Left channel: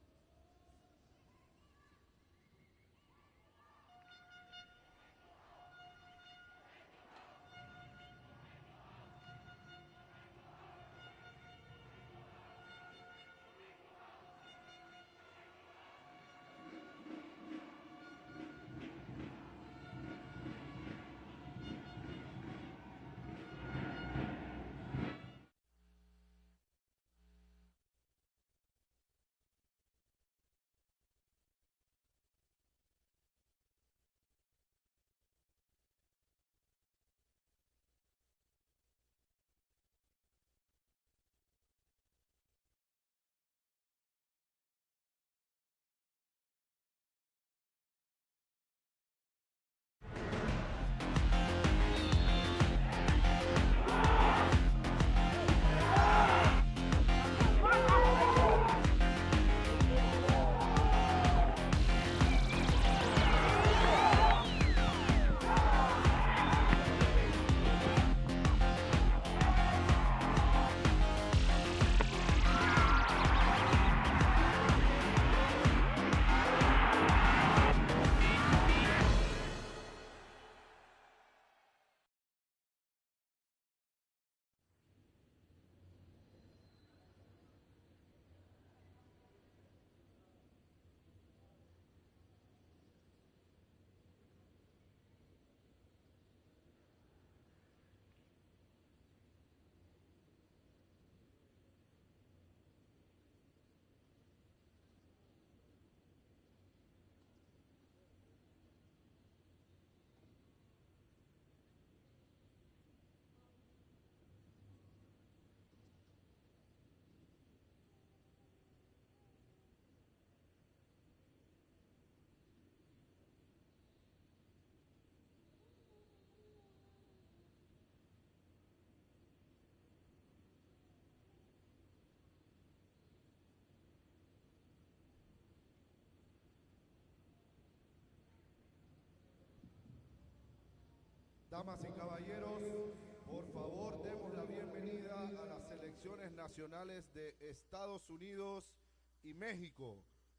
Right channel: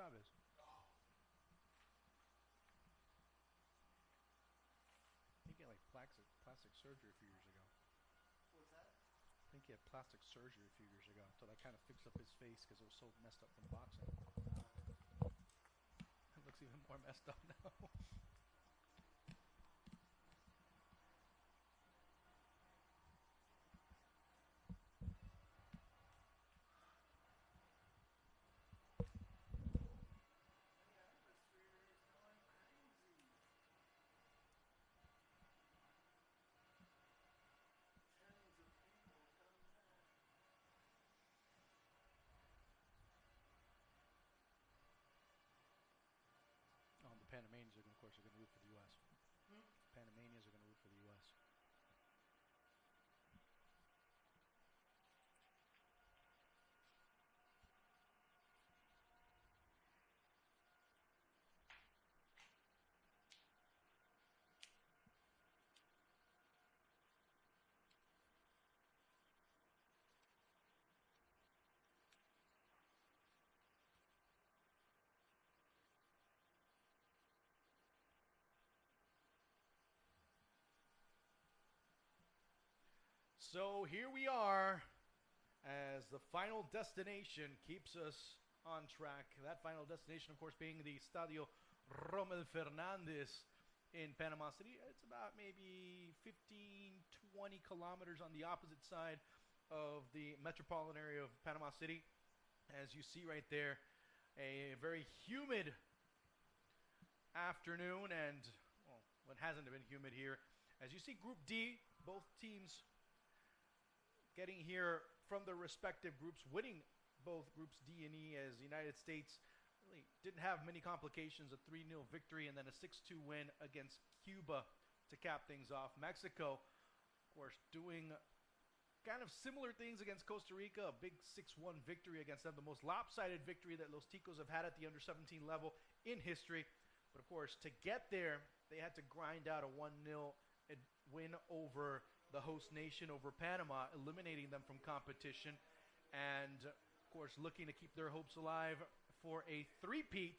Chavez. He had like plastic surgery. I think he had plastic surgery a few years ago to like kind of fix up his face because he was so messed up with boxing. I guess he got more messed up now. The Panamanians are, of course, going to root for the U.S. So here we are as the final destination keeps us on track. That final destination, of course, being the Estadio Rommel Fernandez in Panama City. It's about maybe 15, 20 kilometers on the opposite side of the metropolitan area of Panama City. As you see right there, a very humid afternoon, and well, what hasn't been humid here. As you see, Group D, both teams getting here from their respective groups, winning both groups D and E, as the United States really didn't have many complications, a 3-0 victory and then a 6-2 win against Cuba to cap things off. Mexico, of course, doing kind of similar things against Costa Rica, a big 6-1 victory against them, the most lopsided victory that Los Ticos have had at the under-17 level in history. But of course, to get there, they had to grind out a 1-0 win over the host nation, over Panama, eliminating them from competition, and of course looking to keep their hopes alive for a three-peat.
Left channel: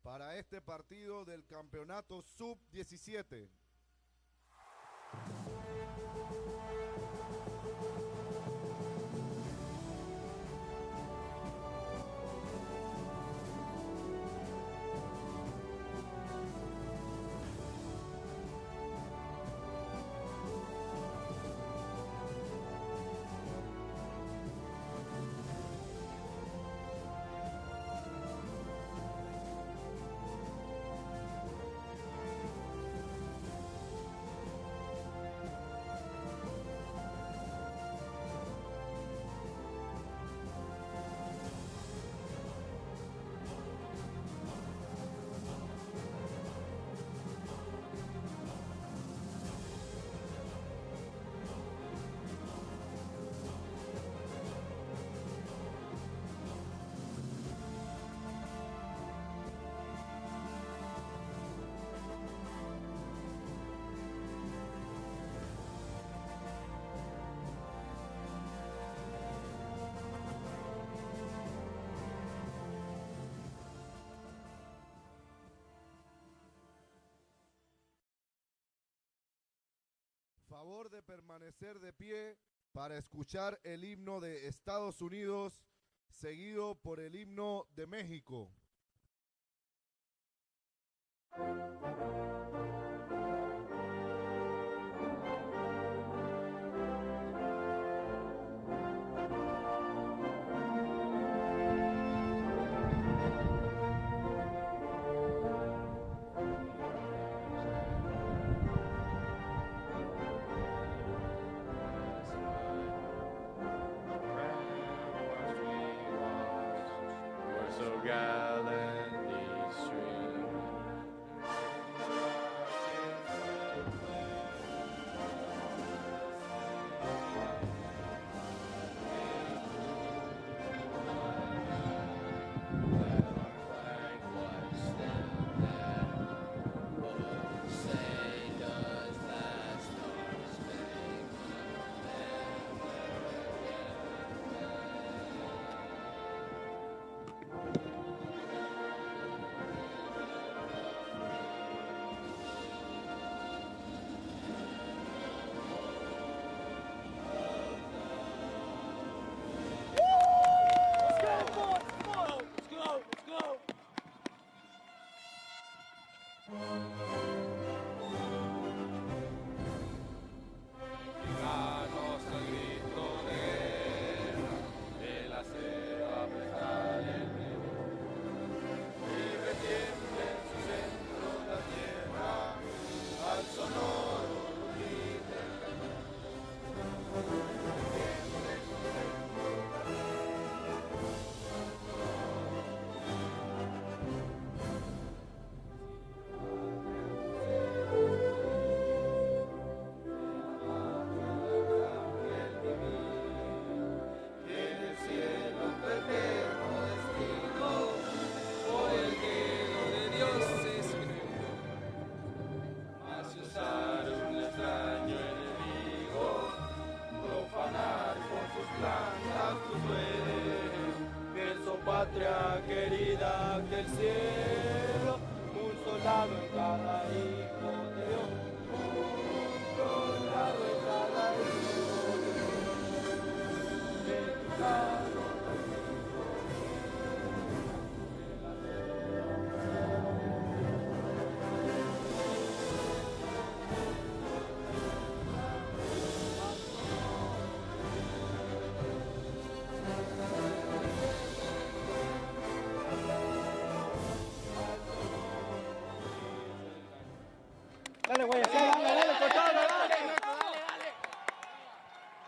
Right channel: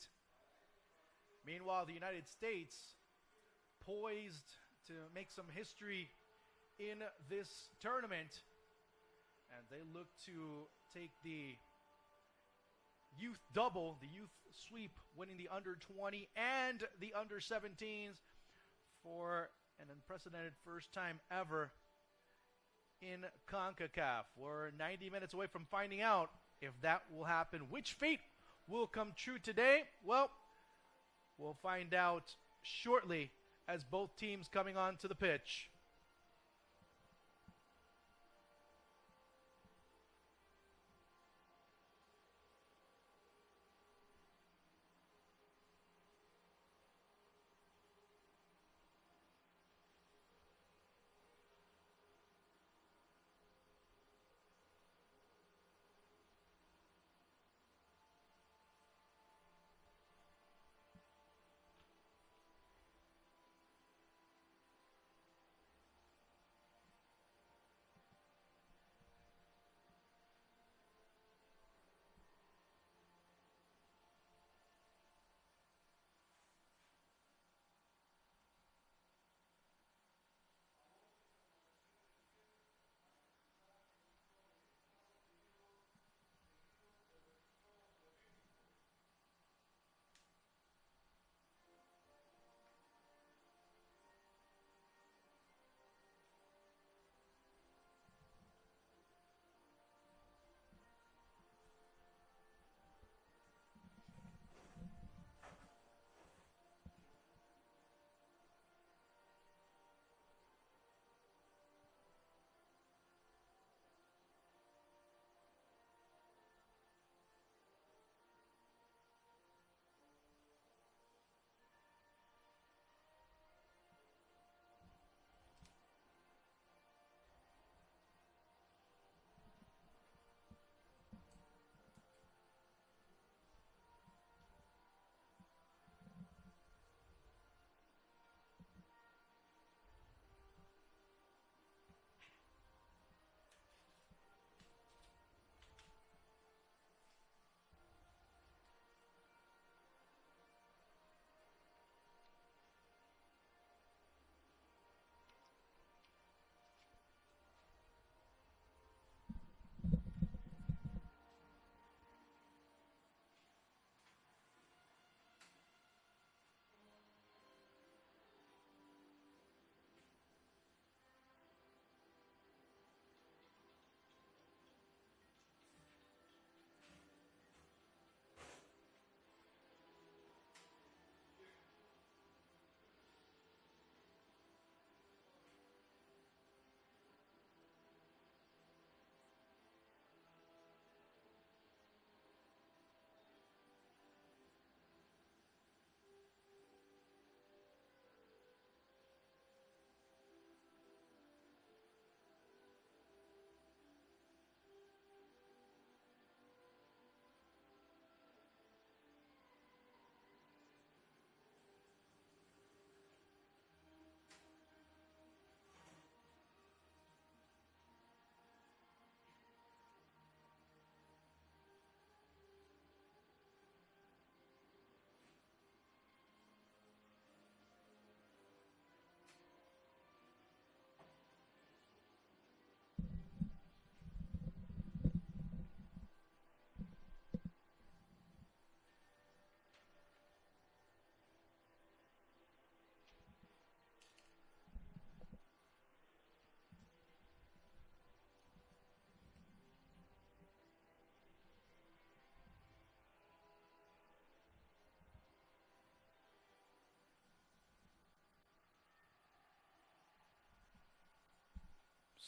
Meanwhile, the United States poised to make some history in this tournament. To take the youth double, the youth sweep with the under-20 and the under-17s for time ever in Concacaf. We're 90 minutes away from finding out if that will happen. Which fate will come true today? Well, we'll find out shortly as both teams coming onto the pitch. Favor de permanecer de pie para escuchar el himno de Estados Unidos, seguido por el himno de México. Gallantly stream.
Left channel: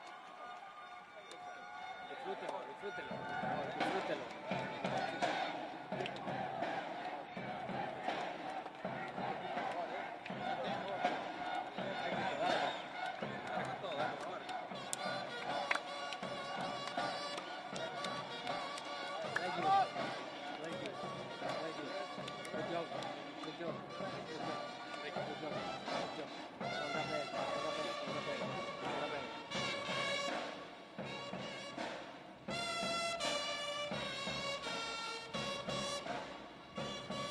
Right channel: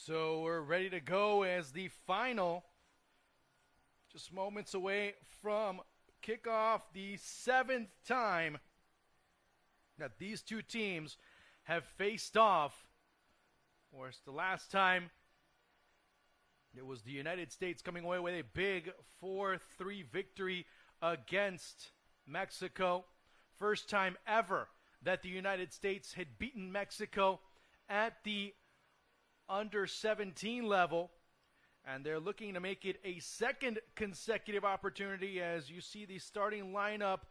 So we're ready to go as the final, just moments away from kickoff, the 7th time that these two teams have faced off. The last time it was the United States coming away with a big 4-3 victory against Mexico. First time ever that the United States had beaten Mexico at the Under-17 level, and they're looking to make it a second consecutive opportunity. As you see the starting lineup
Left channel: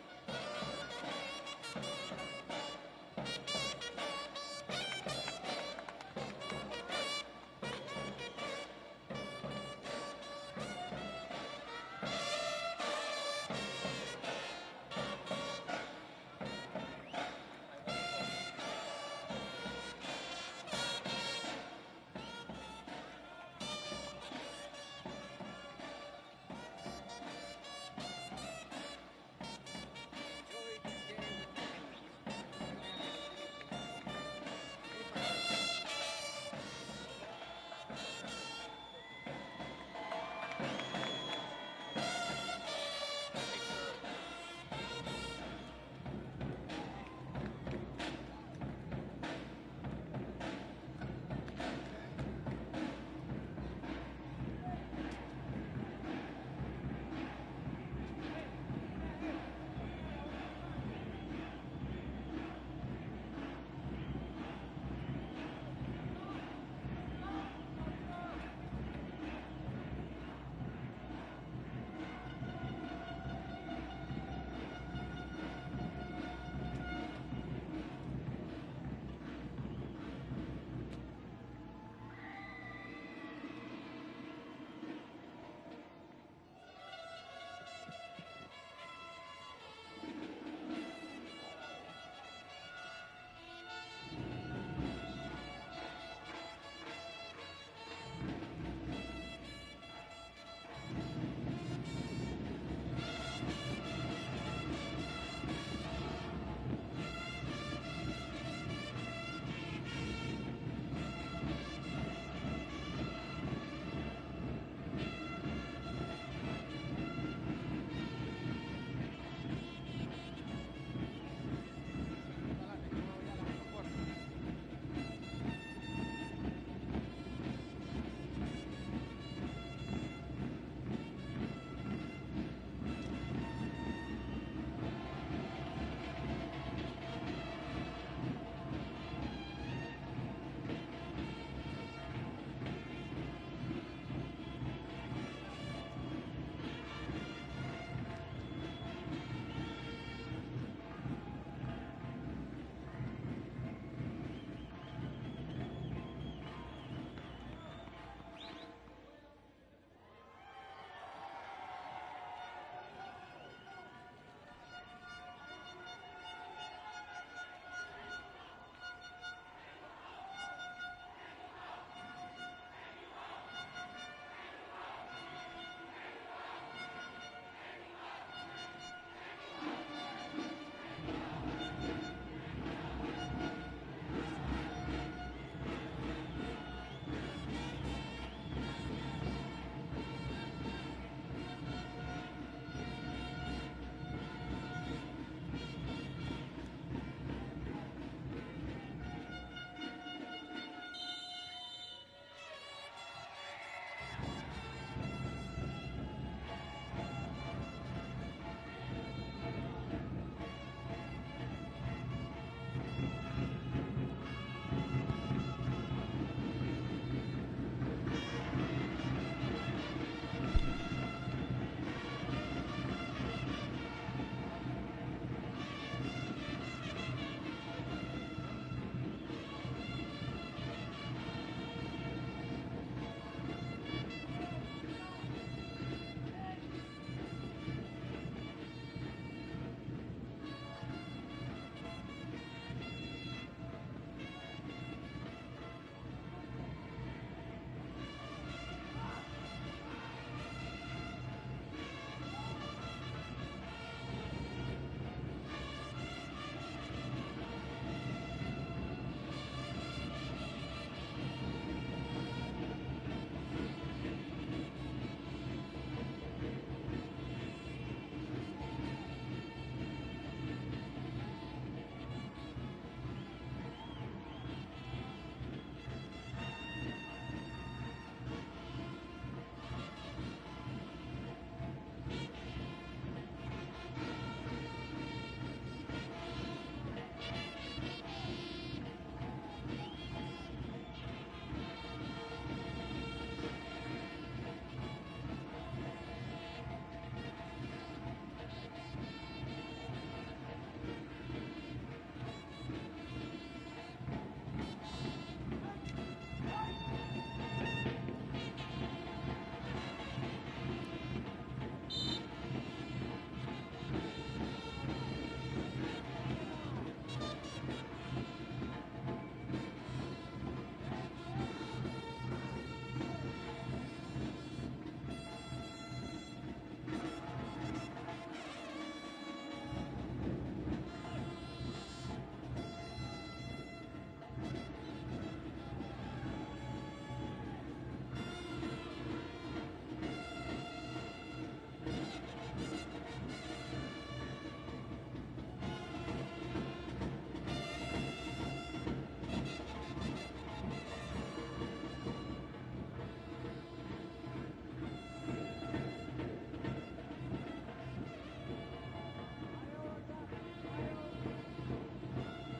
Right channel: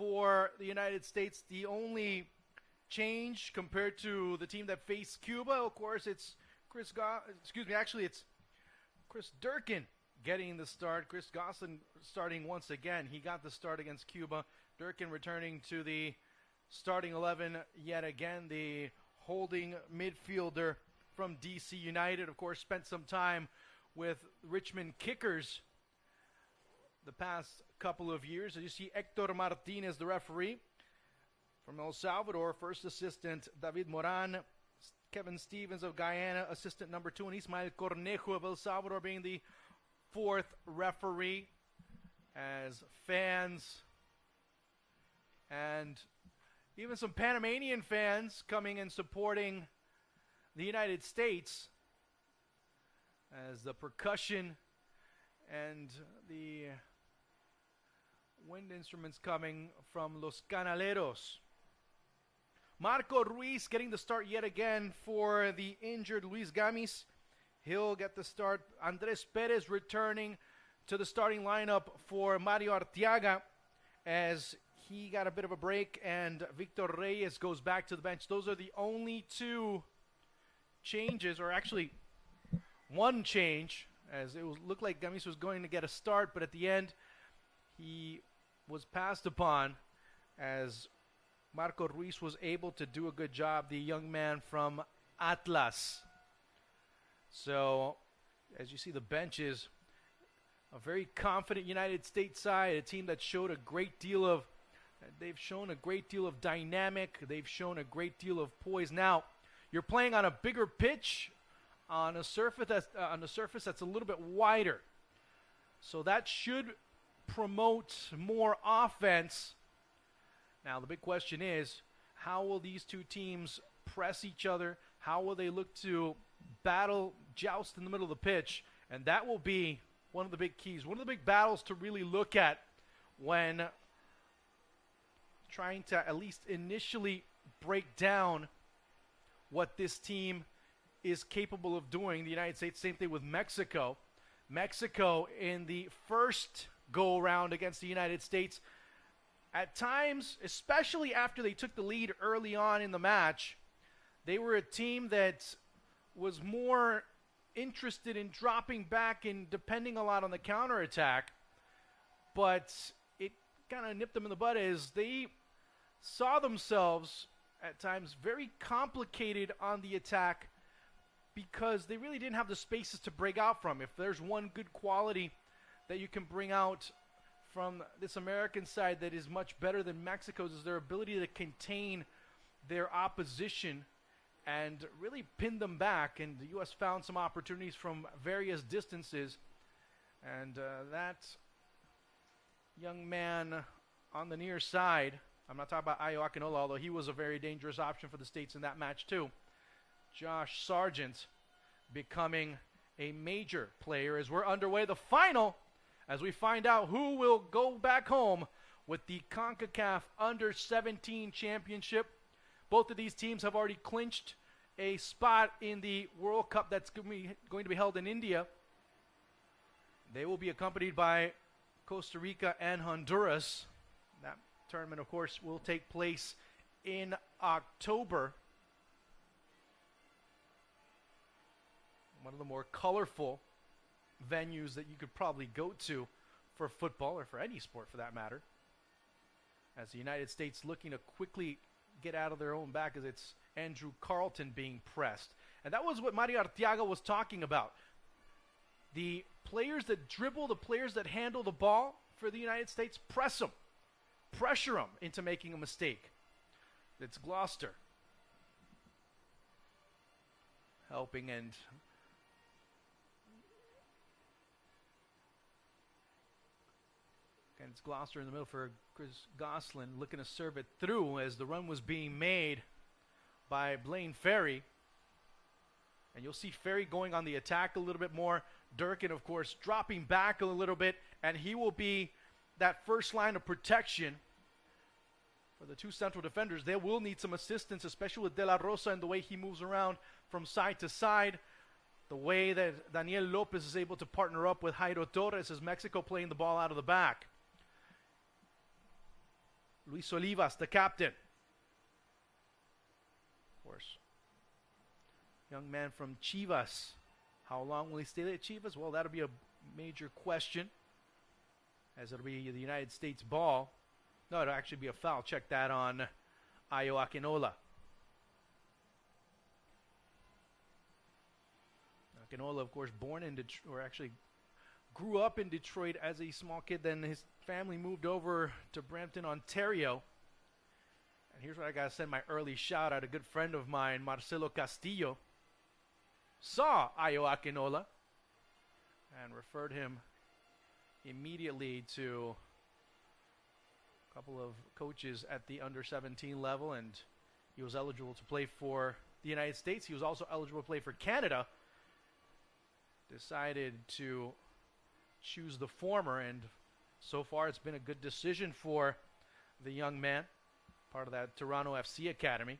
for the United States, the only change compared to the team that faced Cuba, of course, it's Chris Durkin getting the start. Chris Goslin starting once again. He got the start against Cuba. Durkin returning to the starting 11 yet again. The holding midfielder from DC United, of course, spent some time with Richmond Kickers the past couple of years. And you see Hector Martinez, the referee. El Salvador, first assistant, David Moran. Kevin Stevens of Guyana, assistant number 2, and Ismael Cornejo of El Salvador being the 4th referee. As fans and even some Panamanian fans coming and supporting the United States, as the percussion and the wind instruments coming from Los Canaleros. Marco Ruiz getting the start yet again for the injured Luis Gamis. He'll get the start. Andres Perez returning to the starting lineup for Mario Arteaga, as he got a bit of a break, and Victor Reyes goes back to the bench. Those are the only two changes, or actually one change, as it looked like Gamis was going to get a start, but at the end he was passed upon, as Marco Ruiz was able to do a good job, the young man from Atlas. So, as you see the benches, a very confident United States side, a team that showed a great deal of, dynamic, they've shown a great deal of poise. Now, you're playing on a bigger pitch, on a surface that's a little bit wider. So that should promote more offense. Now the big question is, how will these two teams press each other? How will they look to battle, joust in the middle of the pitch? And that will be one of the big keys, one of the big battles to really look at when trying to at least initially break down what this team is capable of doing. The United States, same thing with Mexico. Mexico in the first go-around against the United States, at times, especially after they took the lead early on in the match, they were a team that was more interested in dropping back and depending a lot on the counterattack. But it kind of nipped them in the butt as they saw themselves at times very complicated on the attack, because they really didn't have the spaces to break out from. If there's one good quality that you can bring out from this American side that is much better than Mexico's, is their ability to contain their opposition and really pin them back. And the U.S. found some opportunities from various distances. And that young man on the near side, I'm not talking about Ayo Akinola, although he was a very dangerous option for the States in that match too. Josh Sargent becoming a major player as we're underway. The final, as we find out who will go back home with the Concacaf Under-17 Championship. Both of these teams have already clinched a spot in the World Cup that's going to be held in India. They will be accompanied by Costa Rica and Honduras. That tournament, of course, will take place in October. One of the more colorful venues that you could probably go to for football, or for any sport for that matter. As the United States looking to quickly get out of their own back as it's Andrew Carlton being pressed. And that was what Mario Arteaga was talking about. The players that dribble, the players that handle the ball for the United States, press them, pressure them into making a mistake. It's Gloucester helping end. It's Gloucester in the middle for Gosselin, looking to serve it through as the run was being made by Blaine Ferry. And you'll see Ferry going on the attack a little bit more. Durkin, of course, dropping back a little bit, and he will be that first line of protection. The two central defenders, they will need some assistance, especially with De La Rosa and the way he moves around from side to side. The way that Daniel Lopez is able to partner up with Jairo Torres as Mexico playing the ball out of the back. Luis Olivas, the captain. Young man from Chivas. How long will he stay at Chivas? Well, that'll be a future question. That'll be the United States ball. No, it'll actually be a foul. Check that on Ayo Akinola. Akinola, of course, born in Detroit, or actually grew up in Detroit as a small kid. Then his family moved over to Brampton, Ontario. Here's where I gotta send my early shout out. A good friend of mine, Marcelo Castillo, saw Ayo Akinola and referred him immediately to a couple of coaches at the under-17 level, and he was eligible to play for the United States. He was also eligible to play for Canada. Decided to choose the former, and so far it's been a good decision for the young man, part of that Toronto FC Academy.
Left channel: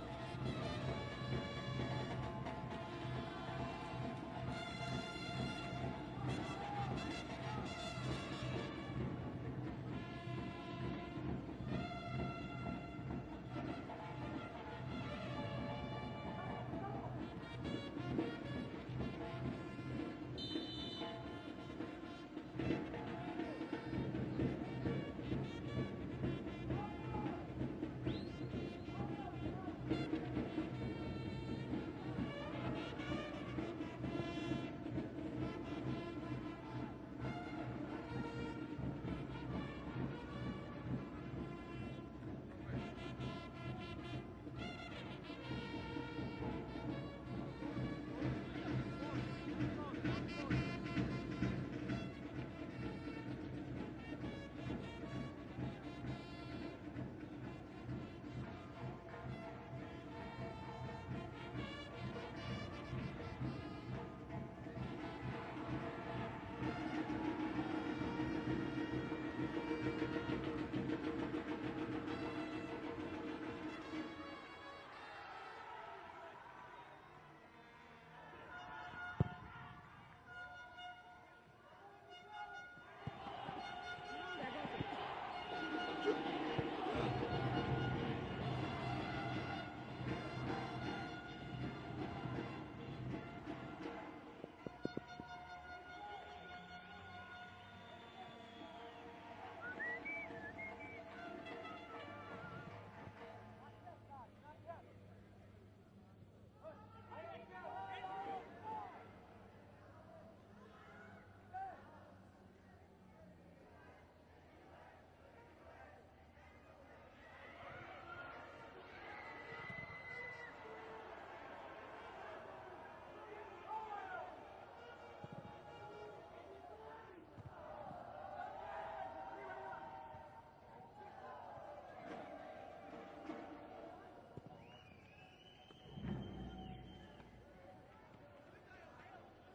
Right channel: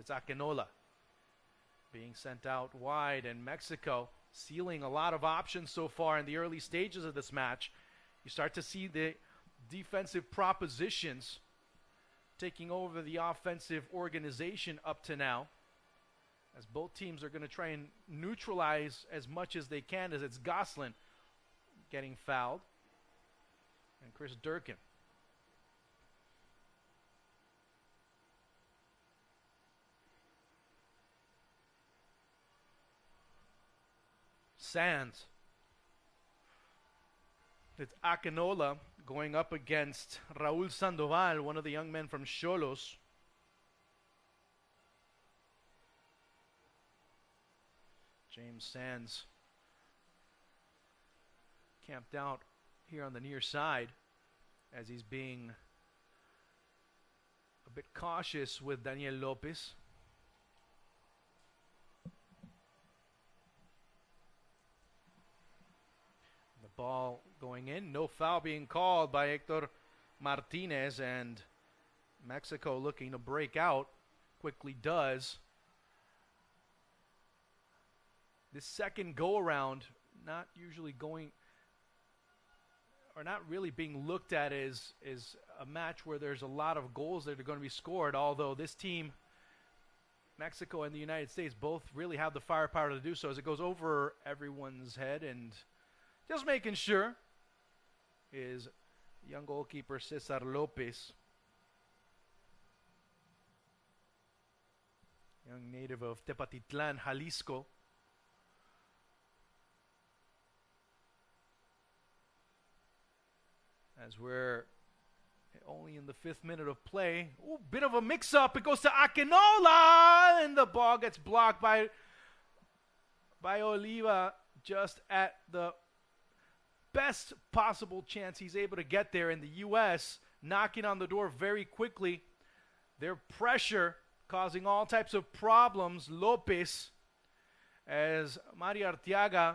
It's Akinola sent out wide, and Mexico sealing a lot of options so far in the early stages of this match. You start to see the defensive propositions taking over the offensive organization up to now. As both teams are going to try and neutralize as much as they can, as it's Gosselin getting fouled. Here's Durkin. Sands. It's Akinola going up against Raul Sandoval, one of the young men from Xolos. Sands camped down here on the near side as he's being a bit cautious with Daniel Lopez. Ball going in, no foul being called by Hector Martinez, and Mexico looking to break out, quickly does. The second go-around, not usually going, or not really being looked at as a match where there's a lot of goals that are going to be scored, although this team, Mexico and the United States, both really have the firepower to do so, as it goes over everyone's head. And just making sure is young goalkeeper Cesar Lopez, young native of Tepatitlan, Jalisco. As we're only in the 5th minute of play. Ooh, bit of a mix-up. It goes to Akinola, and the ball gets blocked by Oliva just at the best possible chance he's able to get there. In the U.S. knocking on the door very quickly. Their pressure causing all types of problems. Lopez, as Mario Arteaga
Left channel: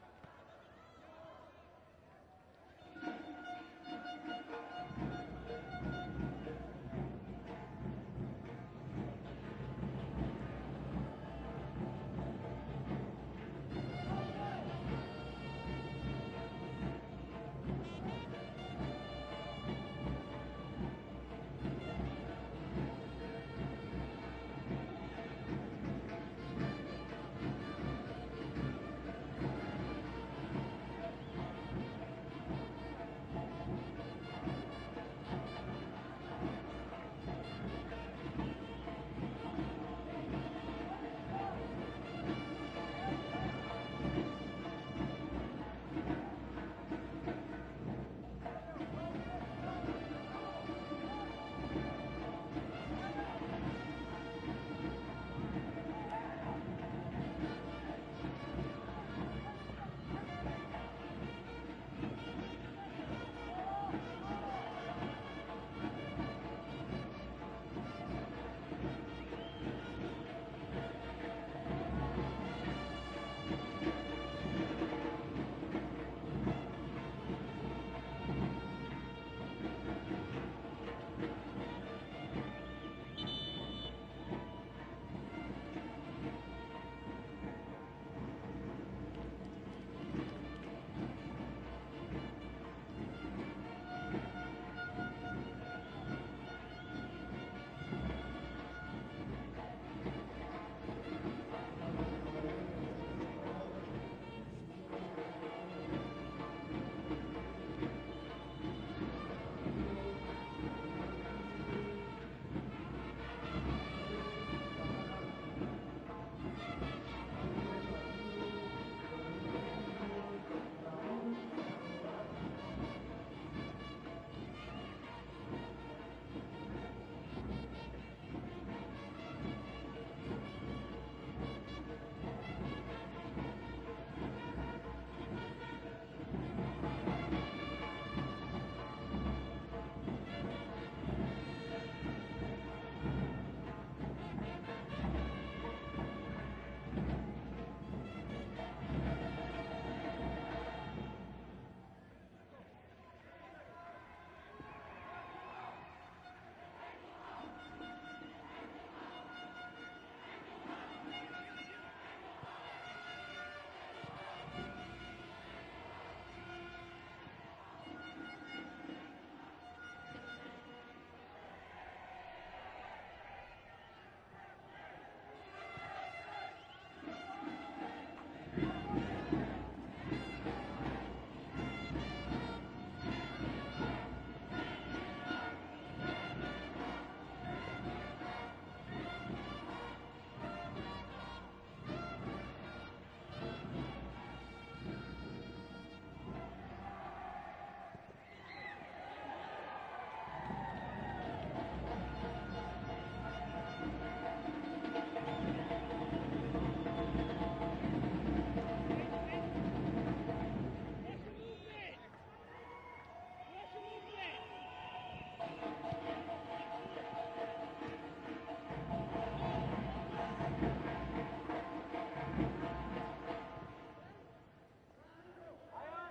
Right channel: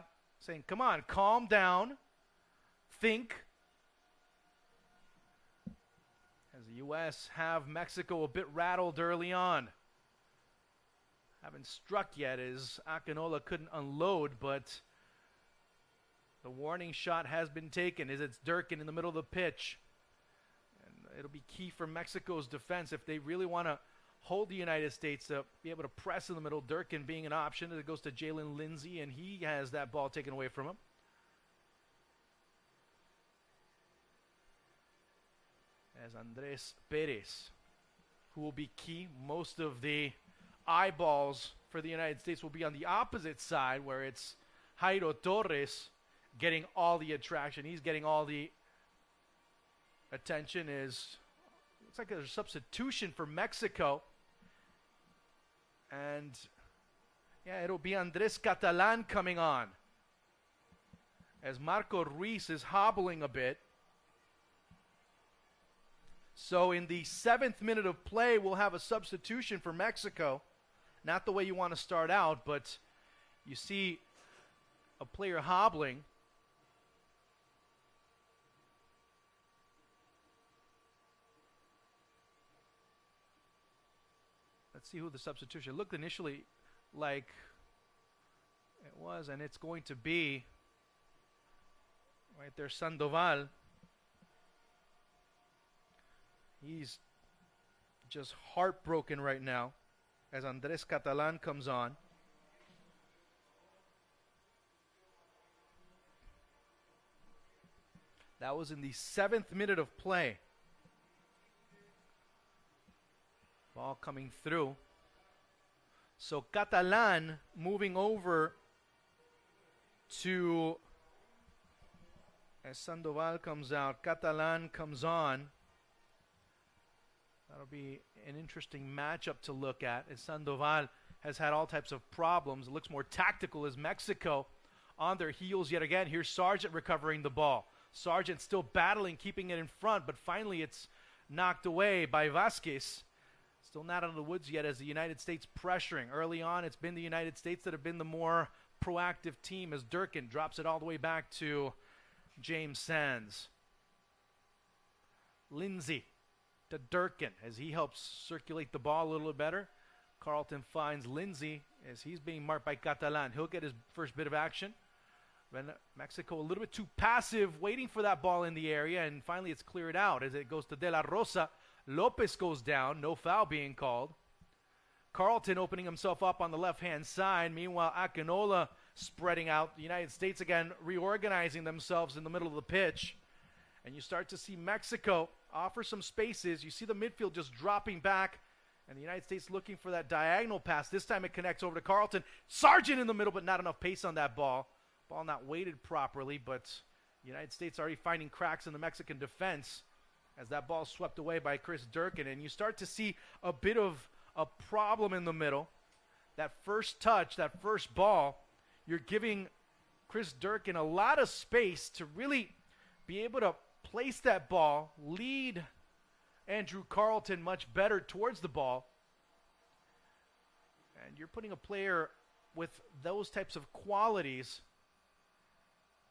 saying, come on, calm down, think. The U.S. have Mexico a bit rattled early on. Haven't struck yet as Akinola couldn't unload, but the warning shot has been taken as it's Durkin in the middle of the pitch. for Mexico's defense if they really want to hold the United States to be able to press in the middle. Durkin being an option, and it goes to Jalen Lindsey, and he has that ball taken away from him. As Andres Perez will be key. Most of the eyeballs for the United States will be on the opposite side, where it's Jairo Torres getting all the attraction. He's getting all the attention. Looks like a substitution for Mexico. And yeah, it'll be Andres Catalan coming on, as Marco Ruiz is hobbling a bit. So in the 7th minute of play, we'll have a substitution for Mexico. Not the way you want to start out, but you see a player hobbling. Let's see who the substitution looked initially like was, and it's going to be right there, Sandoval. He's just heartbroken right now as Andres Catalan comes on. That was in the 7th minute of play. All coming through. So Catalan moving over to Sandoval comes out. Catalan comes on. It'll be an interesting matchup to look at, as Sandoval has had all types of problems. Looks more tactical as Mexico on their heels yet again. Here's Sargent recovering the ball. Sargent still battling, keeping it in front, but finally it's knocked away by Vasquez. Still not out of the woods yet as the United States pressuring. Early on, it's been the United States that have been the more proactive team, as Durkin drops it all the way back to James Sands. Lindsey to Durkin as he helps circulate the ball a little bit better. Carlton finds Lindsey as he's being marked by Catalan. He'll get his first bit of action. But Mexico a little bit too passive, waiting for that ball in the area, and finally it's cleared out as it goes to De La Rosa. Lopez goes down, no foul being called. Carlton opening himself up on the left-hand side. Meanwhile, Akinola spreading out. The United States again reorganizing themselves in the middle of the pitch. You start to see Mexico offer some spaces. You see the midfield just dropping back. The United States looking for that diagonal pass. This time it connects over to Carlton. Sargent in the middle, but not enough pace on that ball. Ball not weighted properly, but the United States already finding cracks in the Mexican defense as that ball swept away by Chris Durkin. And you start to see a bit of a problem in the middle. That first touch, that first ball, you're giving Chris Durkin a lot of space to really be able to place that ball, lead Andrew Carlton much better towards the ball. You're putting a player with those types of qualities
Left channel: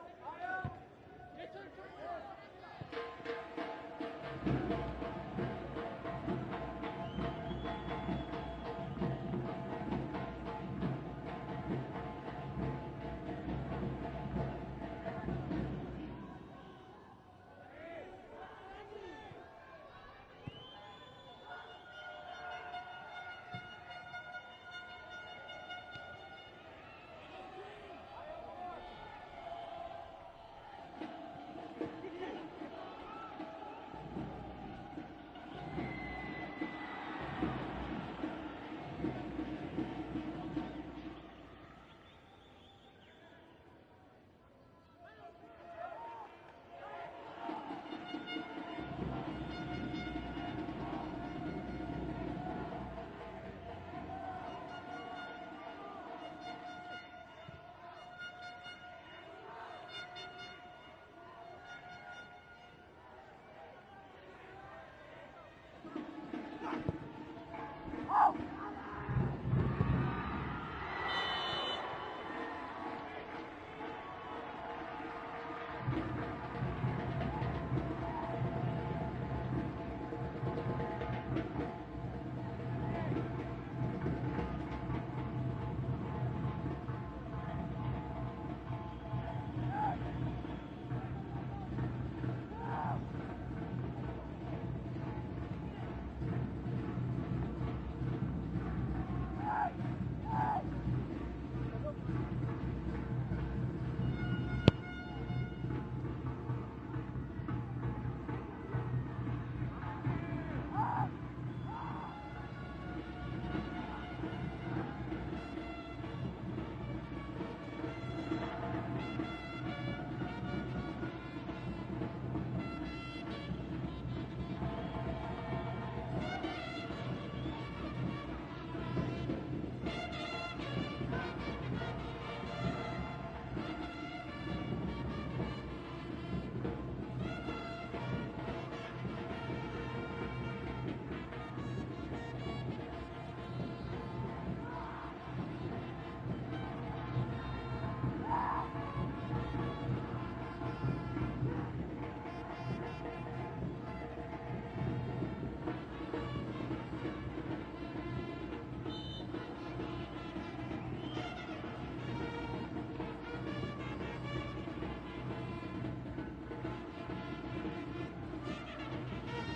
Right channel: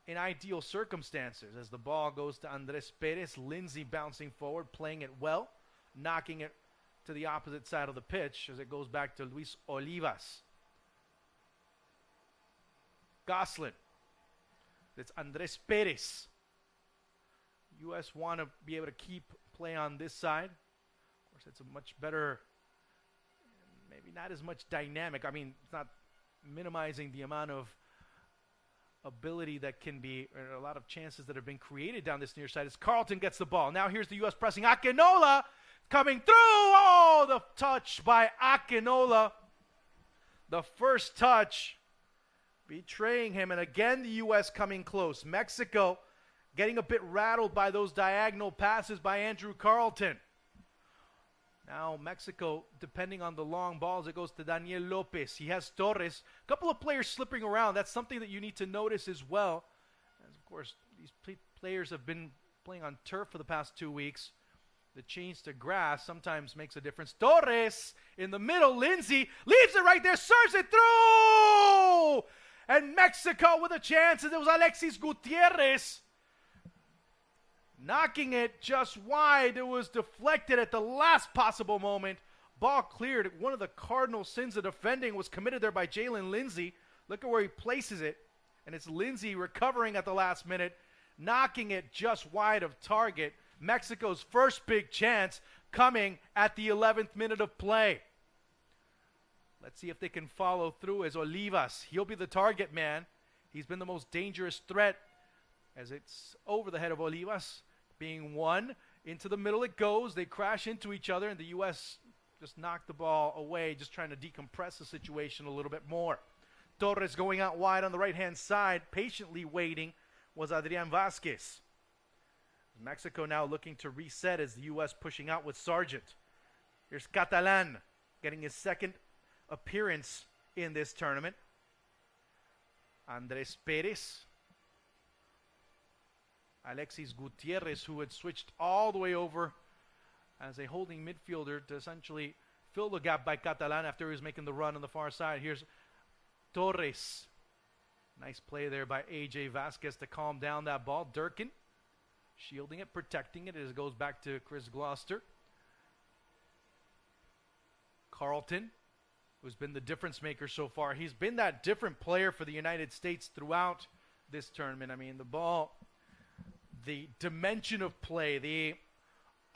in ideal circumstances. As the ball goes to Andres Perez, Lindsey bouncing forward, playing it well, knocking it to the opposite side of the pitch as it goes back to Luis Olivas. Goslin. It's Andres Perez. U.S. want to be able to keep play on this side. It's a much better, not as much dynamic. I mean, it's not minimizing the amount of ability that can be, a lot of chances that have been created down this near side as Carlton gets the ball. Now here's the U.S. pressing. Akinola coming through. Oh, the touch by Akinola. The first touch betraying him, and again the U.S. coming close. Mexico getting a bit rattled by those diagonal passes by Andrew Carlton. Now Mexico depending on the long balls. It goes to Daniel Lopez. He has Torres. A couple of players slipping around. That's something that you need to notice as well. Of course, these players have been playing on turf for the past 2 weeks. The change to grass sometimes makes a difference. Torres in the middle. Lindsey leaves it right there. Serves it through! And Mexico with a chance. And it was Alexis Gutierrez knocking it just wide. It was deflected at the last possible moment. Ball cleared. One of the cardinal sins of defending was committed there by Jalen Lindsey. Look at where he places it. And it's Lindsey recovering at the last minute, knocking it just wide of target. Mexico's first big chance. coming at the 11th minute of play. Let's see if they can follow through as Olivas. He'll be the target man. He's been the most dangerous threat as it's over the head of Olivas. Being one, into the middle it goes. They crash into each other, and the U.S. just knocked the ball away, just trying to decompress the situation a little bit more. Torres going out wide on the right-hand side, patiently waiting, was Adrian Vasquez. Mexico now looking to reset as the U.S. pushing out with Sargent. Here's Catalan getting his second appearance in this tournament. Andres Perez. Alexis Gutierrez, who had switched all the way over as a holding midfielder to essentially fill the gap by Catalan after he was making the run on the far side. Here's Torres. Nice play there by AJ Vasquez to calm down that ball. Durkin shielding and protecting it as it goes back to Chris Gloucester. Carlton, who's been the difference maker so far. He's been that different player for the United States throughout this tournament. I mean, the ball, the dimension of play, the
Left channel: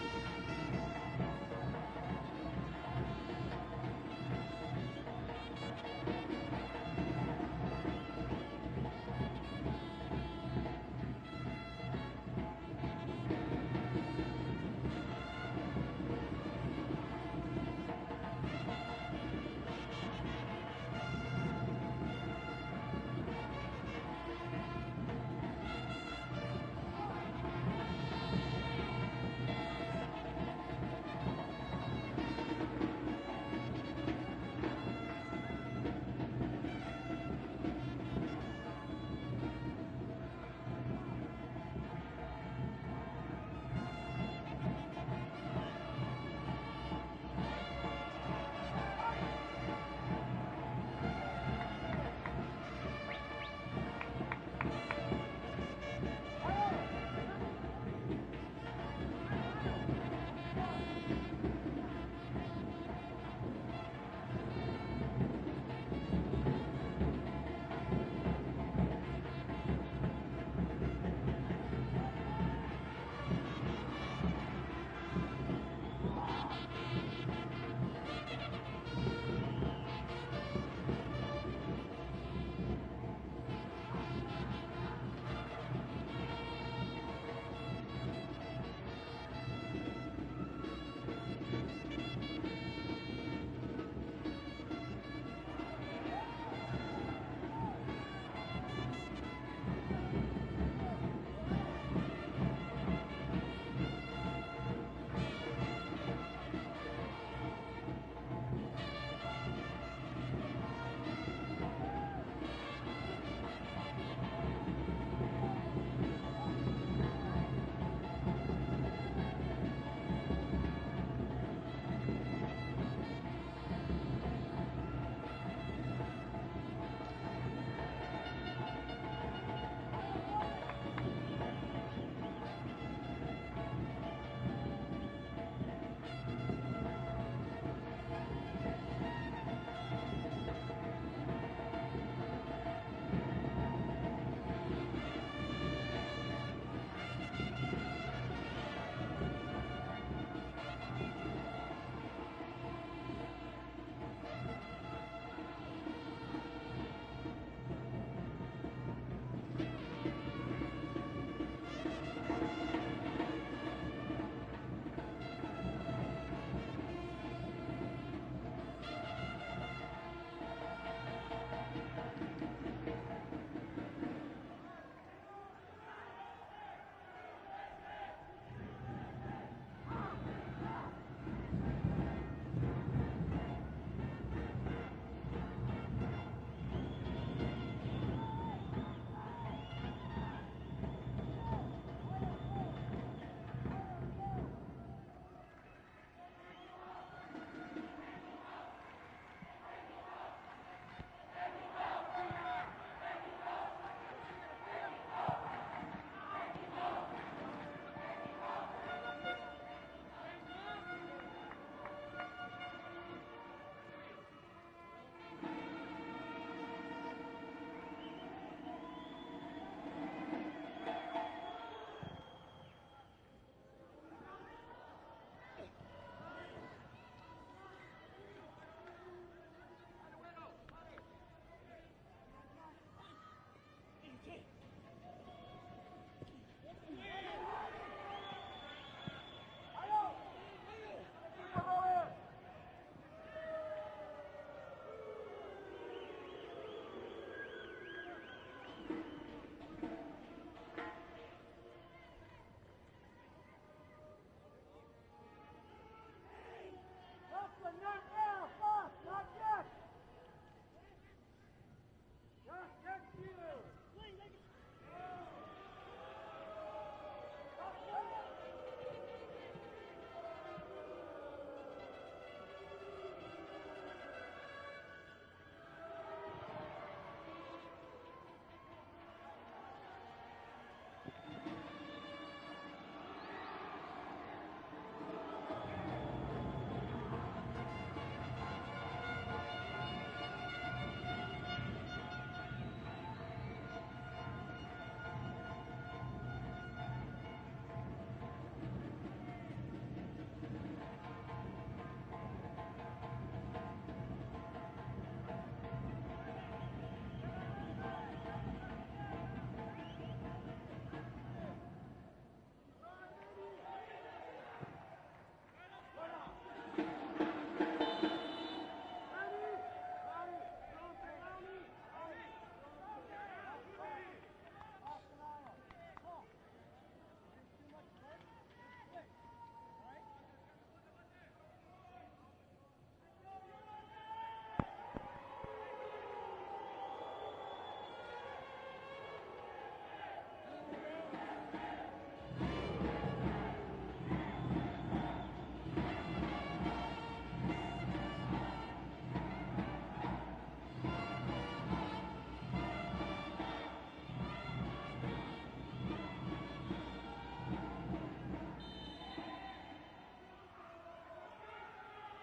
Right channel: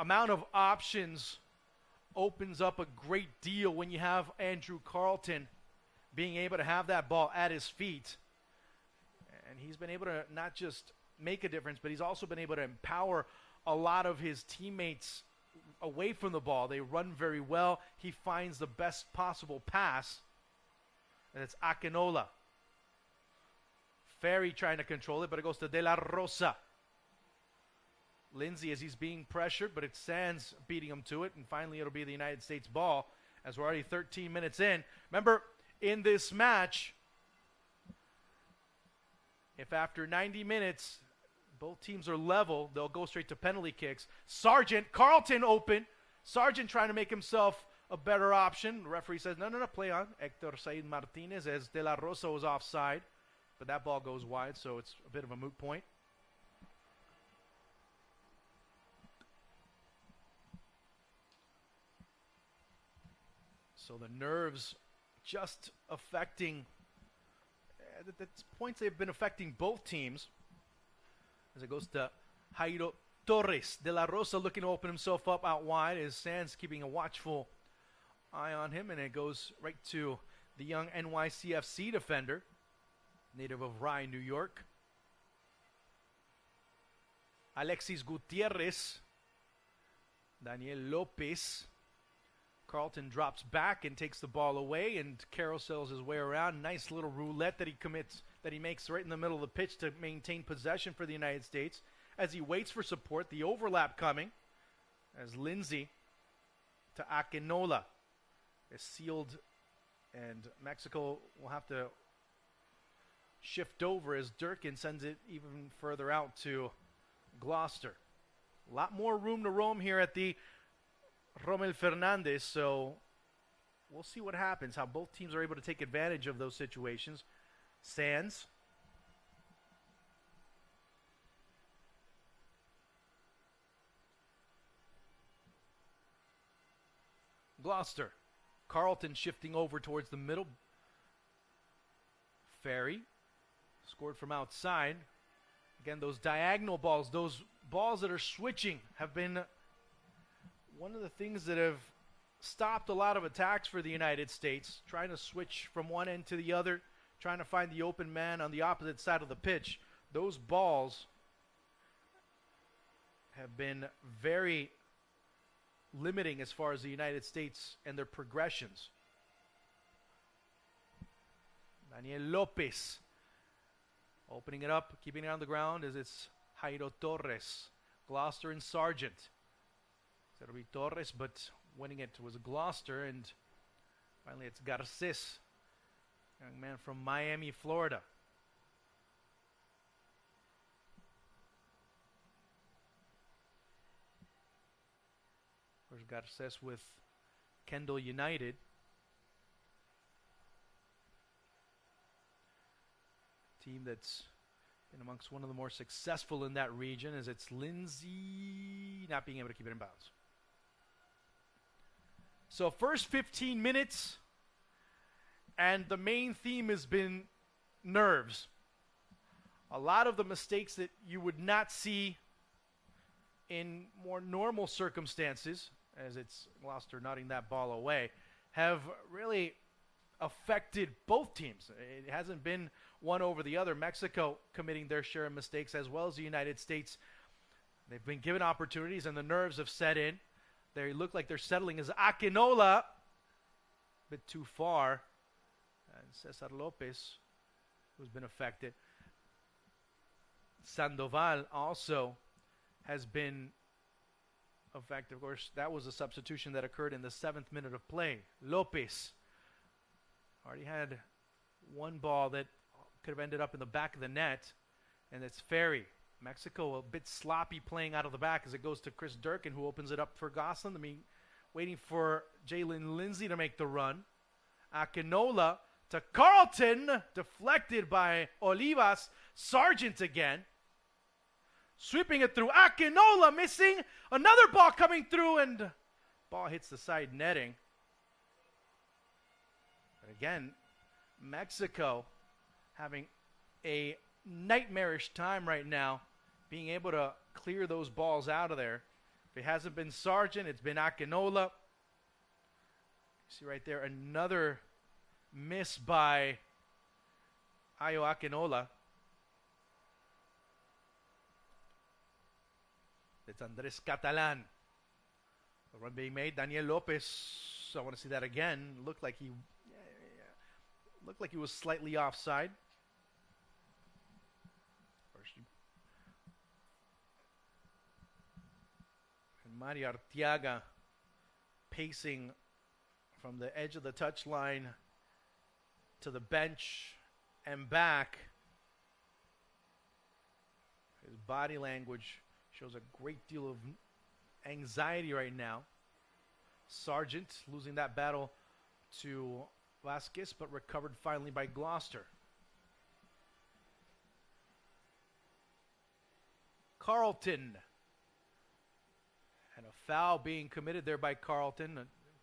amount of options opens up a great deal when you have Andrew Carlton being able to have that ball at his feet. He's been able to not just make a difference, but he's also been able to empower a lot of his teammates away from the ball. They run very well. He finds the best possible pass. And it's Akinola. Ferry trying to control it, but it goes to De La Rosa. Lindsay as he's being pressured, but it's Sands beating him to it. Finally, it'll be the United States ball as we're already 13 minutes in. Remember, in this match, if after 90 minutes both teams are level, they'll go straight to penalty kicks. Sargent, Carlton open. Sargent trying to make himself a better option. The referee says, no, play on. Hector Said Martinez as De La Rosa was offside, but that ball goes wide, so it's a bit of a moot point. So the nerves just affecting, at this point they've been affecting both teams. So it goes to Jairo Torres. De La Rosa looking to open himself up out wide as Sands keeping a watchful eye on him, and it goes right to the young NYCFC defender, native of Rye, New York. Alexis Gutierrez, Daniel Lopez. Carlton drops back and takes the ball away and carousels his way around. Nice little roulette that he makes right in the middle of the pitch to maintain possession for the United States as he waits for support. The overlap coming. There's Lindsay to Akinola. Sealed. And Mexico will have to shift over as Durkin sends it further out to Gloucester. A lot more room to roam here at the Rommel Fernandez, so we'll see what happens, how both teams are able to take advantage of those situations. Sands. Gloucester. Carlton shifting over towards the middle. Ferry. Support from outside. Again, those diagonal balls, those balls that are switching have been the things that have stopped a lot of attacks for the United States, trying to switch from one end to the other, trying to find the open man on the opposite side of the pitch. Those balls have been very limiting as far as the United States and their progressions. Daniel Lopez opening it up, keeping it on the ground as it's Jairo Torres, Gloucester and Sargent. Torres, but winning it was Gloucester, and it's Garces, a man from Miami, Florida. There's Garces with Kendall United. Team that's one of the more successful in that region, as it's Lindsay not being able to keep it in bounds. So first 15 minutes, and the main theme has been nerves. A lot of the mistakes that you would not see in more normal circumstances as it's Gloucester nutting that ball away, have really affected both teams. It hasn't been one over the other. Mexico committing their share of mistakes, as well as the United States. They've been given opportunities and the nerves have set in. They look like they're settling as Akinola. A bit too far. Cesar Lopez has been affected. Sandoval also has been affected. Of course, that was a substitution that occurred in the 7th minute of play. Lopez already had one ball that could have ended up in the back of the net, and it's Ferry. Mexico a bit sloppy playing out of the back as it goes to Chris Durkin, who opens it up for Gosselin. Waiting for Jalen Lindsay to make the run. Akinola to Carlton, deflected by Olivas. Sargent again. Sweeping it through. Akinola missing. Another ball coming through, and ball hits the side netting. Again, Mexico having a nightmarish time right now being able to clear those balls out of there. If it hasn't been Sargent, it's been Akinola. See right there, another miss by Ayo Akinola. It's Andres Catalan. Run being made, Daniel Lopez. Someone said that again. Looked like he was slightly offside. Mario Arteaga pacing from the edge of the touchline to the bench and back. Body language, a great deal of anxiety right now. Sargent losing that battle to Vasquez, but recovered finally by Gloucester. Carlton. Foul being committed there by Carlton,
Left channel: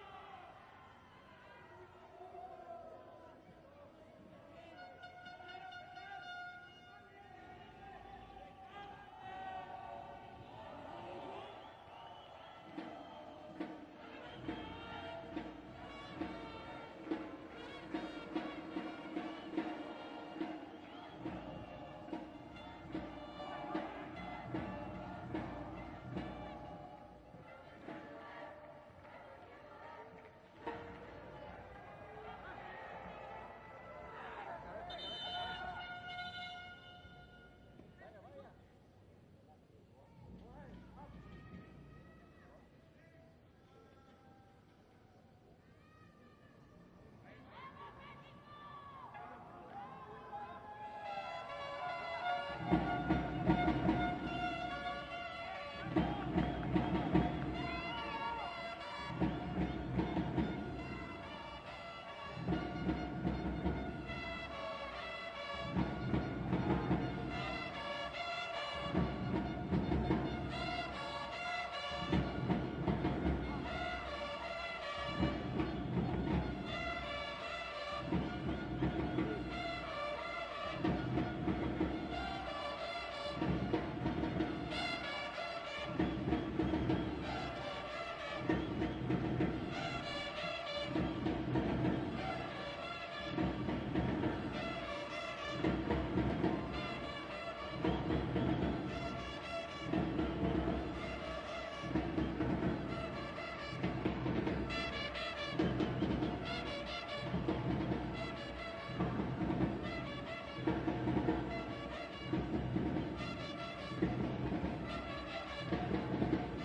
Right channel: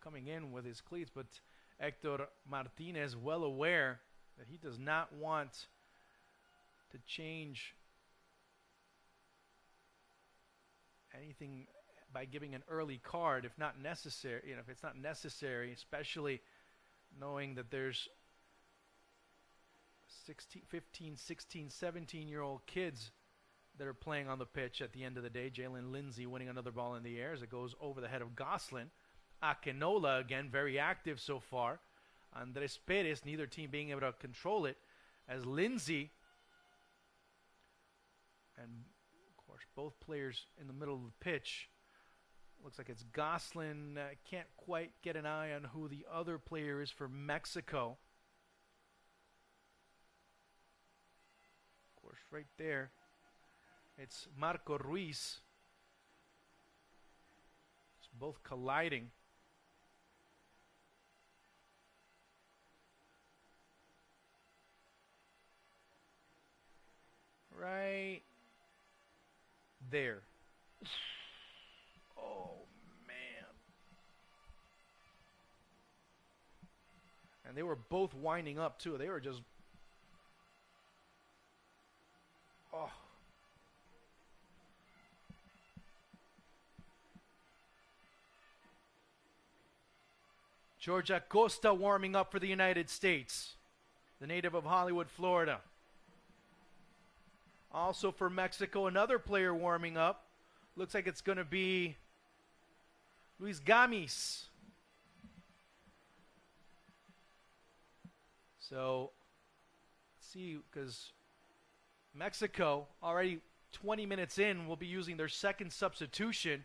coming in with his cleats, but Hector Martinez well aware that he does not want to change anything by giving an early card if not necessary. If it's not necessary, especially knowing that there's 15, 16, 17-year-old kids that are playing on the pitch at the end of the day. Jalen Lindsay winning another ball in the air as it goes over the head of Gosselin. Akinola again very active so far. Andres Perez, neither team being able to control it, as Lindsay, and of course both players in the middle of the pitch. Looks like it's Gosselin. Can't quite get an eye on who the other player is for Mexico. Right there. Marco Ruiz, both colliding. Right there. Man. They were both winding up too. They were just Georgia Costa warming up for the United States, a native of Hollywood, Florida. Also for Mexico, another player warming up. Looks like it's going to be Luis Gamis. So, let's see this. Mexico, already 20 minutes in, will be using their second substitution.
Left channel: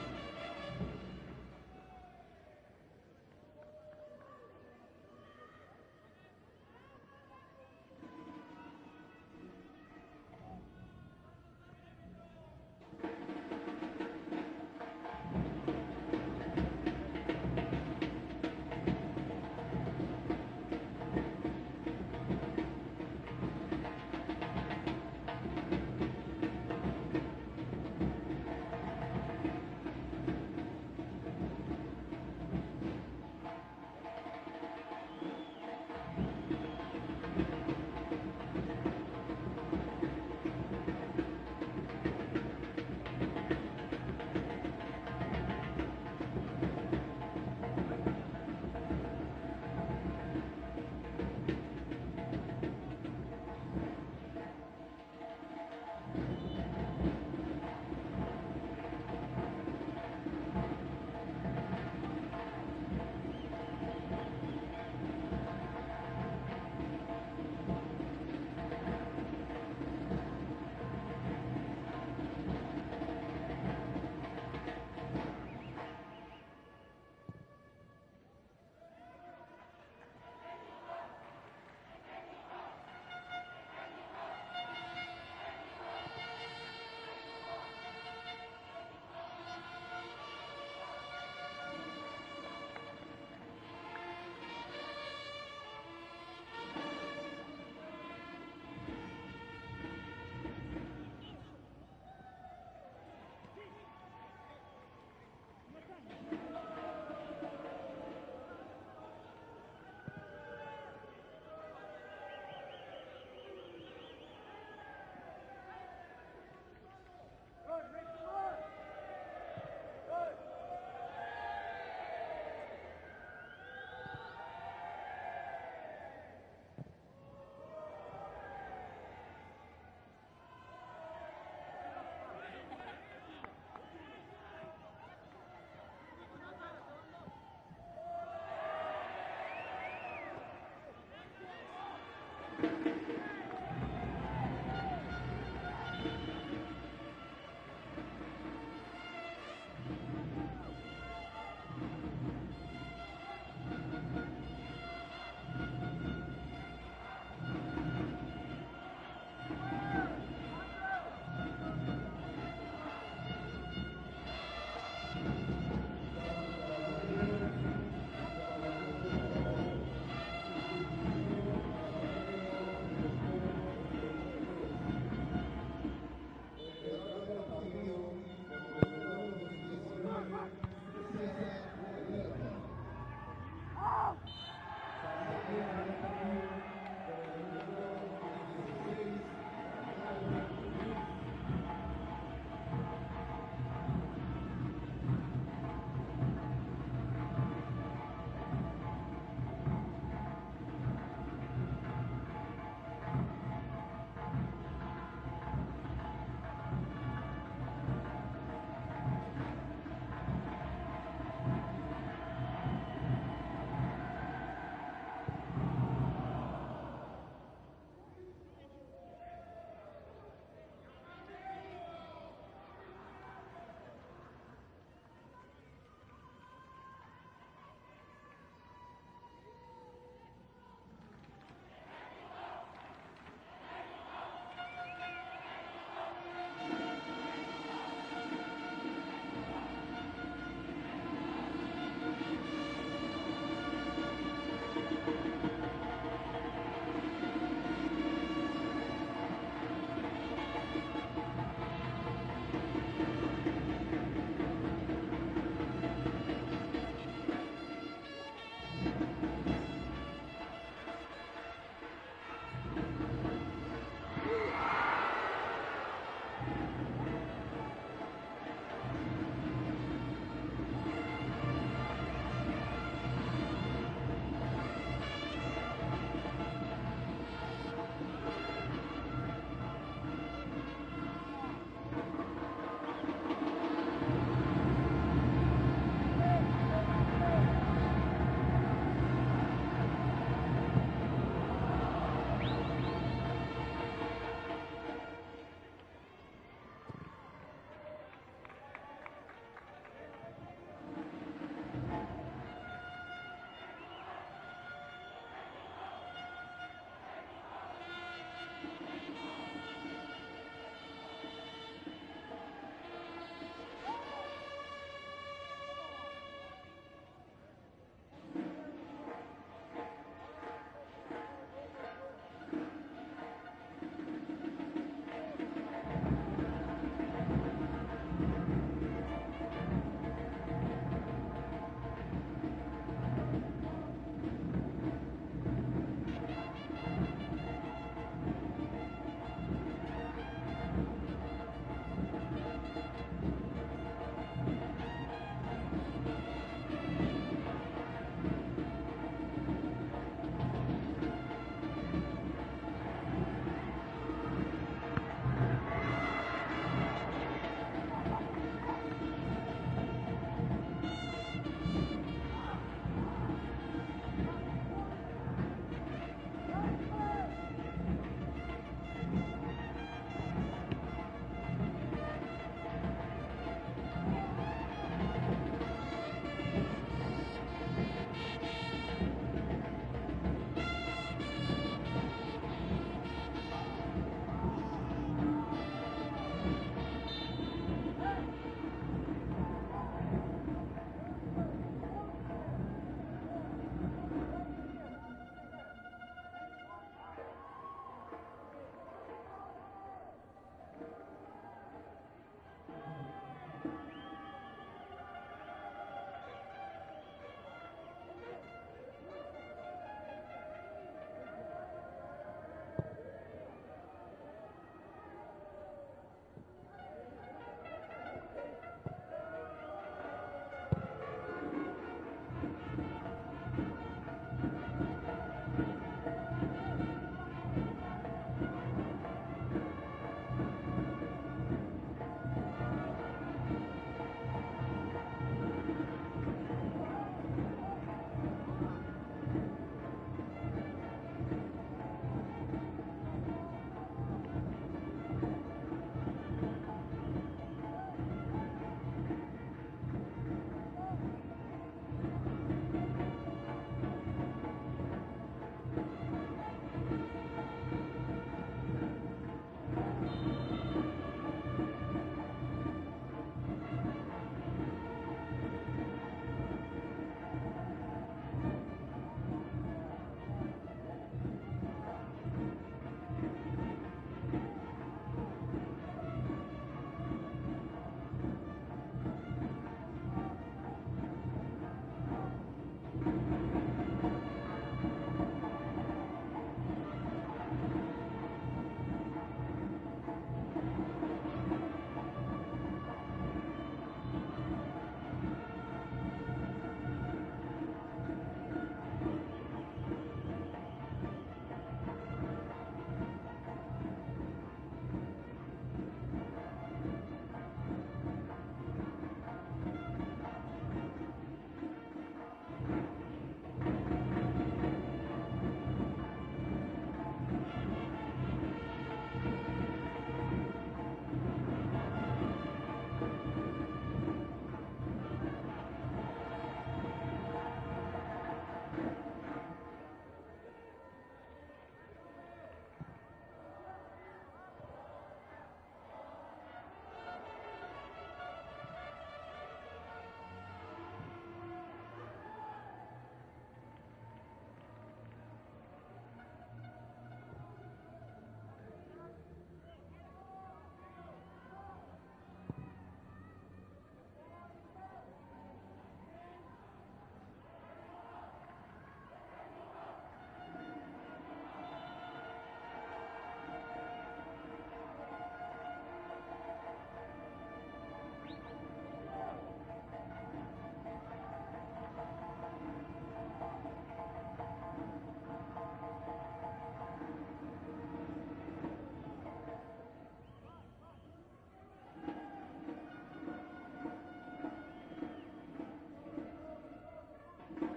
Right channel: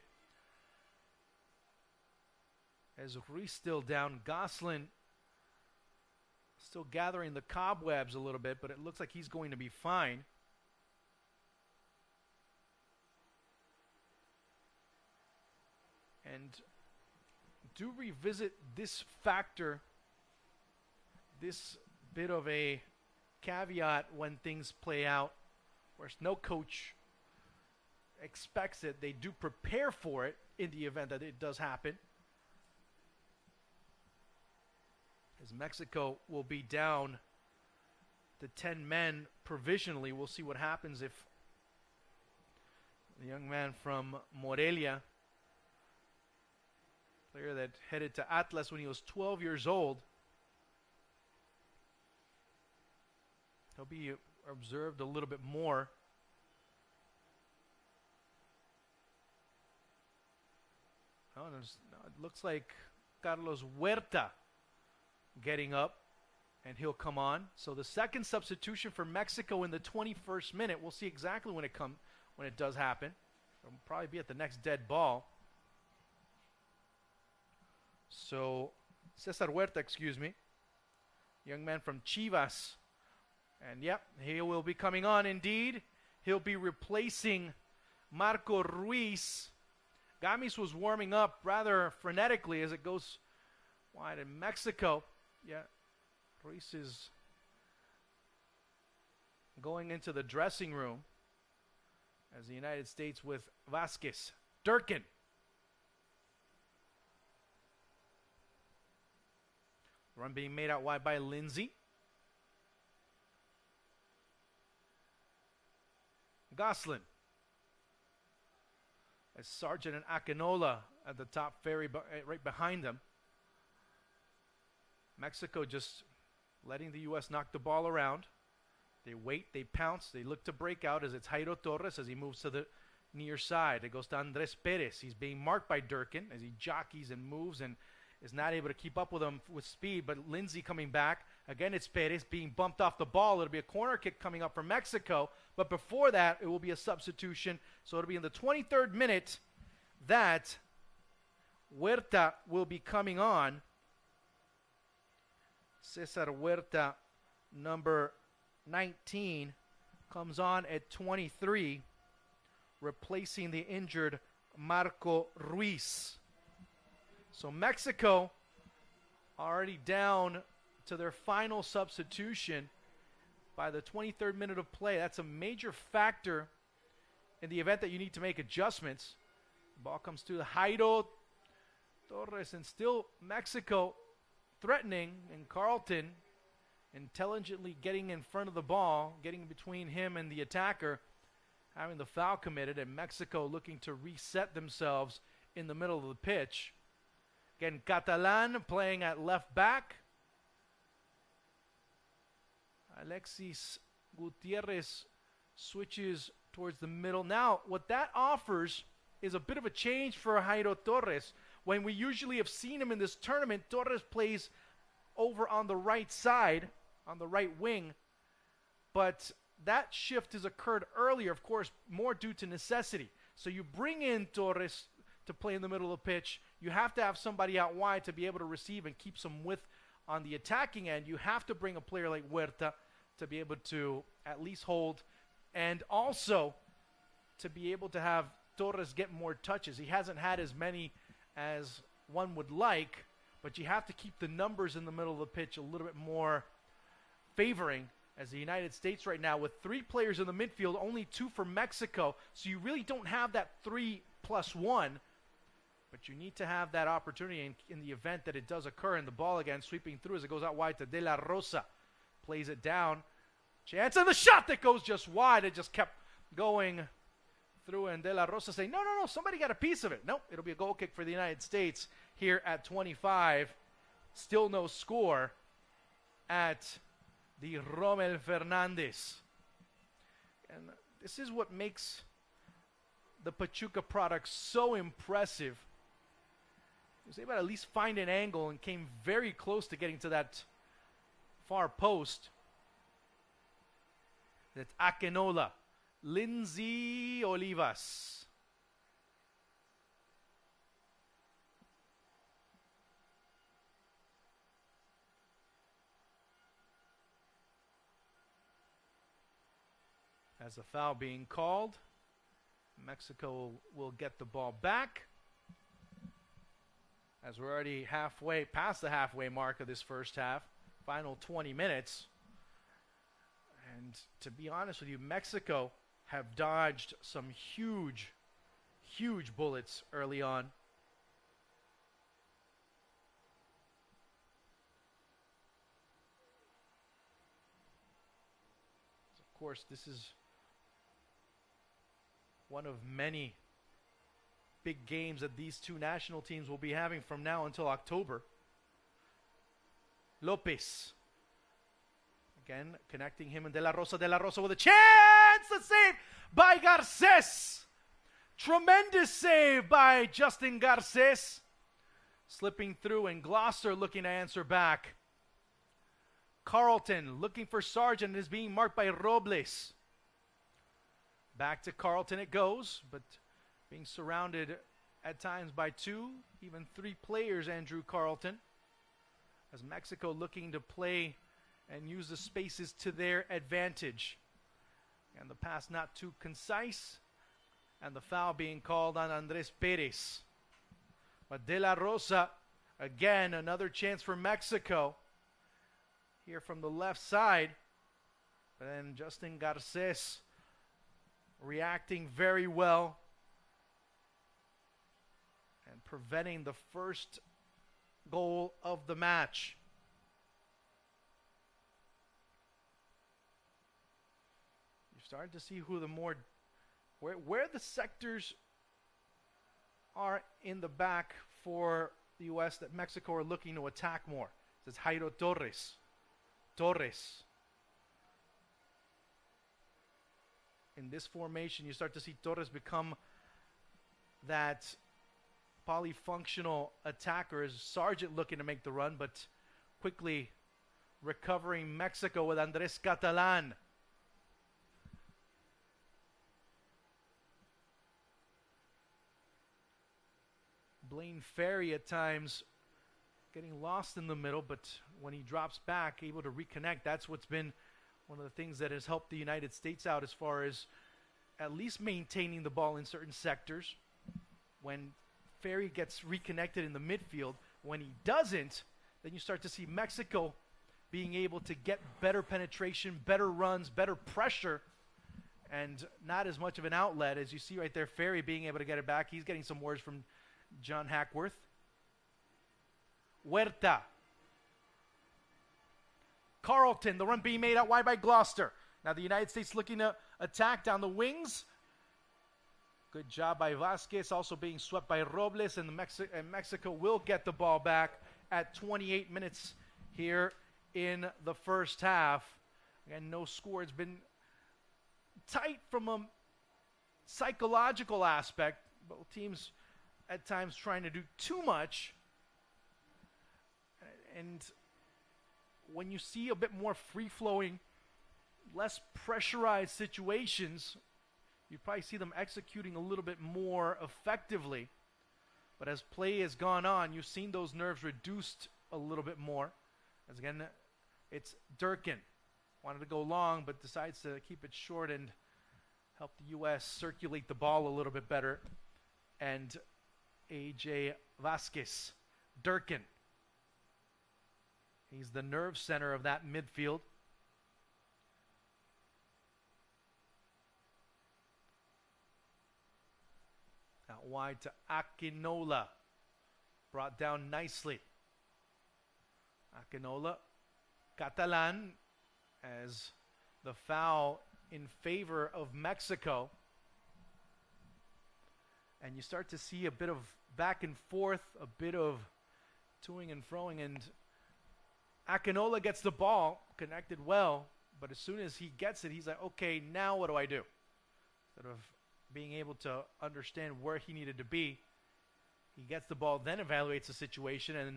As Ruiz still down, Gosselin still gathering the cobwebs a little bit, but it looks like he's going to be fine. And to revisit this factor, this bit of a caveat when things play out, there's no coach expects it. They do prepare for it in the event that it does happen. Mexico will be down 10 men provisionally. We'll see what happens if the man from Morelia headed to Atlas when he was 12 years old. He observed a little bit more. Looks like Carlos Huerta getting up, and he'll come on. So the second substitution for Mexico in the 21st minute. We'll see exactly when it does happen. Probably be at the next dead ball. So Cesar Huerta, excuse me, young man from Chivas. And yep, he will be coming on indeed. He'll be replacing Marco Ruiz. Gamis was warming up rather frenetically as it goes wide in Mexico. Yeah, Ruiz is going into the dressing room as the United States with Vasquez. Durkin. Run being made out wide by Lindsay. Goslin. Sargent and Akinola at the top ferry right behind them. Mexico just letting the U.S. knock the ball around. They wait, they pounce, they look to break out as it's Jairo Torres as he moves to the near side. It goes to Andres Perez. He's being marked by Durkin as he jockeys and moves and is not able to keep up with him with speed, but Lindsay coming back. Again, it's Perez being bumped off the ball. It'll be a corner kick coming up for Mexico, but before that, it will be a substitution. So it'll be in the 23rd minute that Huerta will be coming on. Cesar Huerta, number 19, comes on at 23, replacing the injured Marco Ruiz. So Mexico already down to their final substitution by the 23rd minute of play. That's a major factor in the event that you need to make adjustments. Ball comes to Jairo Torres, and still Mexico threatening. Carlton intelligently getting in front of the ball, getting between him and the attacker, having the foul committed, and Mexico looking to reset themselves in the middle of the pitch. Again, Catalan playing at left back. Alexis Gutierrez switches towards the middle. Now, what that offers is a bit of a change for Jairo Torres. When we usually have seen him in this tournament, Torres plays over on the right side, on the right wing. But that shift has occurred earlier, of course, more due to necessity. So you bring in Torres to play in the middle of the pitch. You have to have somebody out wide to be able to receive and keep some width on the attacking end. You have to bring a player like Huerta to be able to at least hold, and also to be able to have Torres get more touches. He hasn't had as many as one would like, but you have to keep the numbers in the middle of the pitch a little bit more favoring, as the United States right now with 3 players in the midfield, only 2 for Mexico, so you really don't have that 3+1. You need to have that opportunity in the event that it does occur, and the ball again sweeping through as it goes out wide to De La Rosa. Plays it down. Chance, and the shot that goes just wide. It just kept going through, and De La Rosa saying, no, somebody got a piece of it. Nope, it'll be a goal kick for the United States here at 25. Still no score at the Rommel Fernandez. This is what makes the Pachuca product so impressive. So at least find an angle. Came very close to getting to that far post. It's Akinola. Lindsay Olivas. As a foul being called, Mexico will get the ball back. As we're already halfway, past the halfway mark of this first half, final 20 minutes. And to be honest with you, Mexico have dodged some huge bullets early on. Of course, this is one of many big games that these two national teams will be having from now until October. Lopez. Again, connecting him with De La Rosa with a chance! The save by Garces! Tremendous save by Justin Garces. Slipping through, and Gloucester looking to answer back. Carlton looking for Sargent, is being marked by Robles. Back to Carlton it goes, but surrounded at times by 2, 3 players, Andrew Carlton. Mexico looking to play, use the spaces to their advantage. Pass not too concise, and the foul being called on Andres Perez. But De La Rosa, again, another chance for Mexico. Here from the left side, and Justin Garces reacting very well, preventing the first goal of the match. Starting to see who the more, where the sectors are in the back for the U.S. that Mexico are looking to attack more. This is Jairo Torres. In this formation, you start to see Torres become that polyfunctional attacker. Sargent looking to make the run, but quickly recovering Mexico with Andres Catalan. Ferry at times getting lost in the middle, but when he drops back, able to reconnect. That's what's been one of the things that has helped the United States out as far as at least maintaining the ball in certain sectors. When Ferry gets reconnected in the midfield, when he doesn't, then you start to see Mexico being able to get better penetration, better runs, better pressure, and not as much of an outlet as you see right there. Ferry being able to get it back. He's getting some words from John Hackworth. Huerta. Carlton, the run being made out wide by Gloucester. Now the United States looking to attack down the wings. Good job by Vasquez, also being swept by Robles, and Mexico will get the ball back at 28 minutes here in the first half. And no score. It's been tight from a psychological aspect. Teams at times trying to do too much. And when you see a bit more free-flowing, less pressurized situations, you probably see them executing a little bit more effectively. But as play has gone on, you've seen those nerves reduced a little bit more. As again, it's Durkin. Wanted to go long, but decides to keep it short and help the U.S. circulate the ball a little bit better. And AJ Vasquez, Durkin. He's the nerve center of that midfield. Out wide to Akinola. Brought down nicely. Akinola. Catalan as the foul in favor of Mexico. And you start to see a bit of back and forth, a bit of toing and froing, and Akinola gets the ball, connected well, but as soon as he gets it, he's like, okay, now what do I do? Sort of being able to understand where he needed to be. He gets the ball, then evaluates the situation, and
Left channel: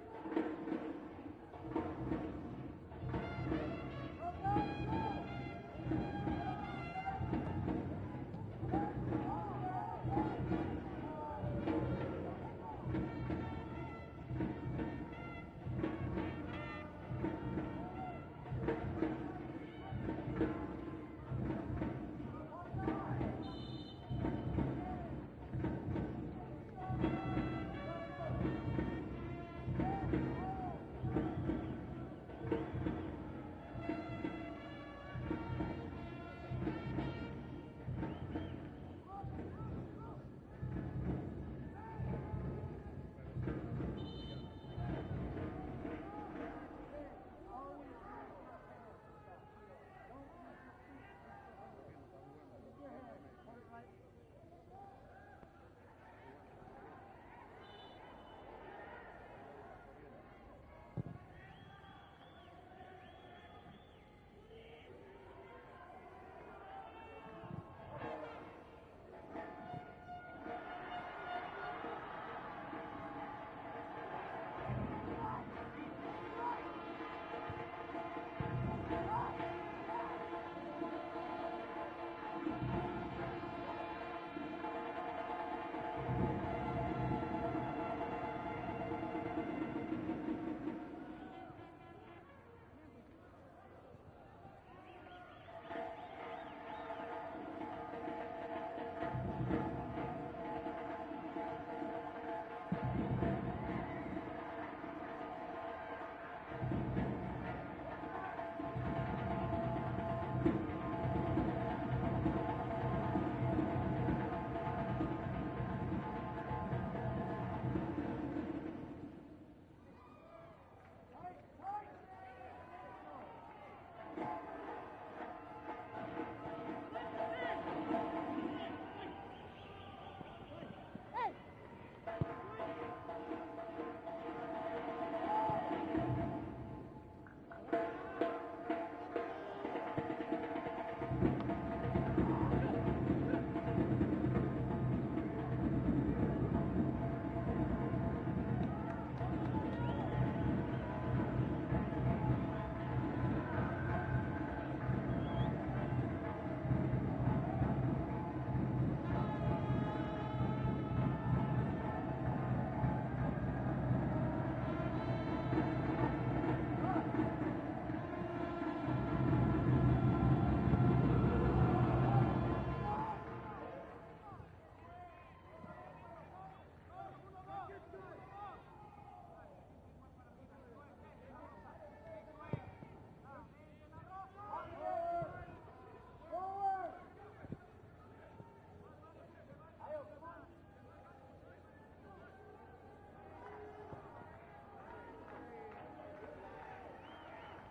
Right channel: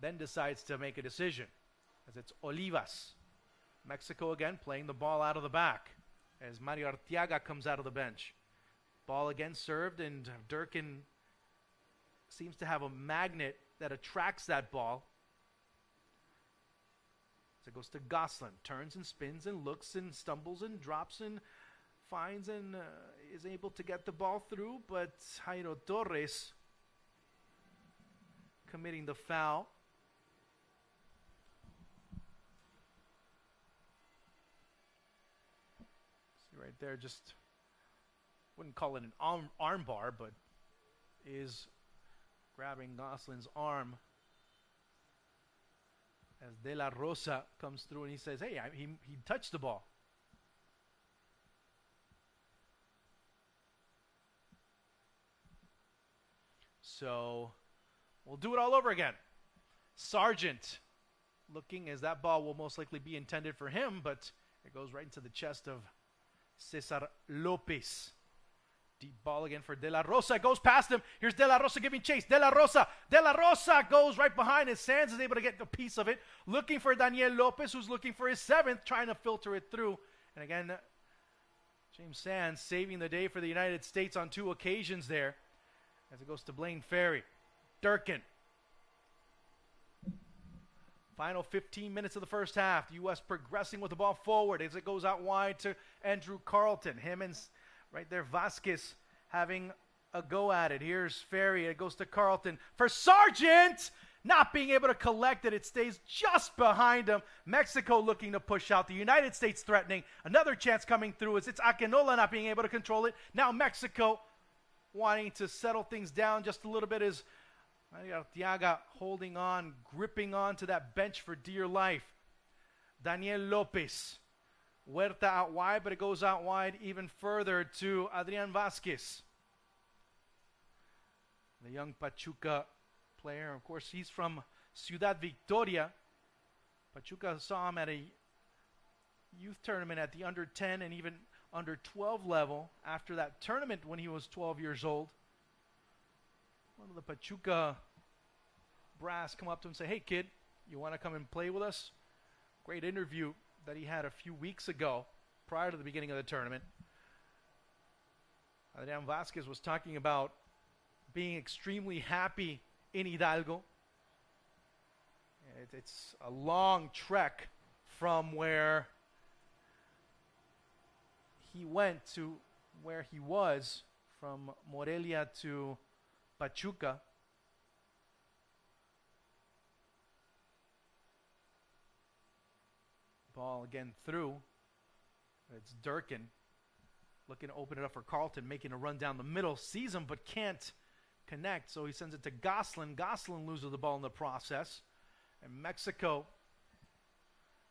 then decides to make a decision. It's Olivas. Mexico again playing the ball out of the back as Mario Arteaga comes out of the bench. Ball again served, and Durkin seems to have a magnet that attracts that ball. Goes to Gosselin, turns and spins and looks and stumbles and drops and finds and is able to get the ball through, but Jairo Torres committing the foul. They're just, wouldn't call it an arm bar, but is grabbing Gosselin's arm. De La Rosa comes through and he says, hey, he touched the ball. So we'll do it all over again. Sargent looking as that ball will most likely be intended for him, but it goes right into the chest of Cesar Lopez. Deep ball again for De La Rosa. It goes past him. Here's De La Rosa giving chase. De La Rosa. De La Rosa goes right behind his Sands is able to get a piece of it. Looking for Daniel Lopez, who's looking for his 7th, trying to filter it through. And again, James Sands saving the day for the United States on 2 occasions there. It goes to Blaine Ferry. Durkin. Final 15 minutes of the first half. The U.S. progressing with the ball forward as it goes out wide to Andrew Carlton. Him and right there Vasquez having a go at it. Here's Ferry. It goes to Carlton for Sargent. Not being able to collect it. It stays just behind him. Mexico looking to push out. The United States threatening. Another chance coming through as it's Akinola not being able to control it. Now Mexico wanting to settle things down just a little bit as Diaga holding on, gripping on to that bench for dear life. Daniel Lopez. Huerta out wide, but it goes out wide even further to Adrian Vasquez. The young Pachuca player, of course, he's from Ciudad Victoria. Pachuca saw him at a youth tournament at the under-10 and even under-12 level after that tournament when he was 12 years old. Pachuca brass come up to him and say, "Hey kid, you want to come and play with us?" Great interview that he had a few weeks ago prior to the beginning of the tournament. Adrian Vasquez was talking about being extremely happy in Hidalgo. It's a long trek from where he went to where he was, from Morelia to Pachuca. Ball again through. It's Durkin looking to open it up for Carlton, making a run down the middle, sees him but can't connect, so he sends it to Goslin. Goslin loses the ball in the process. Mexico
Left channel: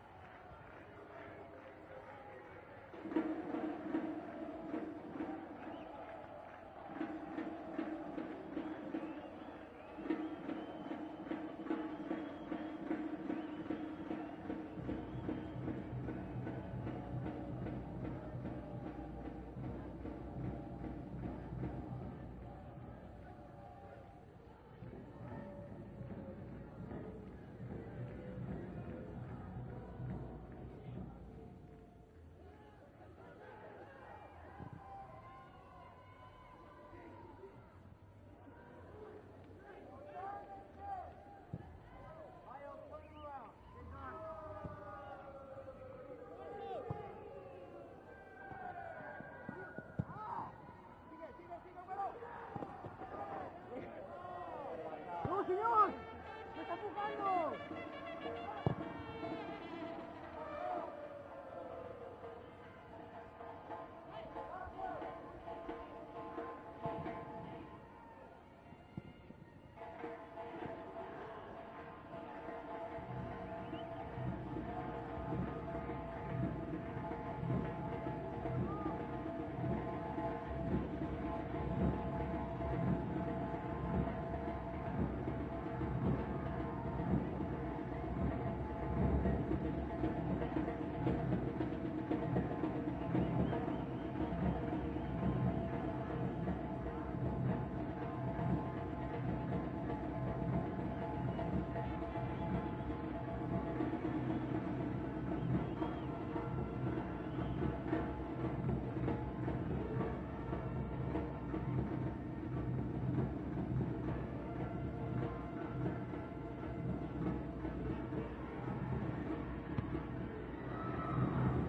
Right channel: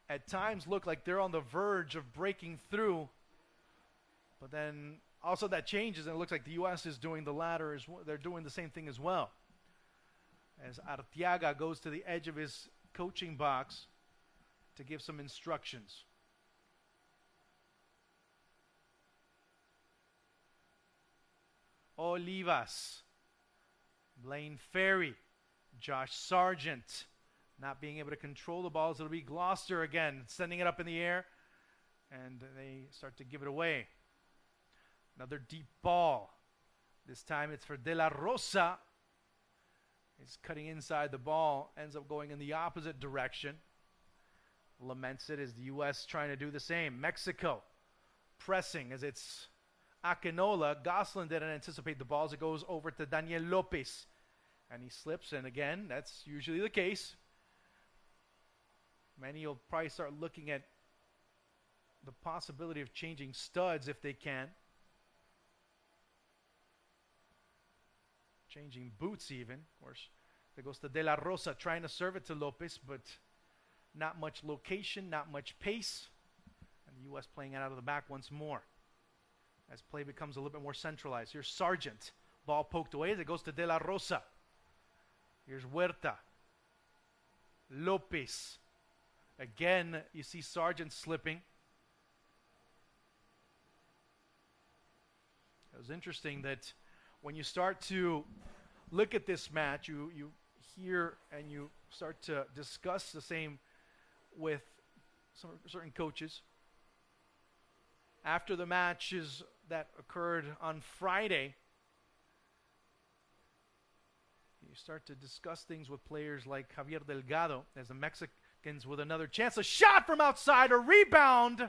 at times look like they're on the verge of breaking through, but then also that changes and it looks like the U.S. is doing the latter. They're doing the same thing as well. As Arteaga goes to the edge of his coaching box to give some instructions. Olivas. Blaine Ferry, Josh Sargent, not being able to control the balls. It'll be Gloucester again, sending it up in the air, and they start to give it away. Another deep ball. This time it's for De La Rosa. He's cutting inside the ball, ends up going in the opposite direction. Laments it as the U.S. trying to do the same. Mexico pressing as it's Akinola. Goslin didn't anticipate the balls. It goes over to Daniel Lopez. And he slips, and again, that's usually the case. Many will probably start looking at the possibility of changing studs if they can. Changing boots even. It goes to De La Rosa trying to serve it to Lopez, but not much location, not much pace. Was playing it out of the back once more. This play becomes a little bit more centralized. Here's Sargent. Ball poked away as it goes to De La Rosa. Huerta, Lopez. Again, you see Sargent slipping. It's interesting that when you start to look at this match, you hear and you start to discuss the same with certain coaches. After the matches that occurred on Friday, discuss things with players like Javier Delgado as the Mexicans with another chance. A shot from outside, a rebound.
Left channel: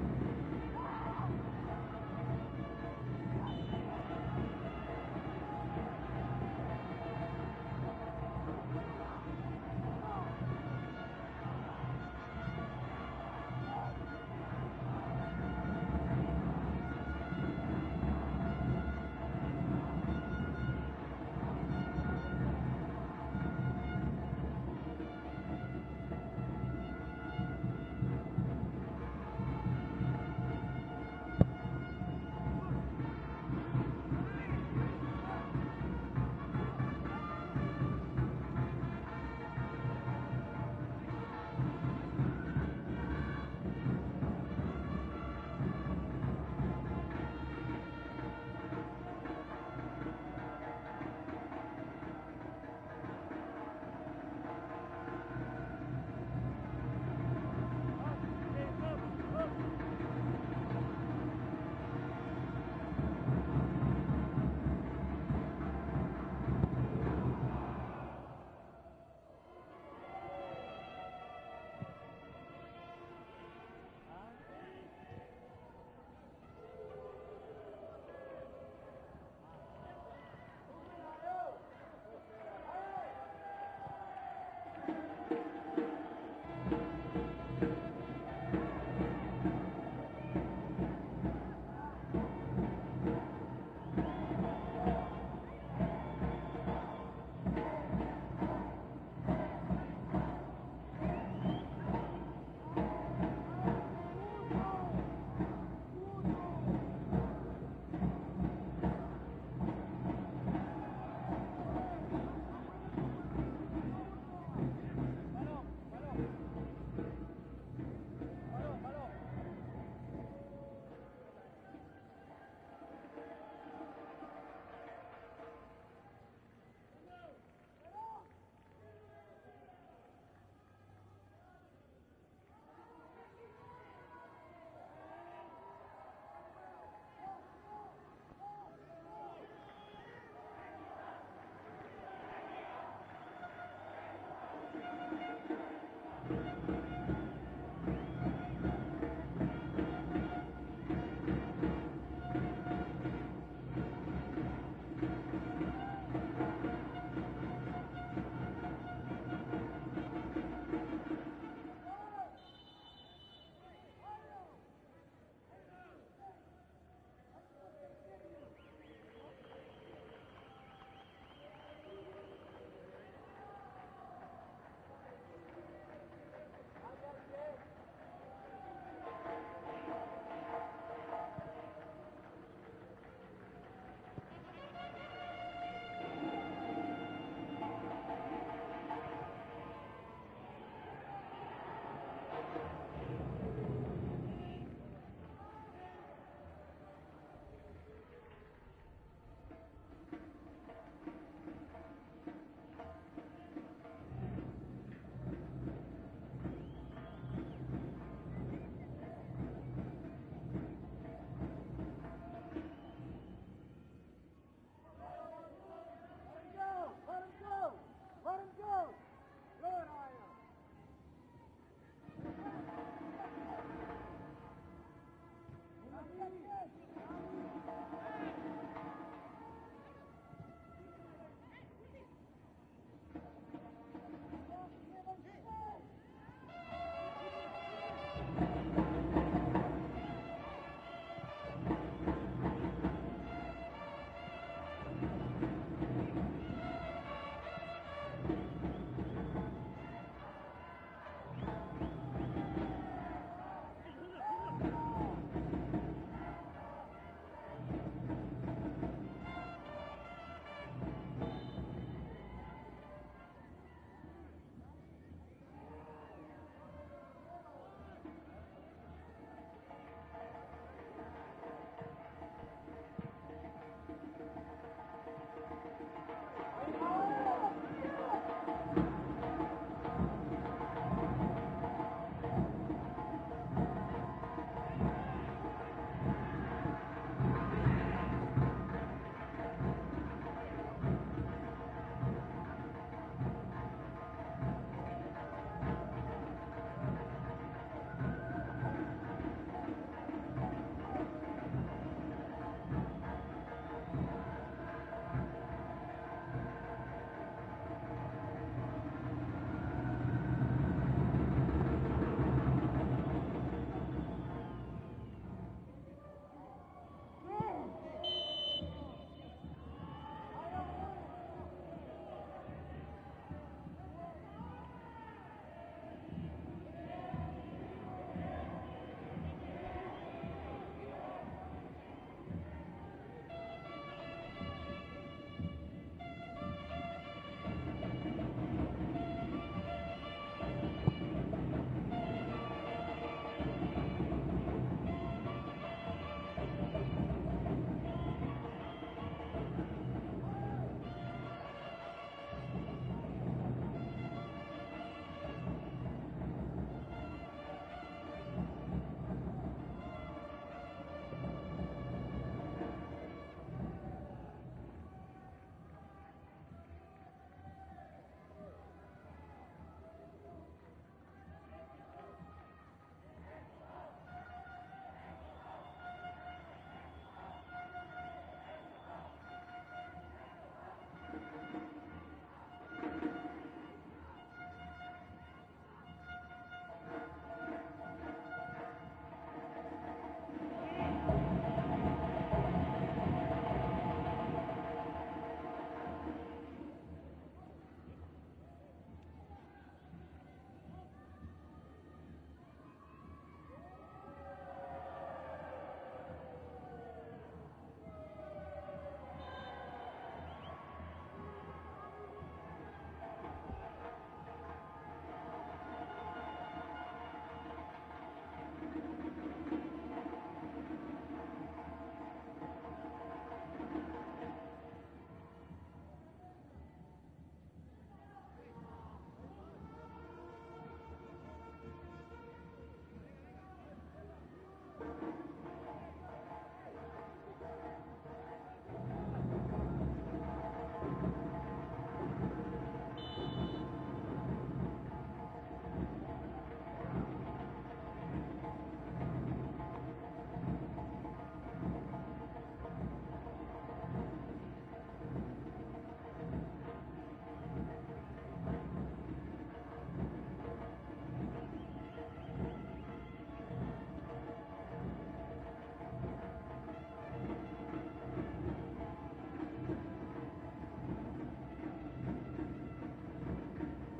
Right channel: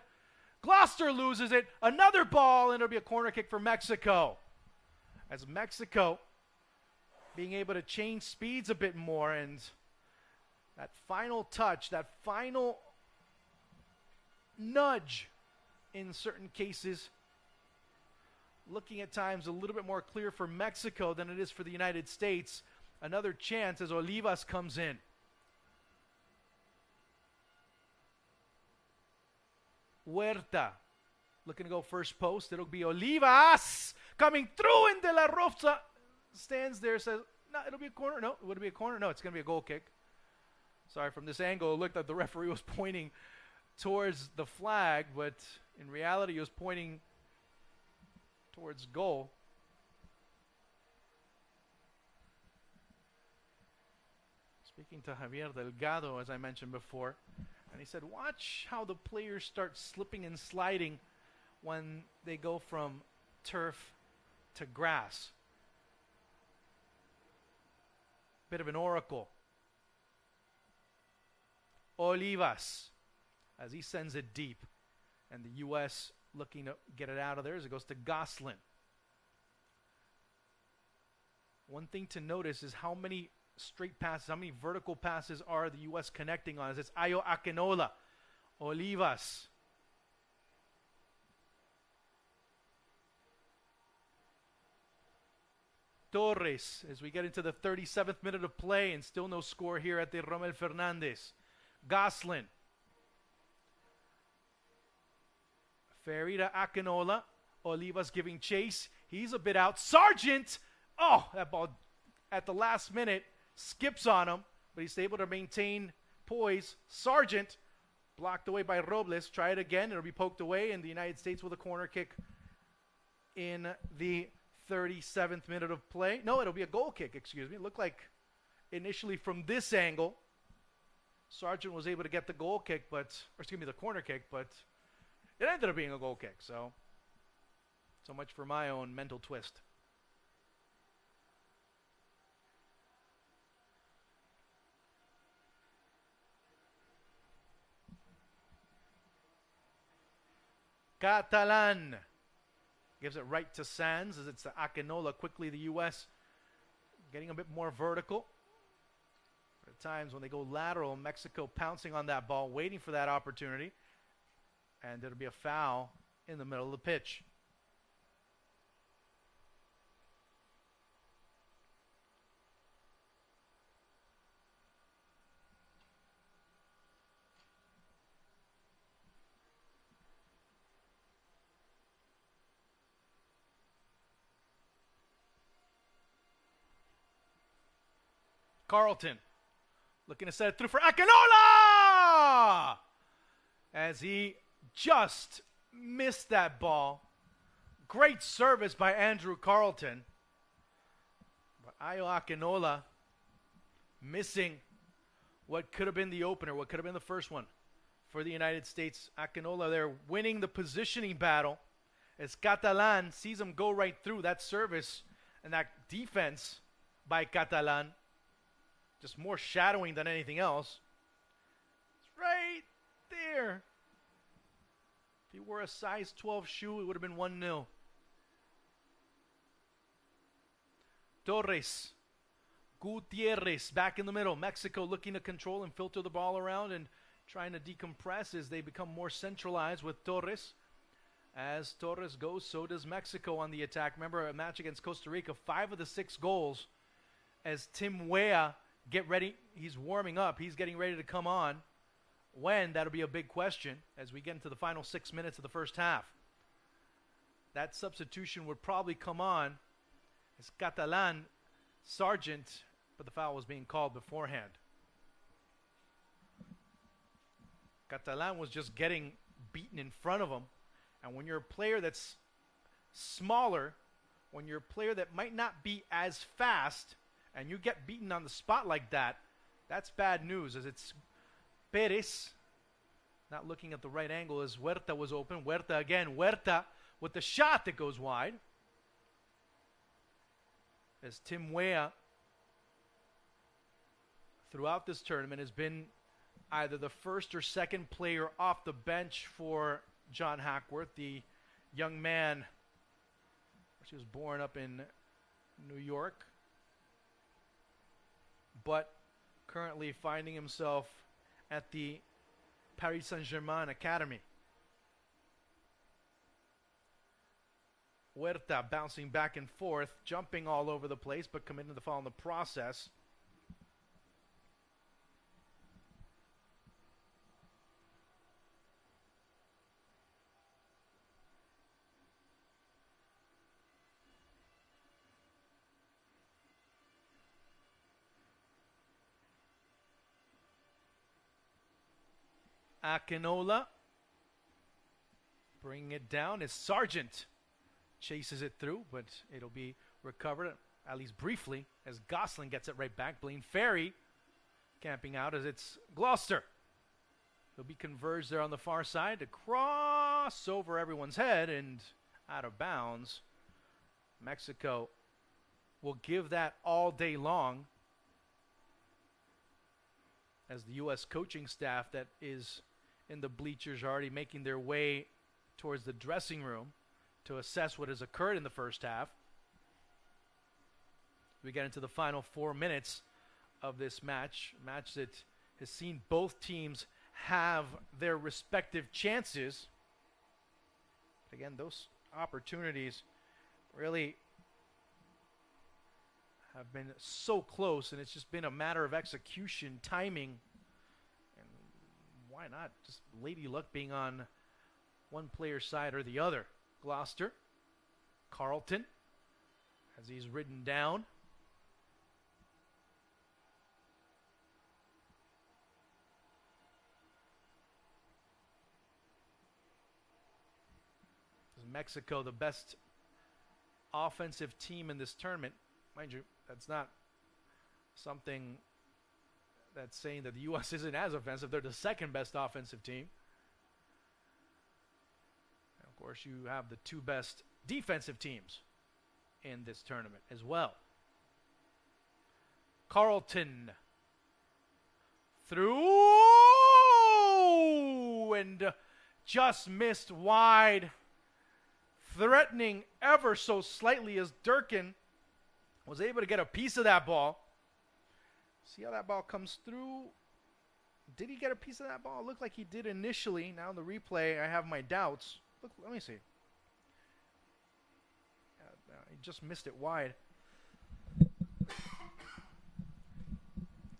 Gloucester loses it. Another ball, and it'll be a corner kick for Mexico. As Mexico being able to change speeds a bit more, and that final touch, that final nudge in certain cases, looking at times a little bit more clear for Mexico than it is for the United States. Another chance as Olivas comes in. Huerta looking to go first post. It'll be Olivas coming through, and De La Rosa stands there, says, No, it'll be a corner. No, it'll be a corner. No, it's going to be a goal kick. Sorry, from this angle, it looked like the referee was pointing towards the flag, but in reality, he was pointing towards goal. To Javier Delgado, as I mentioned before, he said, watch how the players start slipping and sliding when they go from turf to grass. Bit of an oracle. Olivas, as he sends it deep, and the U.S. looking to get it out of there as it goes to Goslin. One thing to notice is how many straight passes, how many vertical passes are the U.S. connecting on. It's Ayo Akinola, Olivas. Torres, as we get into the 37th minute of play, and still no score here at the Romel Fernandez. Goslin. Ferreira Akinola. Olivas giving chase. He's a bit out. Sargent! Oh, that ball at the last minute skips on him, but he's able to maintain poise. Sargent blocked away by Robles. Try it again. It'll be poked away, and the United States with a corner kick in the 37th minute of play. No, it'll be a goal kick, excuse me. It looked like initially from this angle, Sargent was able to get the goal kick, but, or excuse me, the corner kick, but it ended up being a goal kick, so much for my own mental twist. Catalan gives it right to Sands as it's to Akinola. Quickly the U.S. getting a bit more vertical. Times when they go lateral, Mexico pouncing on that ball, waiting for that opportunity. And it'll be a foul in the middle of the pitch. Carlton looking to set it through for Akinola! As he just missed that ball. Great service by Andrew Carlton. Ayo Akinola missing what could have been the opener, what could have been the first one for the United States. Akinola there winning the positioning battle as Catalan sees him go right through. That service and that defense by Catalan, just more shadowing than anything else. It's right there. If he wore a size 12 shoe, it would have been 1-0. Torres. Gutierrez back in the middle. Mexico looking to control and filter the ball around and trying to decompress as they become more centralized with Torres. As Torres goes, so does Mexico on the attack. Remember, a match against Costa Rica, 5 of the 6 goals. As Tim Weah get ready, he's warming up, he's getting ready to come on. When, that'll be a big question as we get into the final 6 minutes of the first half. That substitution would probably come on. It's Catalan, Sargent, but the foul was being called beforehand. Catalan was just getting beaten in front of him. And when you're a player that's smaller, when you're a player that might not be as fast, and you get beaten on the spot like that, that's bad news, as it's Perez not looking at the right angle as Huerta was open. Huerta again, Huerta with the shot that goes wide. As Tim Weah throughout this tournament has been either the first or second player off the bench for John Hackworth, the young man who was born up in New York, but currently finding himself at the Paris Saint-Germain Academy. Huerta bouncing back and forth, jumping all over the place, but committing the foul in the process. Akinola. Bringing it down as Sargent chases it through, but it'll be recovered, at least briefly, as Gosselin gets it right back. Blaine Ferry camping out as it's Gloucester. Will be converged there on the far side to cross over everyone's head and out of bounds. Mexico will give that all day long, as the U.S. coaching staff that is in the bleachers are already making their way towards the dressing room to assess what has occurred in the first half. We get into the final 4 minutes of this match that has seen both teams have their respective chances. And those opportunities really have been so close, and it's just been a matter of execution, timing. Why not just lady luck being on one player's side or the other? Gloucester, Carlton, as he's written down. Mexico, the best offensive team in this tournament. Mind you, that's not something that's saying that the U.S. isn't as offensive. They're the second best offensive team. Of course, you have the two best defensive teams in this tournament as well. Carlton through and just missed wide. Threatening ever so slightly as Durkin was able to get a piece of that ball. See how that ball comes through? Did he get a piece of that ball? It looked like he did initially. Now the replay, I have my doubts. Let me see. Just missed it wide.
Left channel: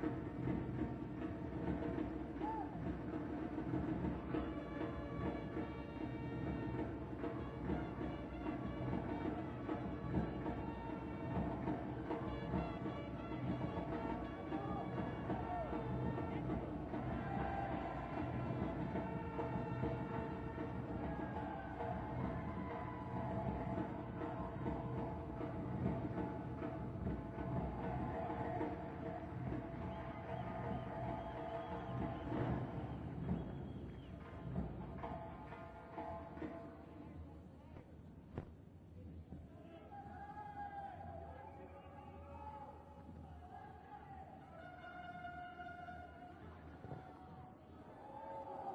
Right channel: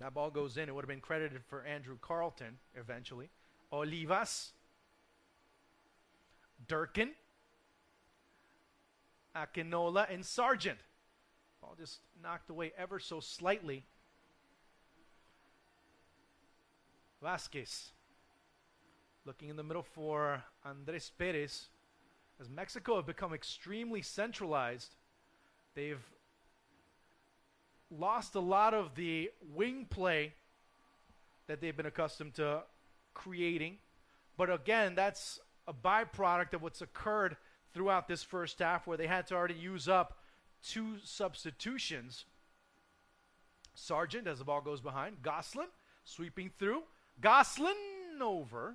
That ball goes in. It would have been credited for Andrew Carlton eventually. Olivas. Durkin. Akinola and Sargent. Just knocked away ever so slightly. Vasquez looking in the middle for Andres Perez. Mexico have become extremely centralized. They've lost a lot of the wing play that they've been accustomed to creating. But again, that's a byproduct of what's occurred throughout this first half, where they had to already use up 2 substitutions. Sargent, as the ball goes behind. Gosselin sweeping through. Gosselin over.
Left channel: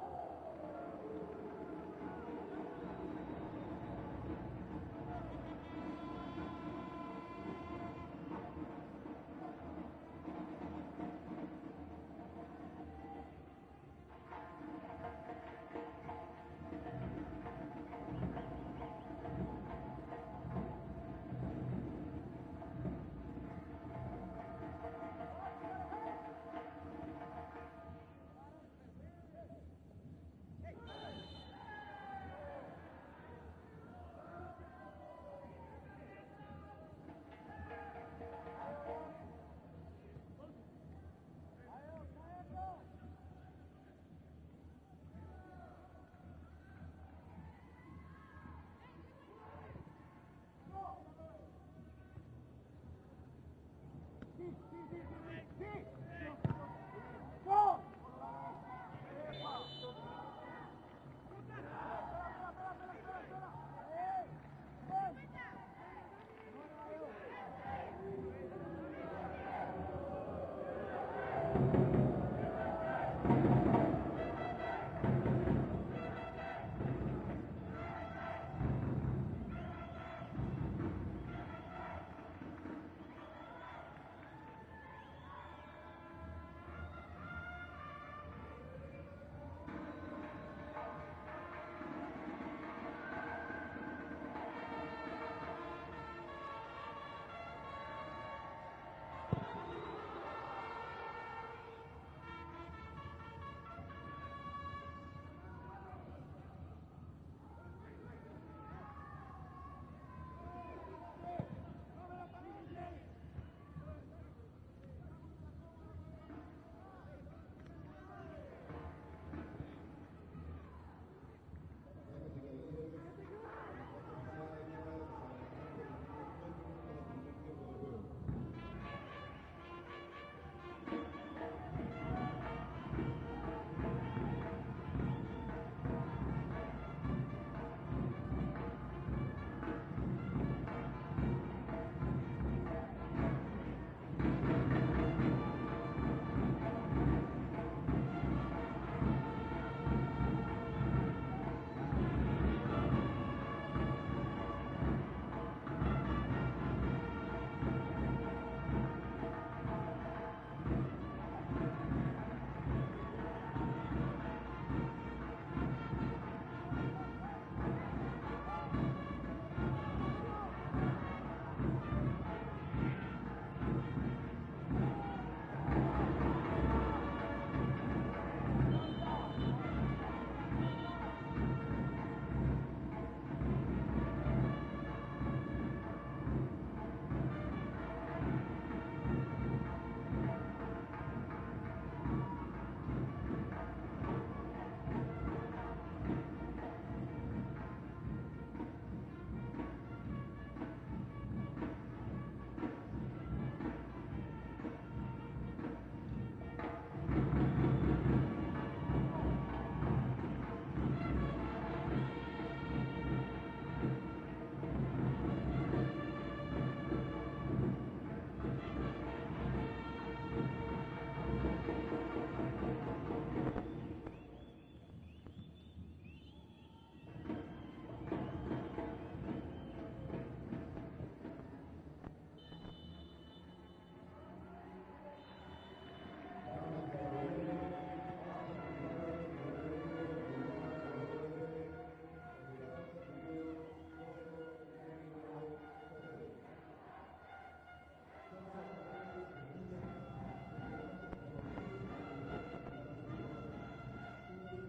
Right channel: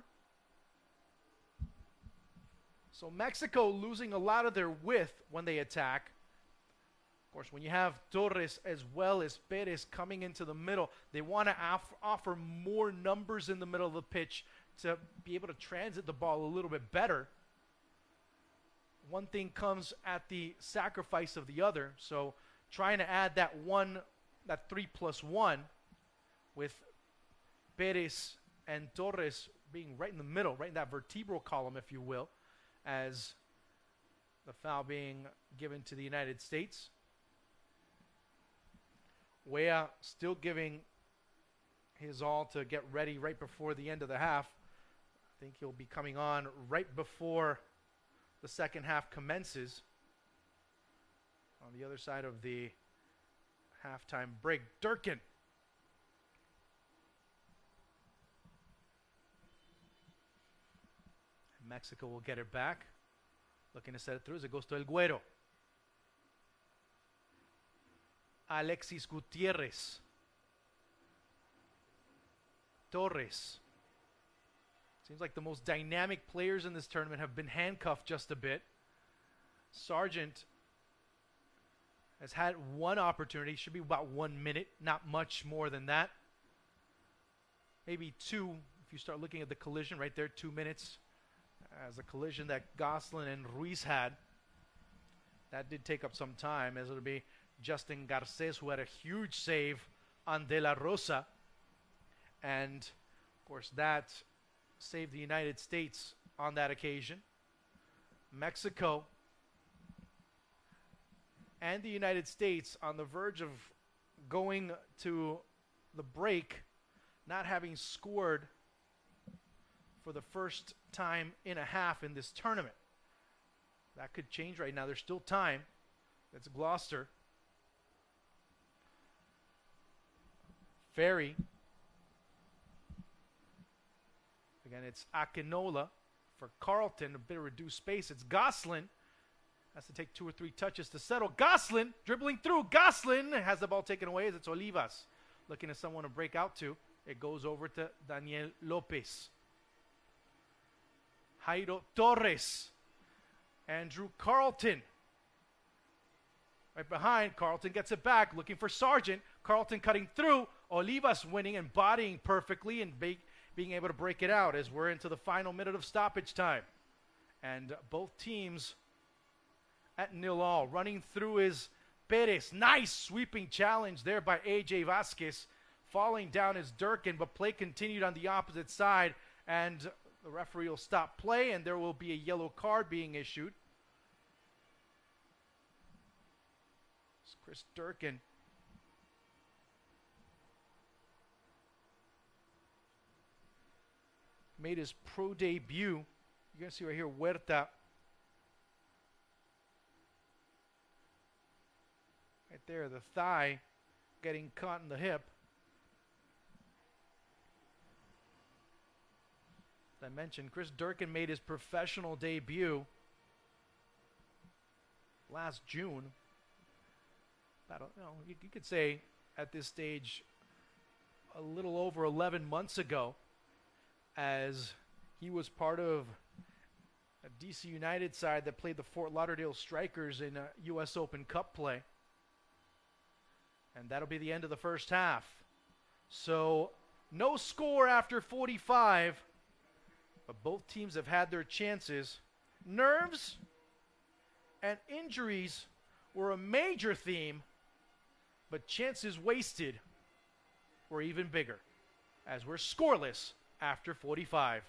So Mexico losing a lot of their width when they attack. Of course, when you have Torres as well as Perez coming into the middle, they want to offer more numbers in the middle of the pitch to be able to transit the ball a little bit better. One thing comes at the sacrifice of the other, so trying to add that 3+1 with Perez and Torres being right in the middle, right in that vertebral column, if you will, as the foul being given to the United States. Weah still giving his all to get ready right before the end of the half. I think he'll be coming on right before the second half commences on the other side of the halftime break. Durkin. And Mexico will get it back. Looking to set it through as it goes to El Güero. Alexis Gutierrez. Torres. Seems like the most dynamic players in this tournament have been handcuffed just a bit. Sargent has had one opportunity, should be about 1 minute, not much more than that. Maybe 2 if you start looking at the collision right there, 2 minutes. As the collision that Gosselin and Ruiz had, that did take up some time, as it'll be Justin Garces who had a huge save on De La Rosa. And of course that saved the United States on that occasion. Mexico and the United States on the verge of going to the break, not having scored for the first time in a half in this tournament. That could change right now. There's still time. It's Gloucester. Ferry. And it's Akinola for Carlton. A bit of reduced space. It's Goslin. Has to take 2 or 3 touches to settle. Goslin dribbling through. Goslin has the ball taken away as it's Olivas. Looking at someone to break out to. It goes over to Daniel Lopez. Jairo Torres. Andrew Carlton. Right behind. Carlton gets it back. Looking for Sargent. Carlton cutting through. Olivas winning and bodying perfectly and being able to break it out as we're into the final minute of stoppage time. And both teams at 0-0. Running through is Perez. Nice sweeping challenge there by AJ Vasquez. Falling down is Durkin, but play continued on the opposite side. And the referee will stop play, and there will be a yellow card being issued. Chris Durkin. Made his pro debut. You can see right here, Huerta. And there, the thigh getting caught in the hip. I mentioned Chris Durkin made his professional debut last June. I don't know, people could say at this stage a little over 11 months ago, as he was part of a DC United side that played the Fort Lauderdale Strikers in a U.S. Open Cup play. And that'll be the end of the first half. So no score after 45. But both teams have had their chances. Nerves and injuries were a major theme, but chances wasted were even bigger, as we're scoreless after 45.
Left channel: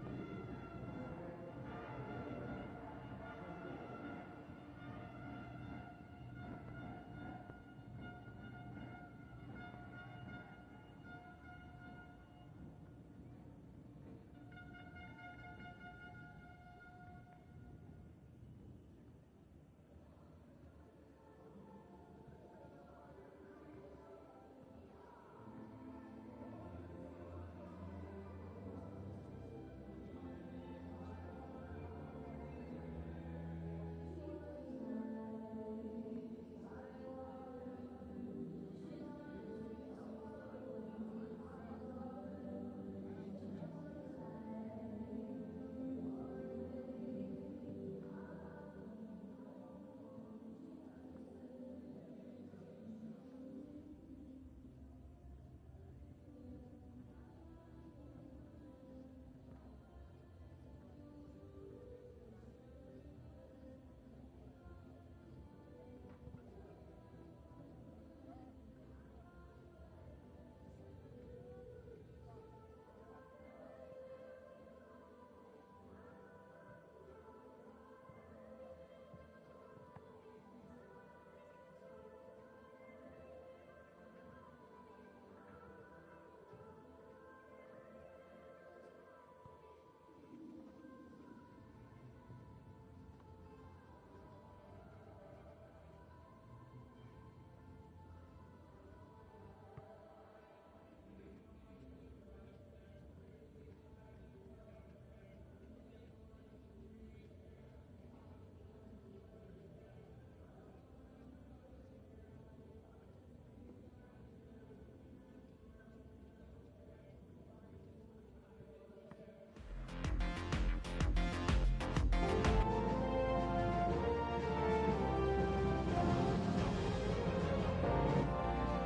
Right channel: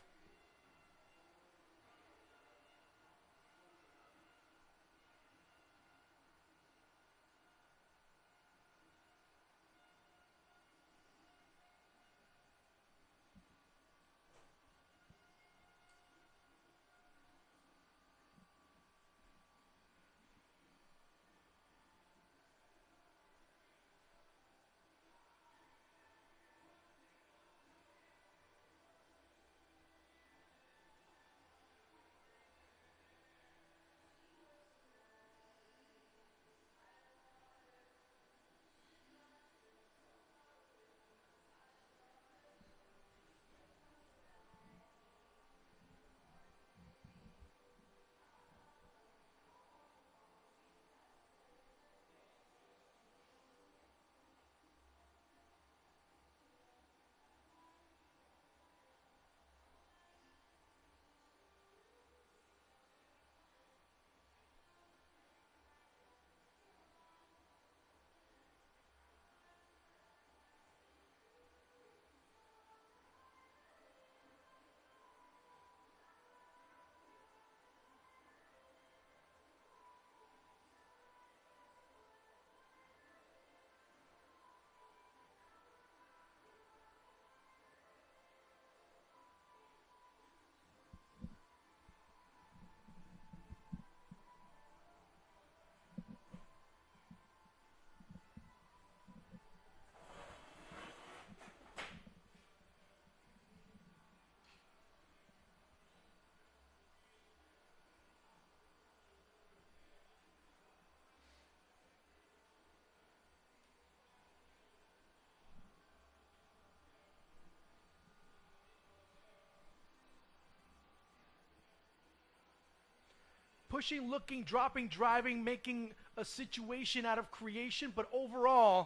Looking, dropping, driving, making a situation out of creation, but overall,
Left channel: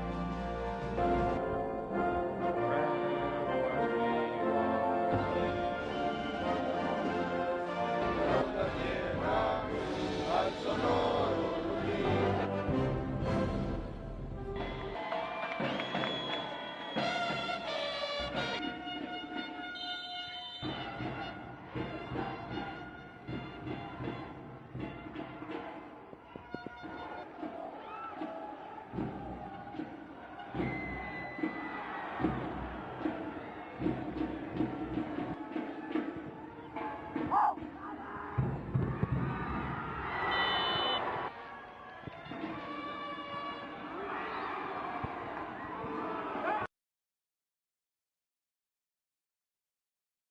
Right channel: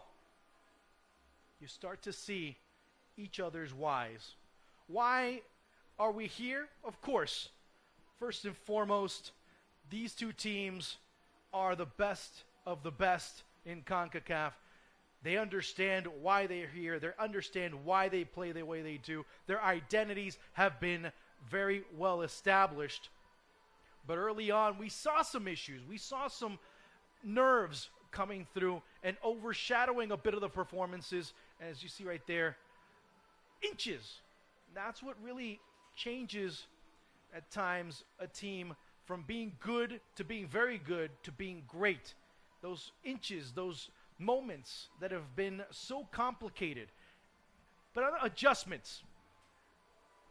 you start to see each other's whys. Why are we here? Of course, first and foremost, these two teams are the best of the best in Concacaf. They understand why they're here. They understand why they play the way they do. Their identities have been very well established. But early on, we saw some issues. We saw some nerves coming through and overshadowing a bit of the performances. As you see right there, inches. That's what really changes at times a team from being good to being very good to being great. Those inches, those moments that have been so complicated. But other adjustments.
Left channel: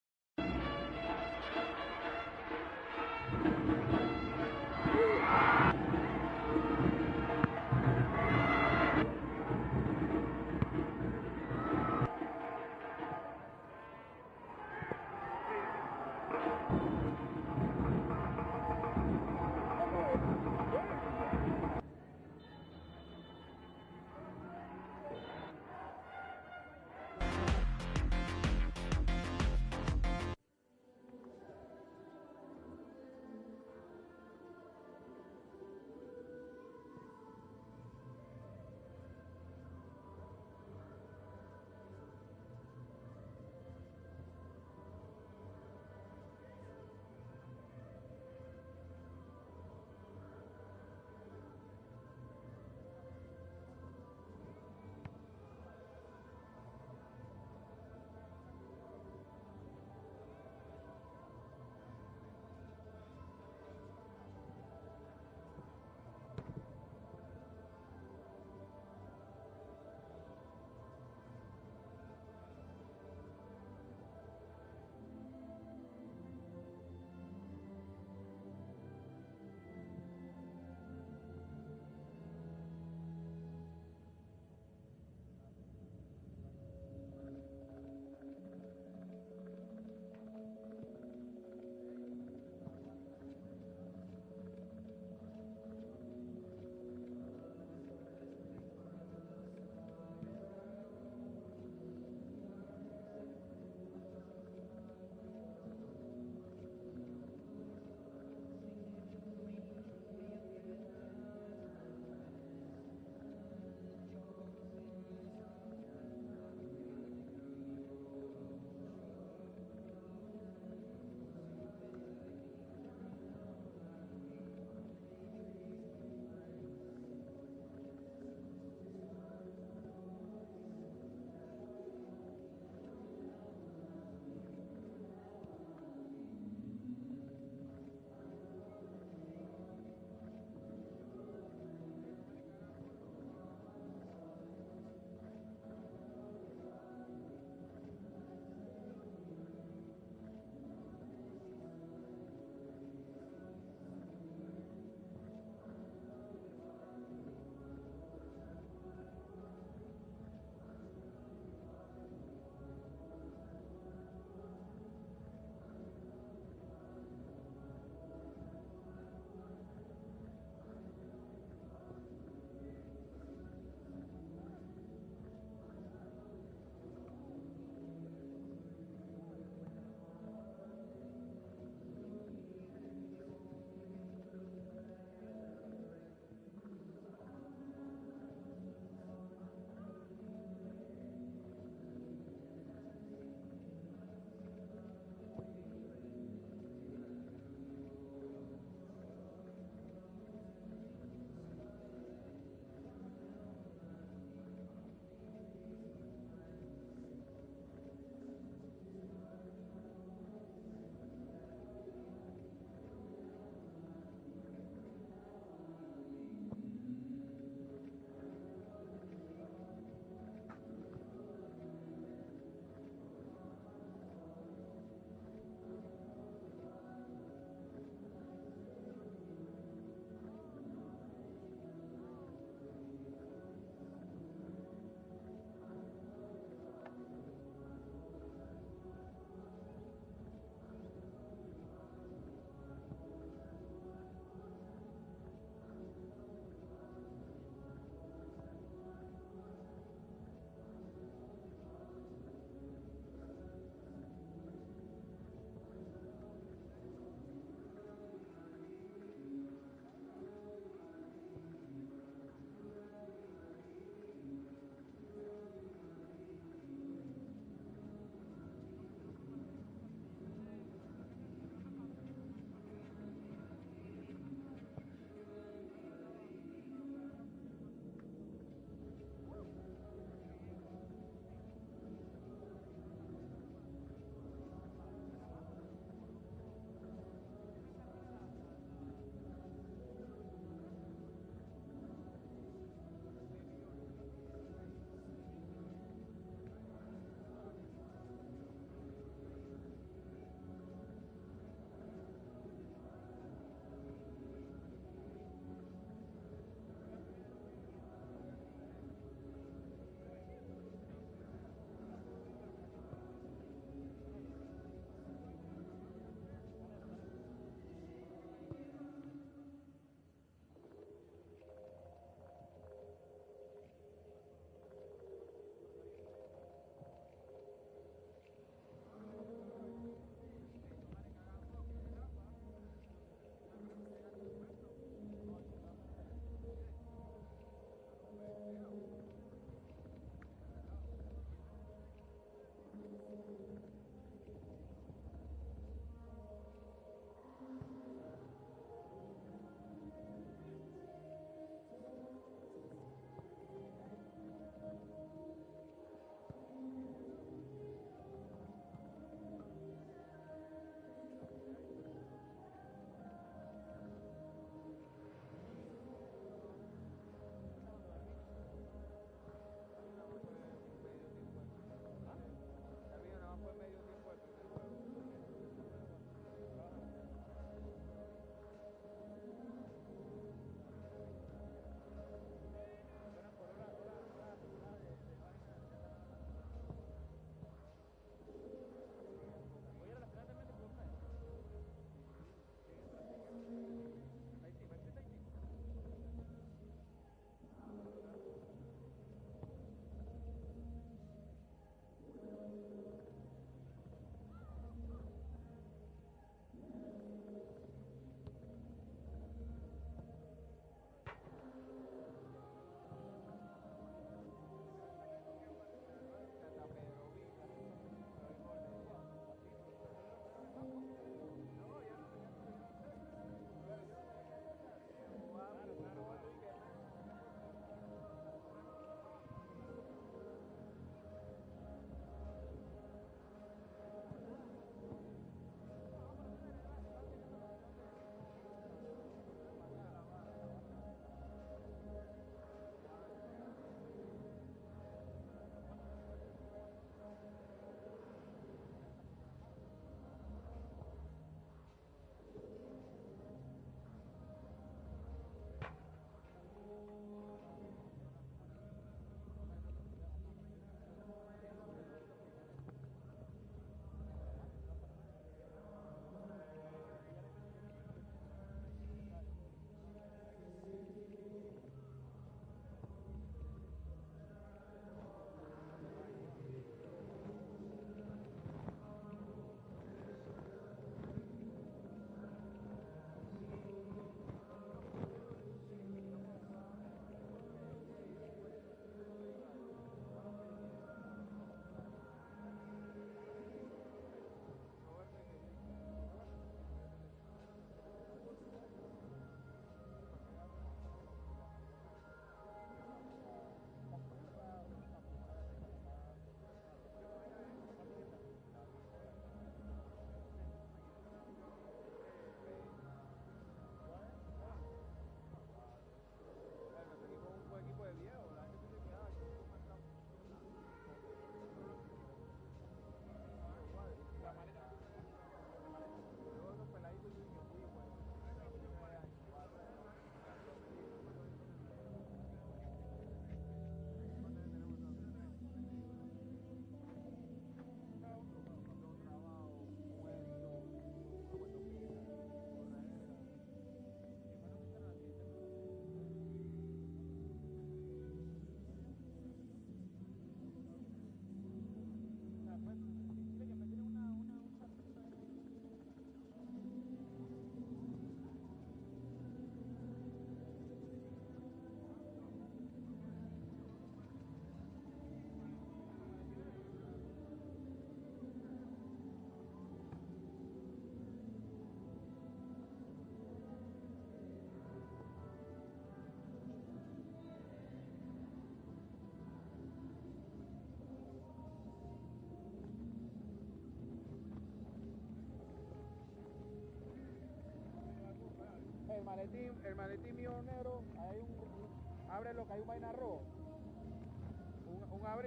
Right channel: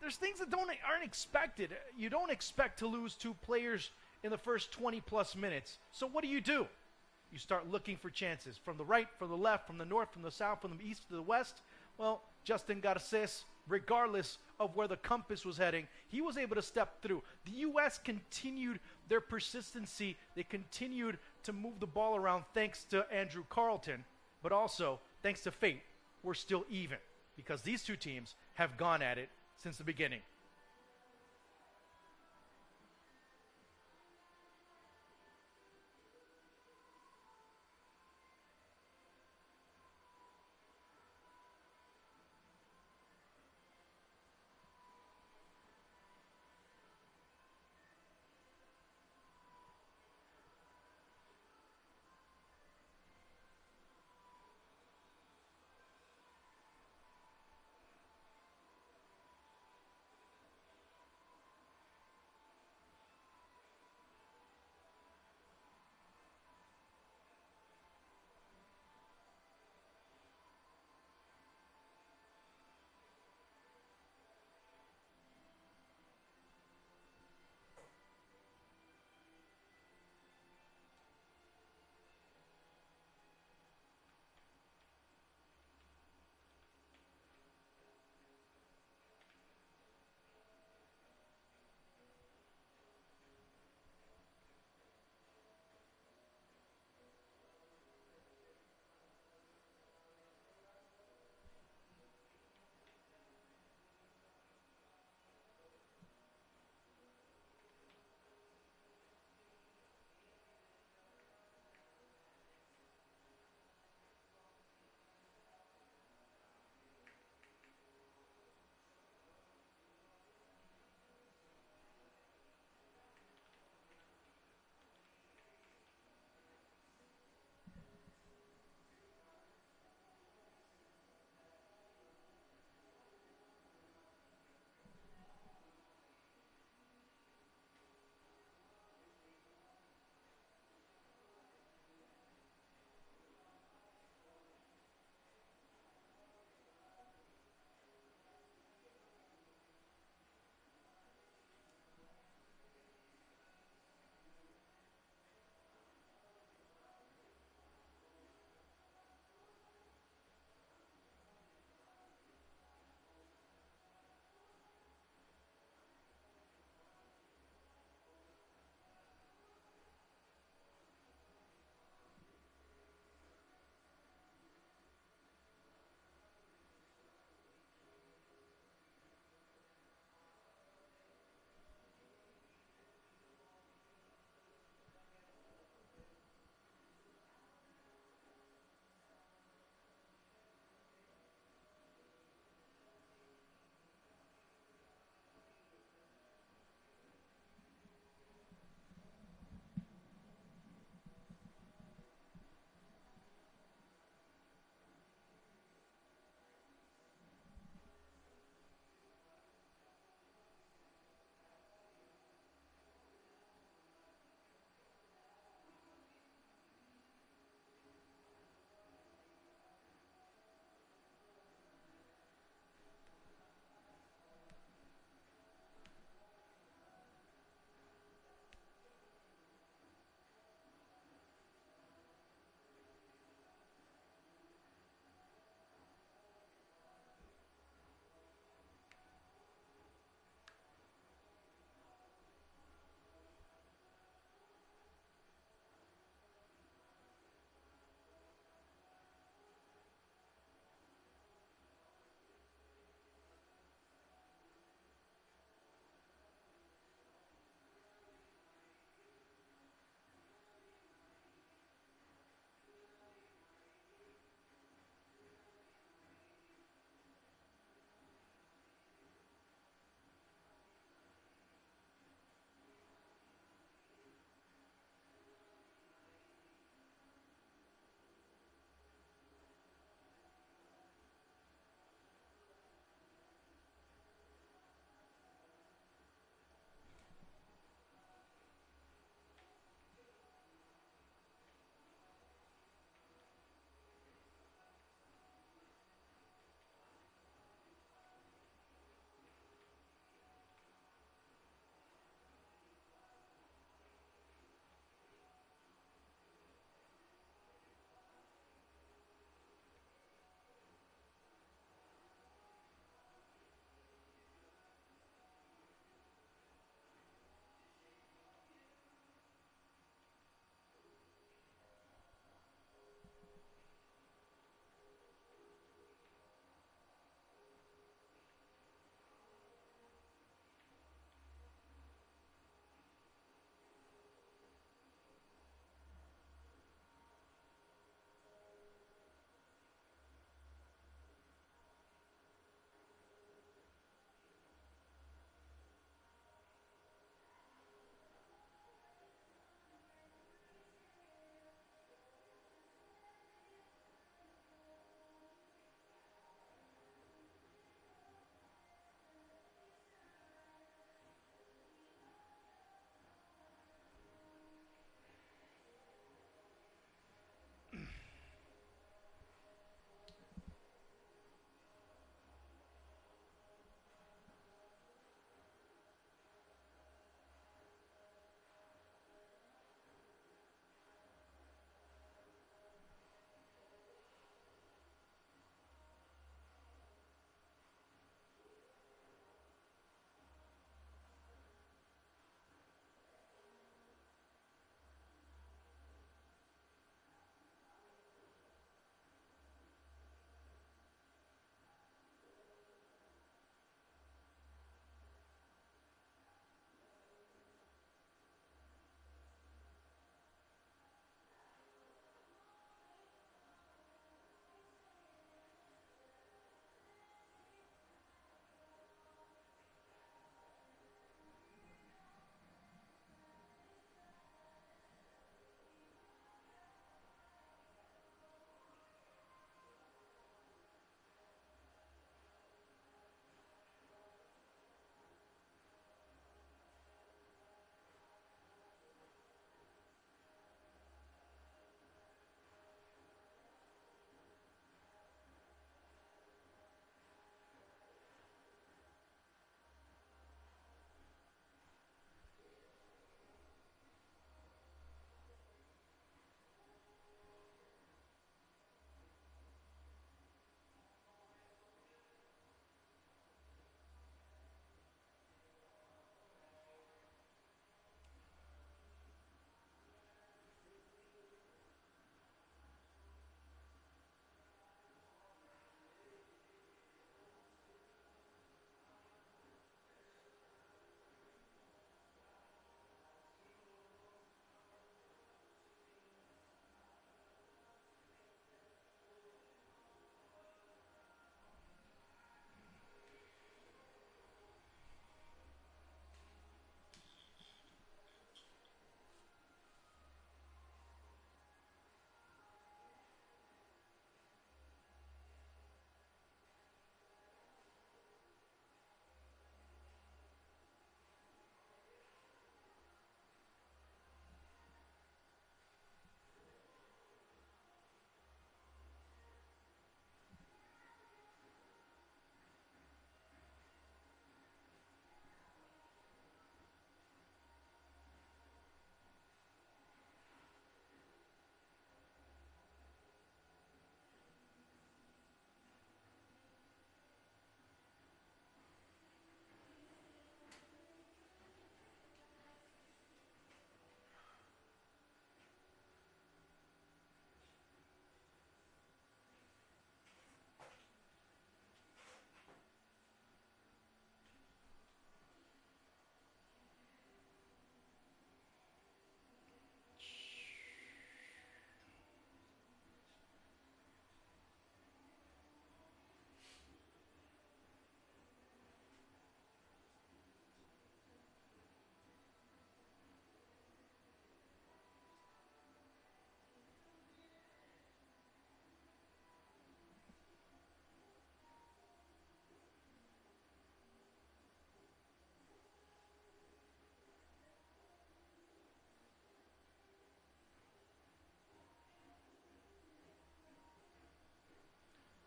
There's things that aren't expected. You don't expect to lose 2 players in the first 20 plus minutes. So what do? You start looking for chances from the right, from the left, from the north, from the south, from the east, to the west. Well, Justin Garces, regardless of where the compass was heading, he was able to step through. The U.S. continued their persistency. They continued to move the ball around thanks to Andrew Carleton, but also thanks to fate. We're still even because these 2 teams have gone at it since the beginning.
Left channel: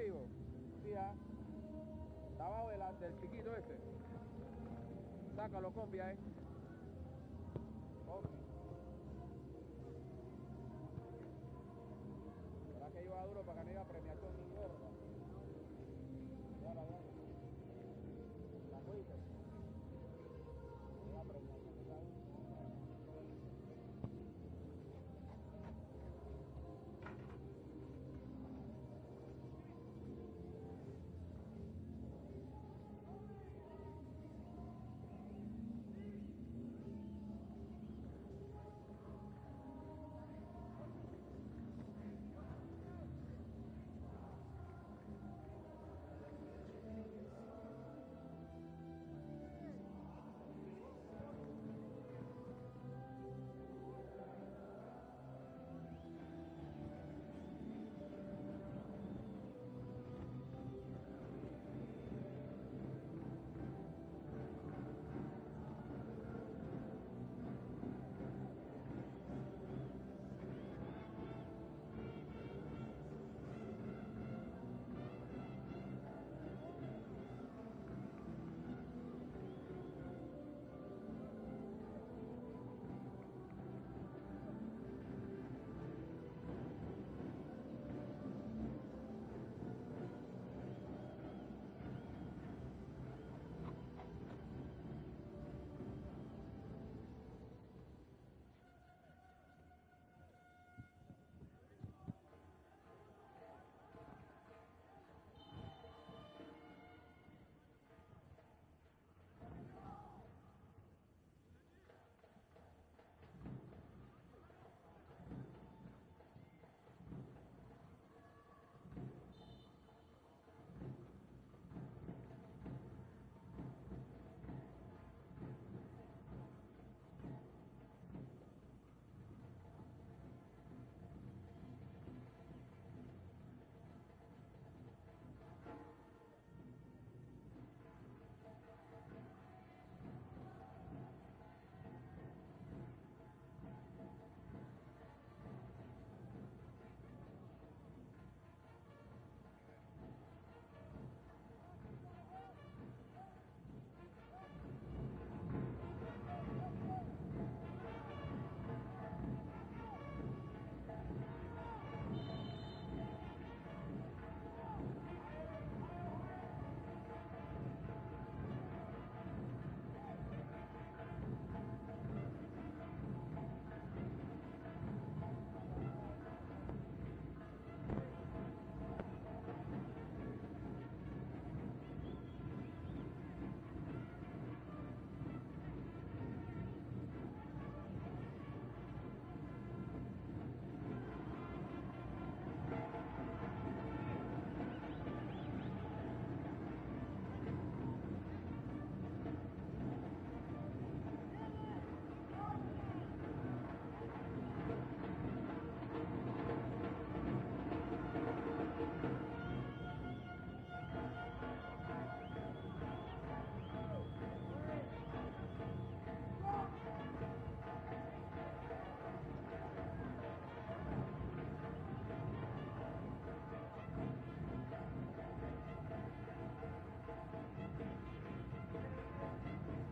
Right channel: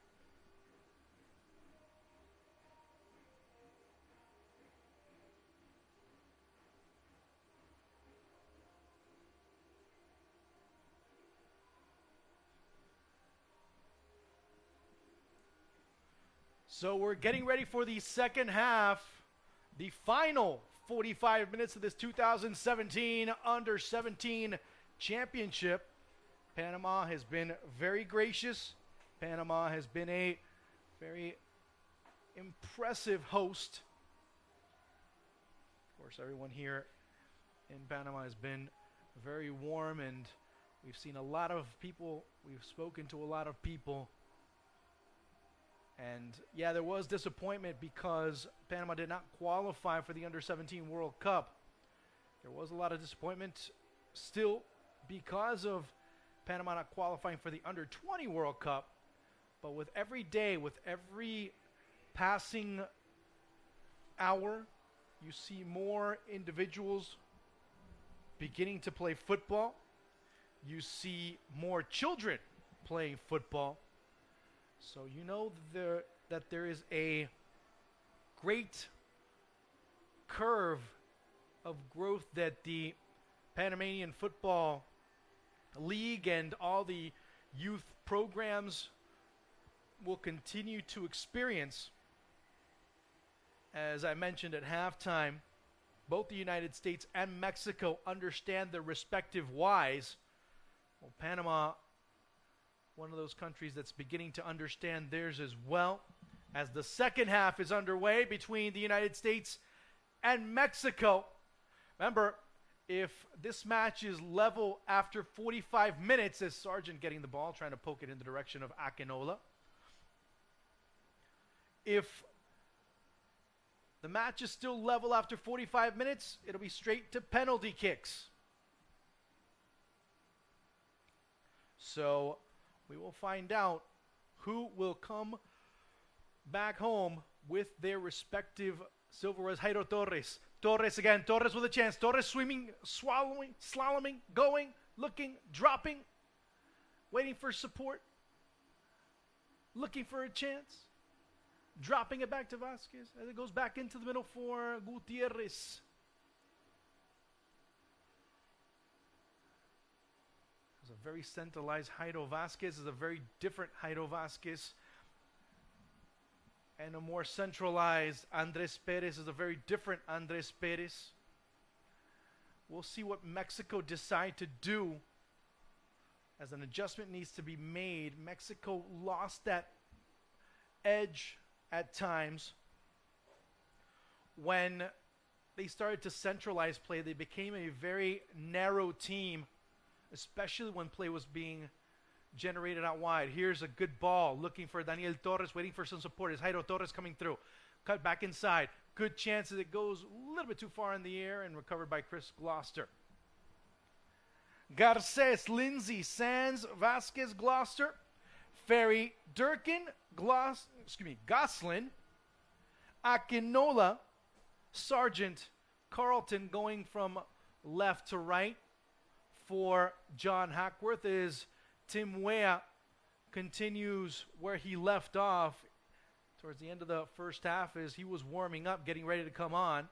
amigo. Ya. Está abajo del chiquito ese. Sácalo, copia, Ok. ¿Será que iba duro para que no iba premiación ni gorda? So we're getting ready for the second half, the final 45 minutes of this 2017 Under-17 Championship. Panama has been very gracious. Panama has been a very impressive host. Of course, everyone here in Panama has been very warm, and we've seen a lot of people. We've spoken to a lot of people. And yeah, there was disappointment because Panama did not qualify for the Under-17 World Cup. There was a lot of disappointment still because of Panama not qualifying for the Under-20 World Cup. But with every day, with every passing hour, you see more individuals beginning to play football. You see more children playing football. So you know that there is a great curve of growth that the Panamanian Football League and all the youth programs will continue to experience. As I mentioned at halftime, both the United States and Mexico understand their respective whys. Well, Panama, one of those countries that's beginning to understand theirs as well, as the second half is underway between the United States and Mexico. Remember, if this match is level after 45 minutes, as Sargent getting the ball, trying to poke it in the direction of Akinola. If the match is still level after 45 minutes, it'll be straight to penalty kicks. So we will find out who will come back home with their respective silverware. Jairo Torres. Torres again. Torres with a chance. Torres swimming, swallowing, slaloming, going, looking, dropping, waiting for support, looking for a chance, dropping it back to Vasquez as it goes back into the middle for Gutierrez. It's a very centralized Jairo Vasquez. Is a very different Jairo Vasquez. And a more centralized Andres Perez is a very different Andres Perez. We'll see what Mexico decide to do, as an adjustment needs to be made. Mexico lost that edge at times when they started to centralize play. They became a very narrow team, especially when play was being generated out wide. Here's a good ball, looking for Daniel Torres, waiting for some support. Is Jairo Torres coming through? Cut back inside. Good chance as it goes a little bit too far in the air and recovered by Chris Gloucester. Garces, Lindsay, Sands, Vasquez, Gloucester, Ferry, Durkin, Goslin, Akinola, Sargent, Carlton going from left to right for John Hackworth is Tim Weah continues where he left off towards the end of the first half as he was warming up, getting ready to come on.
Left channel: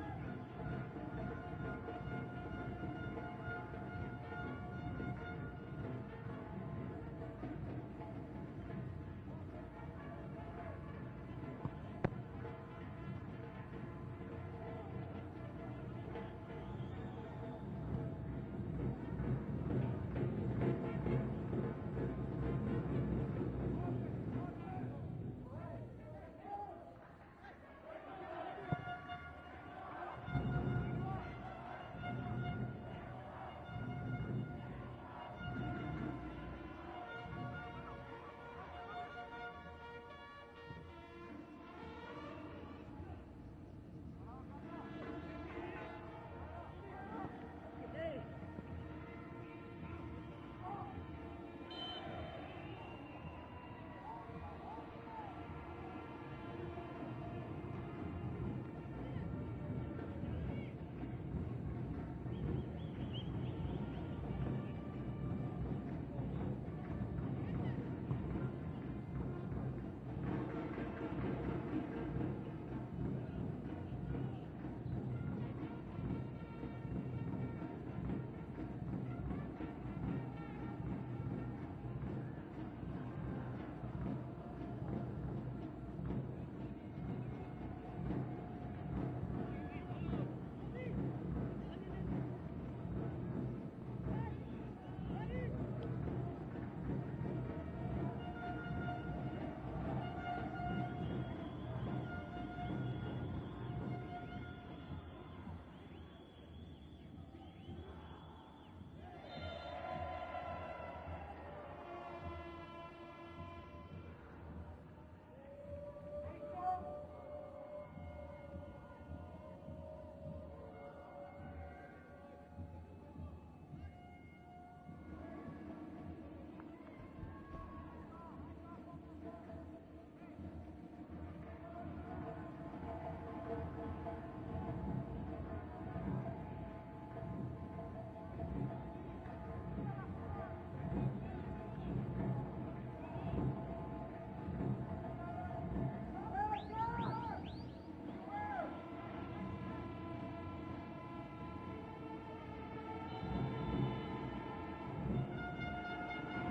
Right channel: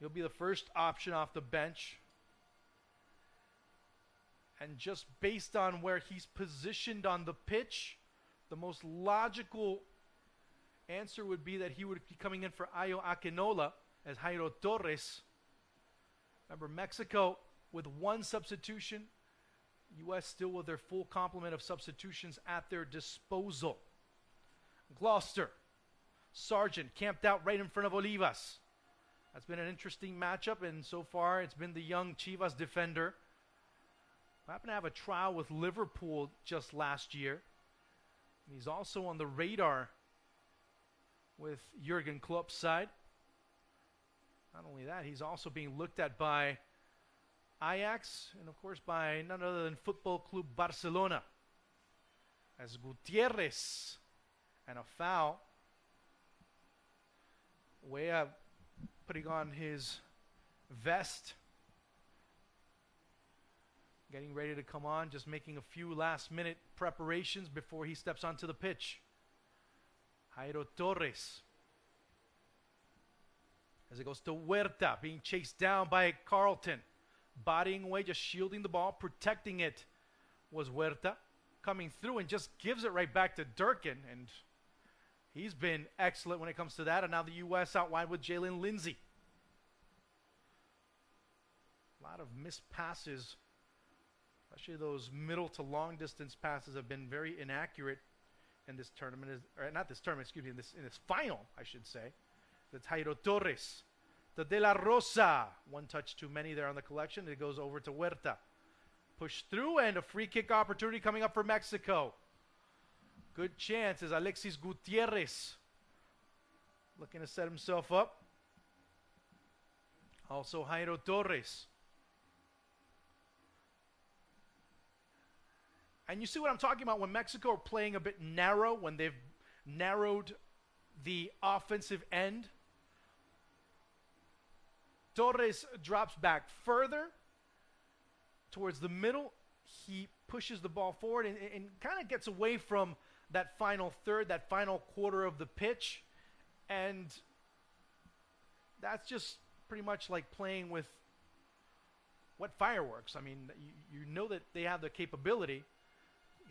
He'll be the first option off the bench. And just based on where he's positioned on the pitch, the most logical answer would be that he would be coming in for Ayo Akinola as Jairo Torres. Remember, Mexico with one substitution, U.S. still with their full complement of substitutions at their disposal. Gloucester, Sargent camped out right in front of Olivas. That's been an interesting matchup, and so far it's been the young Chivas defender. Happened to have a trial with Liverpool just last year. He's also on the radar with Jurgen Klopp's side. Not only that, he's also being looked at by Ajax, and of course by none other than Football Club Barcelona. As Gutierrez, and a foul. Weah putting on his vest, getting ready to come on, just making a few last-minute preparations before he he steps onto the pitch. Jairo Torres. As it goes to Huerta, being chased down by Carlton. Bodying away, just shielding the ball, protecting it was Huerta. Coming through and just gives it right back to Durkin. And he's been excellent when it comes to that. And now the U.S. out wide with Jalen Lindsay. A lot of missed passes. Especially those middle to long distance passes have been very inaccurate in this tournament. Or not this tournament, excuse me, this final, I should say. It's Jairo Torres. The De La Rosa. One touch too many there on the collection. It goes over to Huerta. Push through, and a free kick opportunity coming up for Mexico. Good chance as Alexis Gutierrez looking to set himself up. Also Jairo Torres. And you see what I'm talking about when Mexico are playing a bit narrow, when they've narrowed the offensive end. Torres drops back further towards the middle. He pushes the ball forward and kind of gets away from that final third, that final quarter of the pitch. And that's just pretty much like playing with what fireworks. I mean, you know that they have the capability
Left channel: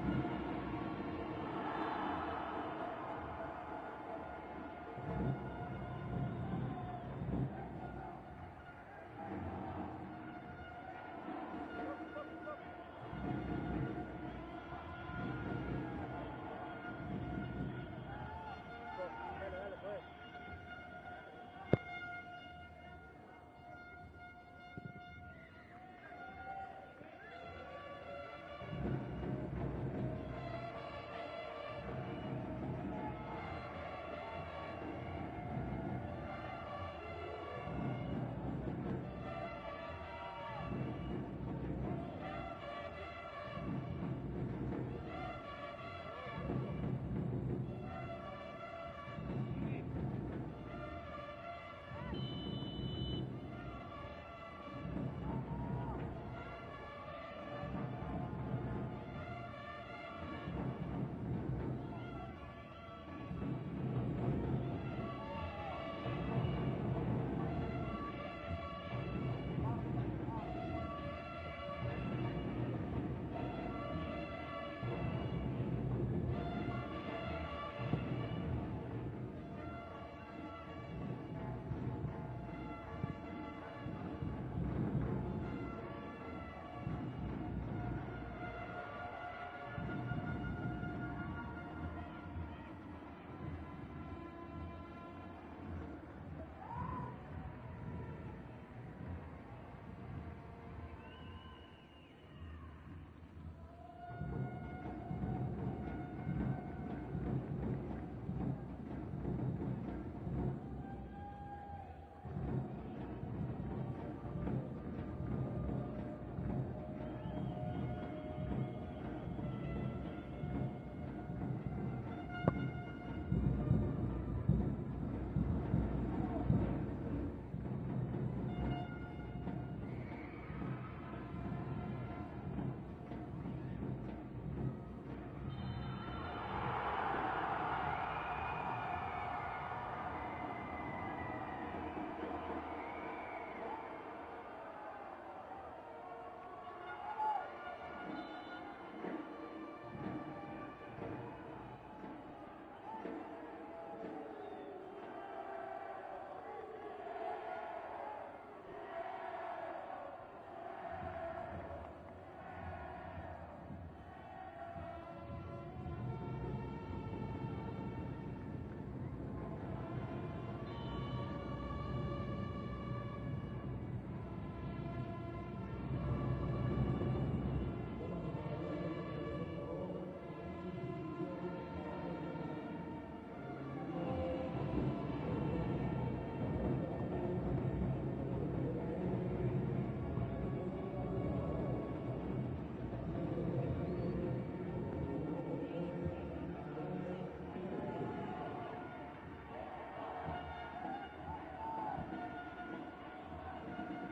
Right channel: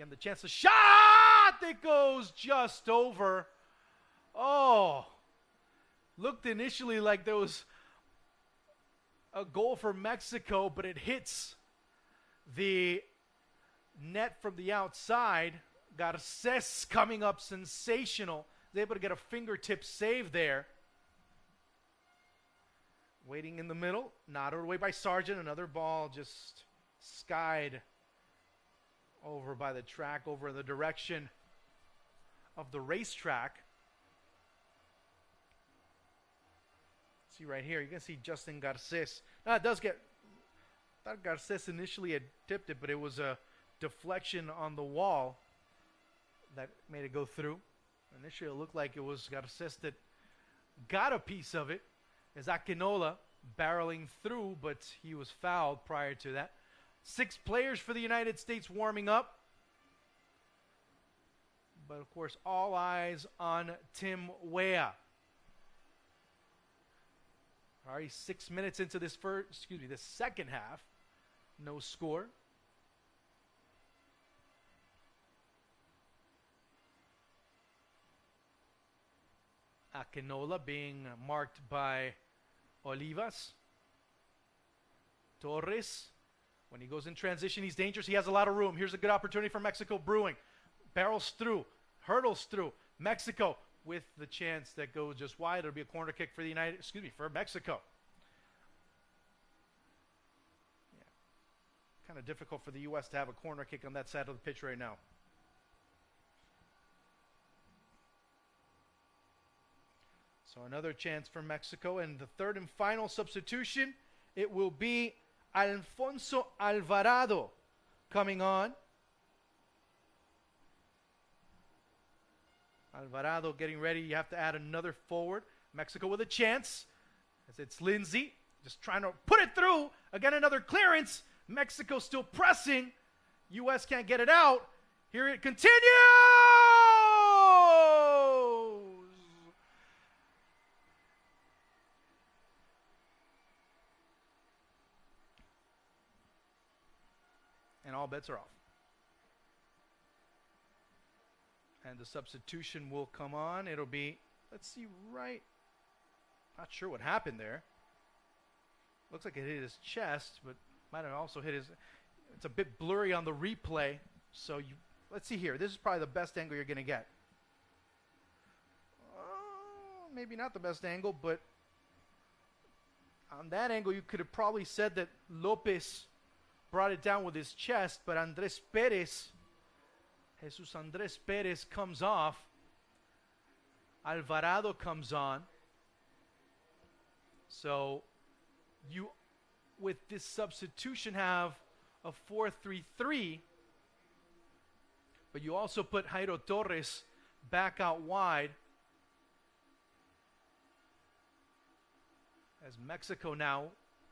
and the chance to shot that goes just over. Oh, looked initially like there was a goal for Mexico, but it hits the net from the outside. Garces coming up sensational. He's able to get a fingertip save there. Waiting in the middle, knotted away by Sargent. Another ball just skied over by the track, over the direction of the racetrack. See right here, you can see Justin Garces. Now it does get, not Garces initially had tipped it, but it was a deflection on the wall that made it go through. Initially it looked like it was Garces that got a piece of it. Is Akinola barreling through, but he was fouled prior to that. 6 players for the United States warming up. But of course, all eyes on Tim Weah. Already 6 minutes into this the second half. No score. Akinola being marked by Olivas. Torres, when he goes in transition, he's dangerous. He has a lot of room. Here's a good opportunity for Mexico brewing. Barrels through, hurdles through. Mexico with the chance that goes just wide. It'll be a corner kick for for Mexico. Kind of difficult for the U.S. to have a corner kick on that side of the pitch right now. Another chance for Mexico, and the third and final substitution, it will be Alfonso Alvarado coming on. Alvarado getting ready. You have to add another forward. Mexico with a chance. It's Lindsay just trying to put it through. Again, another clearance. Mexico still pressing. U.S. can't get it out. Here it continues. All bets are off. And the substitution will come on. It'll be, let's see, right. Not sure what happened there. Looks like it hit his chest, but might have also hit his. It's a bit blurry on the replay. So let's see here. This is probably the best angle you're going to get. Maybe not the best angle, but on that angle, you could have probably said that Lopez brought it down with his chest, but Jesus Andres Perez comes off. Alvarado comes on. So you, with this substitution, have a 4-3-3, but you also put Jairo Torres back out wide. As Mexico now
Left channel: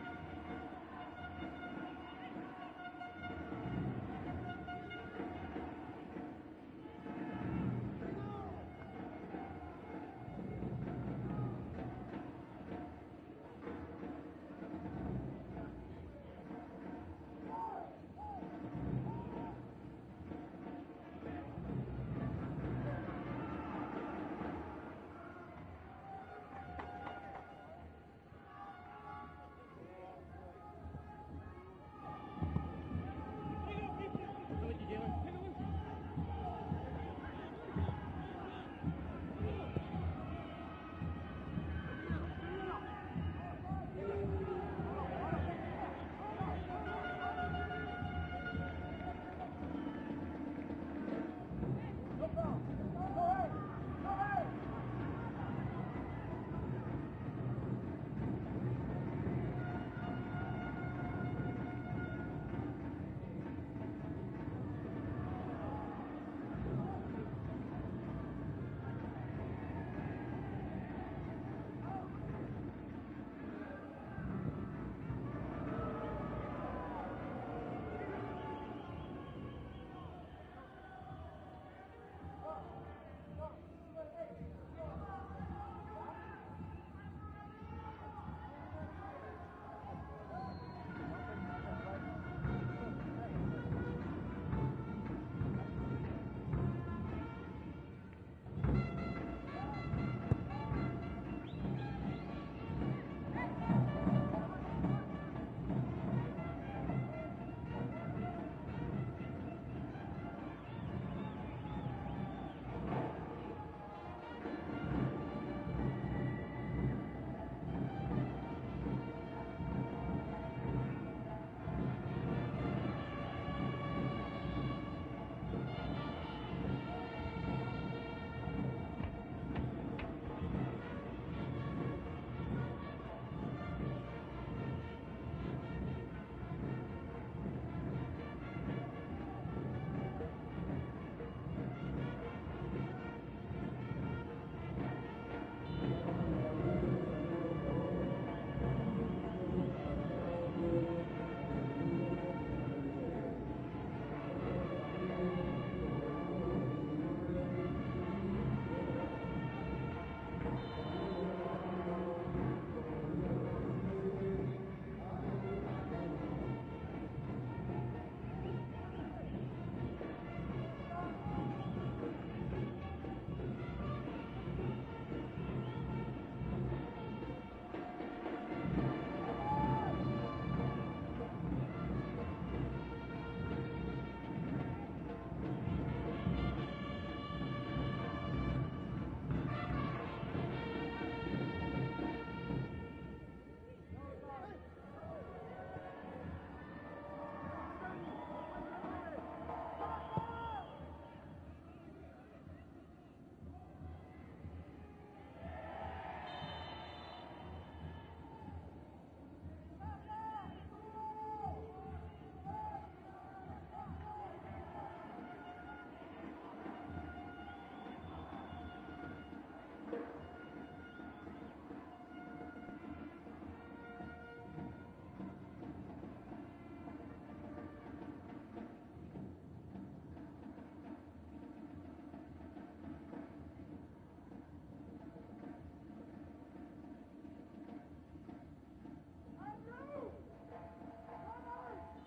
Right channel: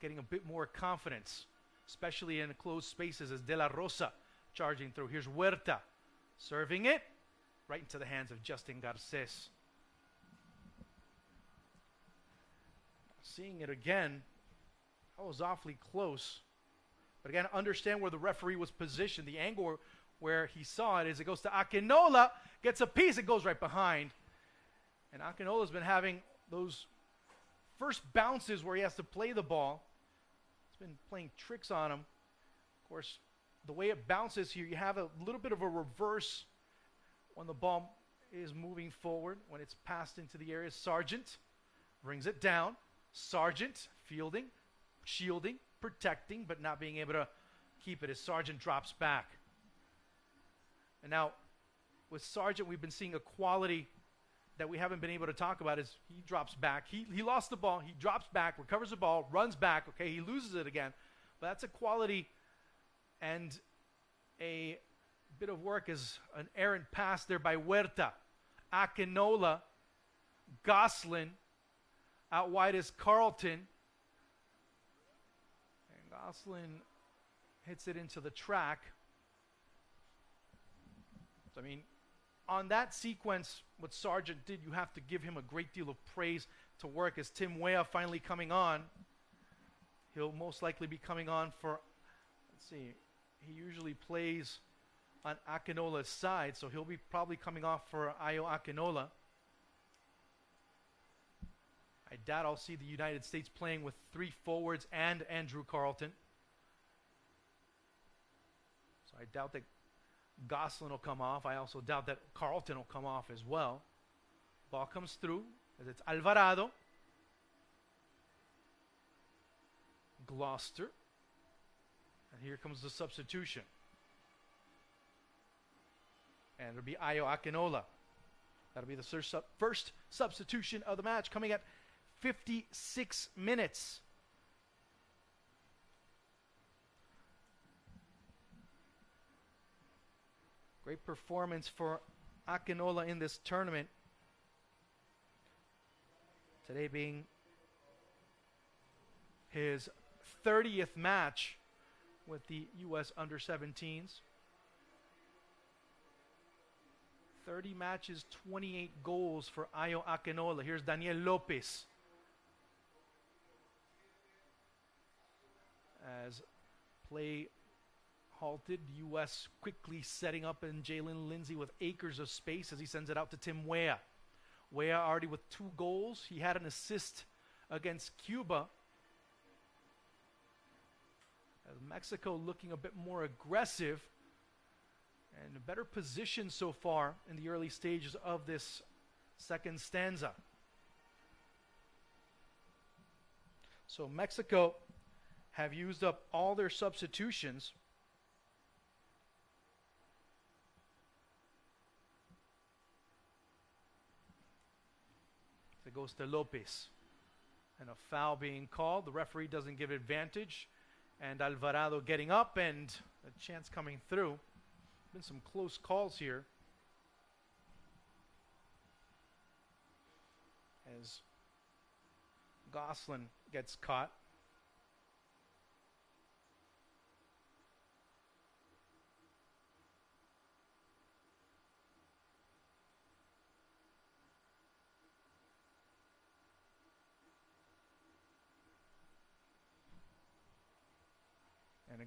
getting a bit more confidence, especially in closed spaces, as De La Rosa charging through. Here's Huerta. Serving it right into the hands of Justin Garces. Seeing it again. That was awfully close. But again, understand where the referee was positioned. The angle where he saw it is it goes to Akinola, gets a piece, it goes right behind. And Akinola's been having those first bounces where he has to play the ball. He's been playing tricks on him. Of course, the way it bounces here, you have a little bit of a reverse when the ball is moving forward. When it's passed into the area, Sargent brings it down. Sargent fielding, shielding, protecting, but not being able to keep it as Sargent drops back. Now, with Sargent, we've been seeing a quality that we haven't been able to talk about. As he drops back, he lost the ball, he drops back, recovers the ball, runs back, okay, he loses it again. But that's a quality and a bit of work as an errant pass there by Huerta. Akinola, Goslin, out wide is Carlton. Hits it into the track. So, I mean, on that sequence, what Sargent did, you have to give him a great deal of praise to work as Tim Weah finally coming on. He'll most likely be coming on for, let's see, he usually plays on Akinola's side, so he'll be probably coming off for Ayo Akinola. And that I'll see the United States playing with 3 forwards and Andrew Carlton. So I doubt that Goslin will come off. I also doubt that Carlton will come off as well. Ball comes through. It's Alvarado. Gloucester. Here comes the substitution. And it'll be Ayo Akinola. That'll be the first substitution of the match, coming at 56 minutes. Great performance for Akinola in this tournament. Today being his 30th match with the U.S. Under-17s. 30 matches, 28 goals for Ayo Akinola. Here's Daniel Lopez. As play halted, U.S. quickly setting up in Jalen Lindsay with acres of space as he sends it out to Tim Weah. Weah already with 2 goals. He had an assist against Cuba. Mexico looking a bit more aggressive. Better position so far in the early stages of this second stanza. So Mexico have used up all their substitutions. Goes to Lopez. And a foul being called. The referee doesn't give advantage. And Alvarado getting up and a chance coming through. Been some close calls here. As Goslin gets caught.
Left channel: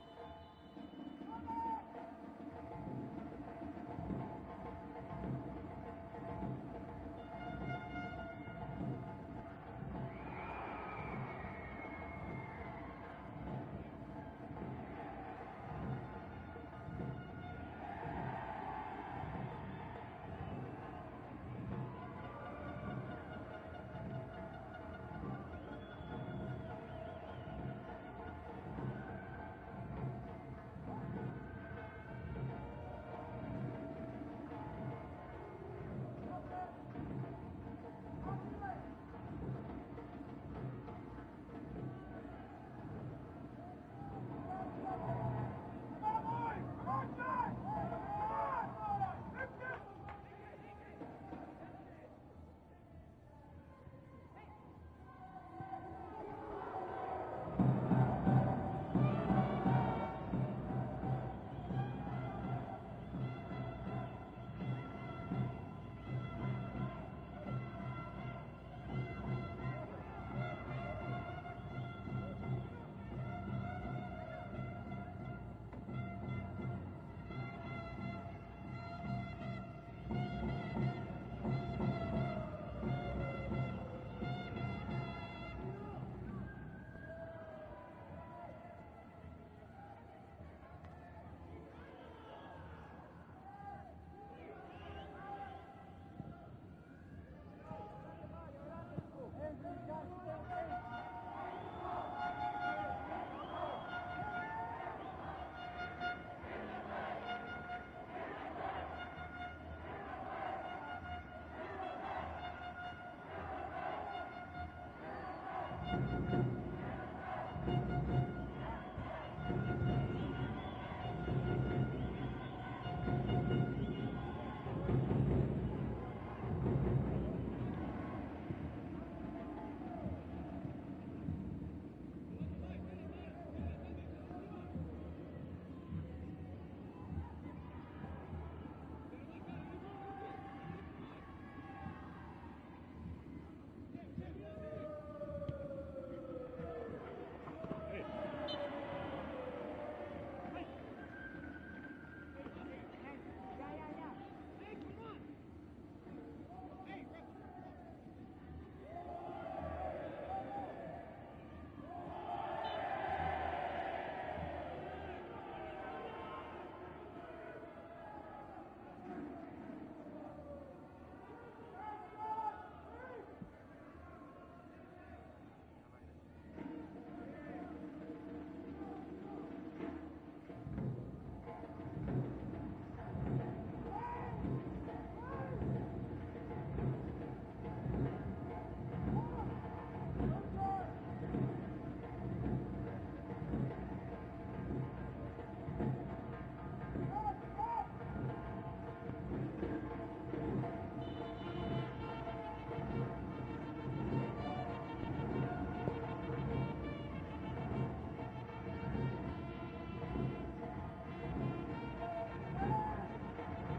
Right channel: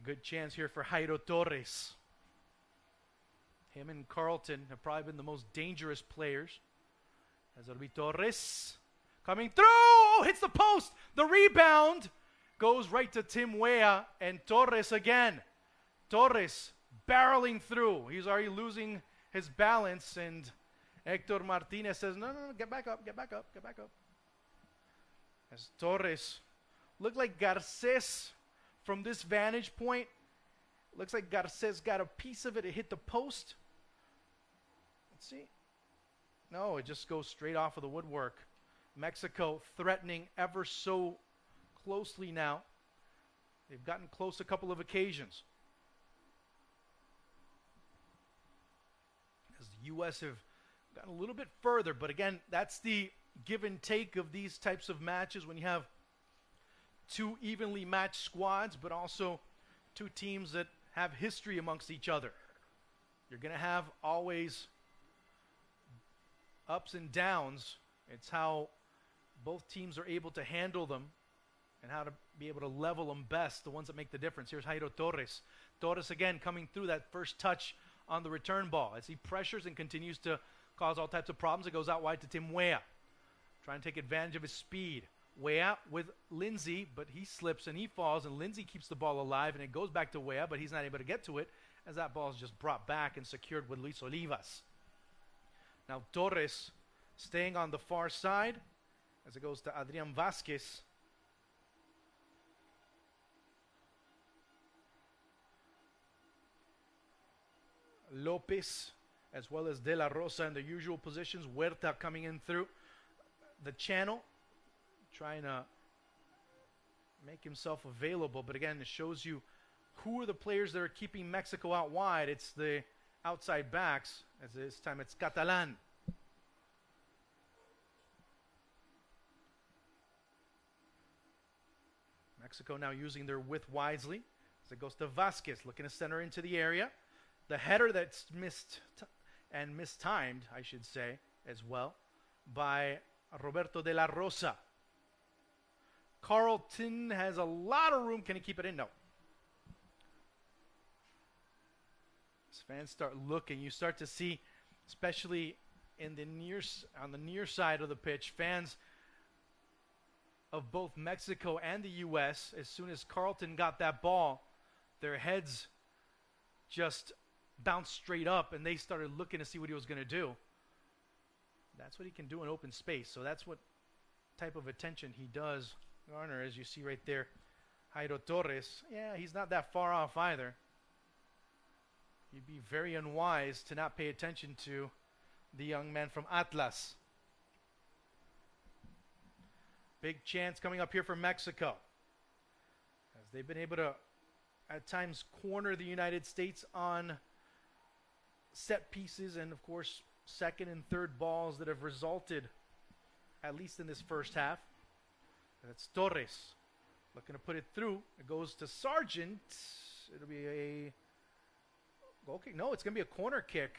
Good chance here for Jairo Torres. Him and Carlton have probably been the most dangerous players. Zervi Torres coming through. Oh, hits the post. The rebound goes right to Tim Weah and Torres again. Torres barreling through. He's already losing his balance, and Hector Martinez says, no, get back up, get back up, get back up. As Torres looked like Garces. From this vantage point, looks like Garces got a piece of it. It hit the post. Let's see. Oh, it just goes straight off of the woodwork. Mexico threatening ever so closely now. They've gotten close a couple of occasions. The U.S. have gone a little bit further, but again, that's the give and take of these types of matches when you have 2 evenly matched squads, but also 2 teams that have history amongst each other. You're going to have always ups and downs. It's how both teams are able to handle them and how to be able to level them best, the ones that make the difference. Here's Jairo Torres. Torres again coming through that first touch on the return ball as he pressures and continues to cause all types of problems. It goes out wide to Tim Weah, trying to take advantage of his speed. Weah with Lindsay, but he slips and he falls, and Lindsay keeps the ball alive, and it goes back to Weah, but he's not able to get to it as that ball is just brought back and secured with Luis Olivas. Now Torres staying on the far side as it goes to Adrian Vasquez. Lopez as well as De La Rosa in the usual positions. Huerta coming in through the channel, trying to make himself available, but again, it shows you who are the players that are keeping Mexico out wide. It's the outside backs. As this time it's Catalan. Mexico now using their width wisely as it goes to Vasquez, looking to center into the area. The header that's missed and mistimed, I should say, as well, by Roberto De La Rosa. Carlton has a lot of room. Can he keep it in? No. As fans start looking, you start to see, especially in the on the near side of the pitch, fans of both Mexico and the U.S., as soon as Carlton got that ball, their heads just bounced straight up and they started looking to see what he was going to do. That's what he can do in open space, so that's what type of attention he does garner, as you see right there. Jairo Torres, yeah, he's not that far off either. You'd be very unwise to not pay attention to the young man from Atlas. Big chance coming up here for Mexico. They've been able to, at times, corner the United States on set pieces and, of course, second and third balls that have resulted, at least in this first half. It's Torres looking to put it through. Goes to Sargent. Okay, no, it's going to be a corner kick.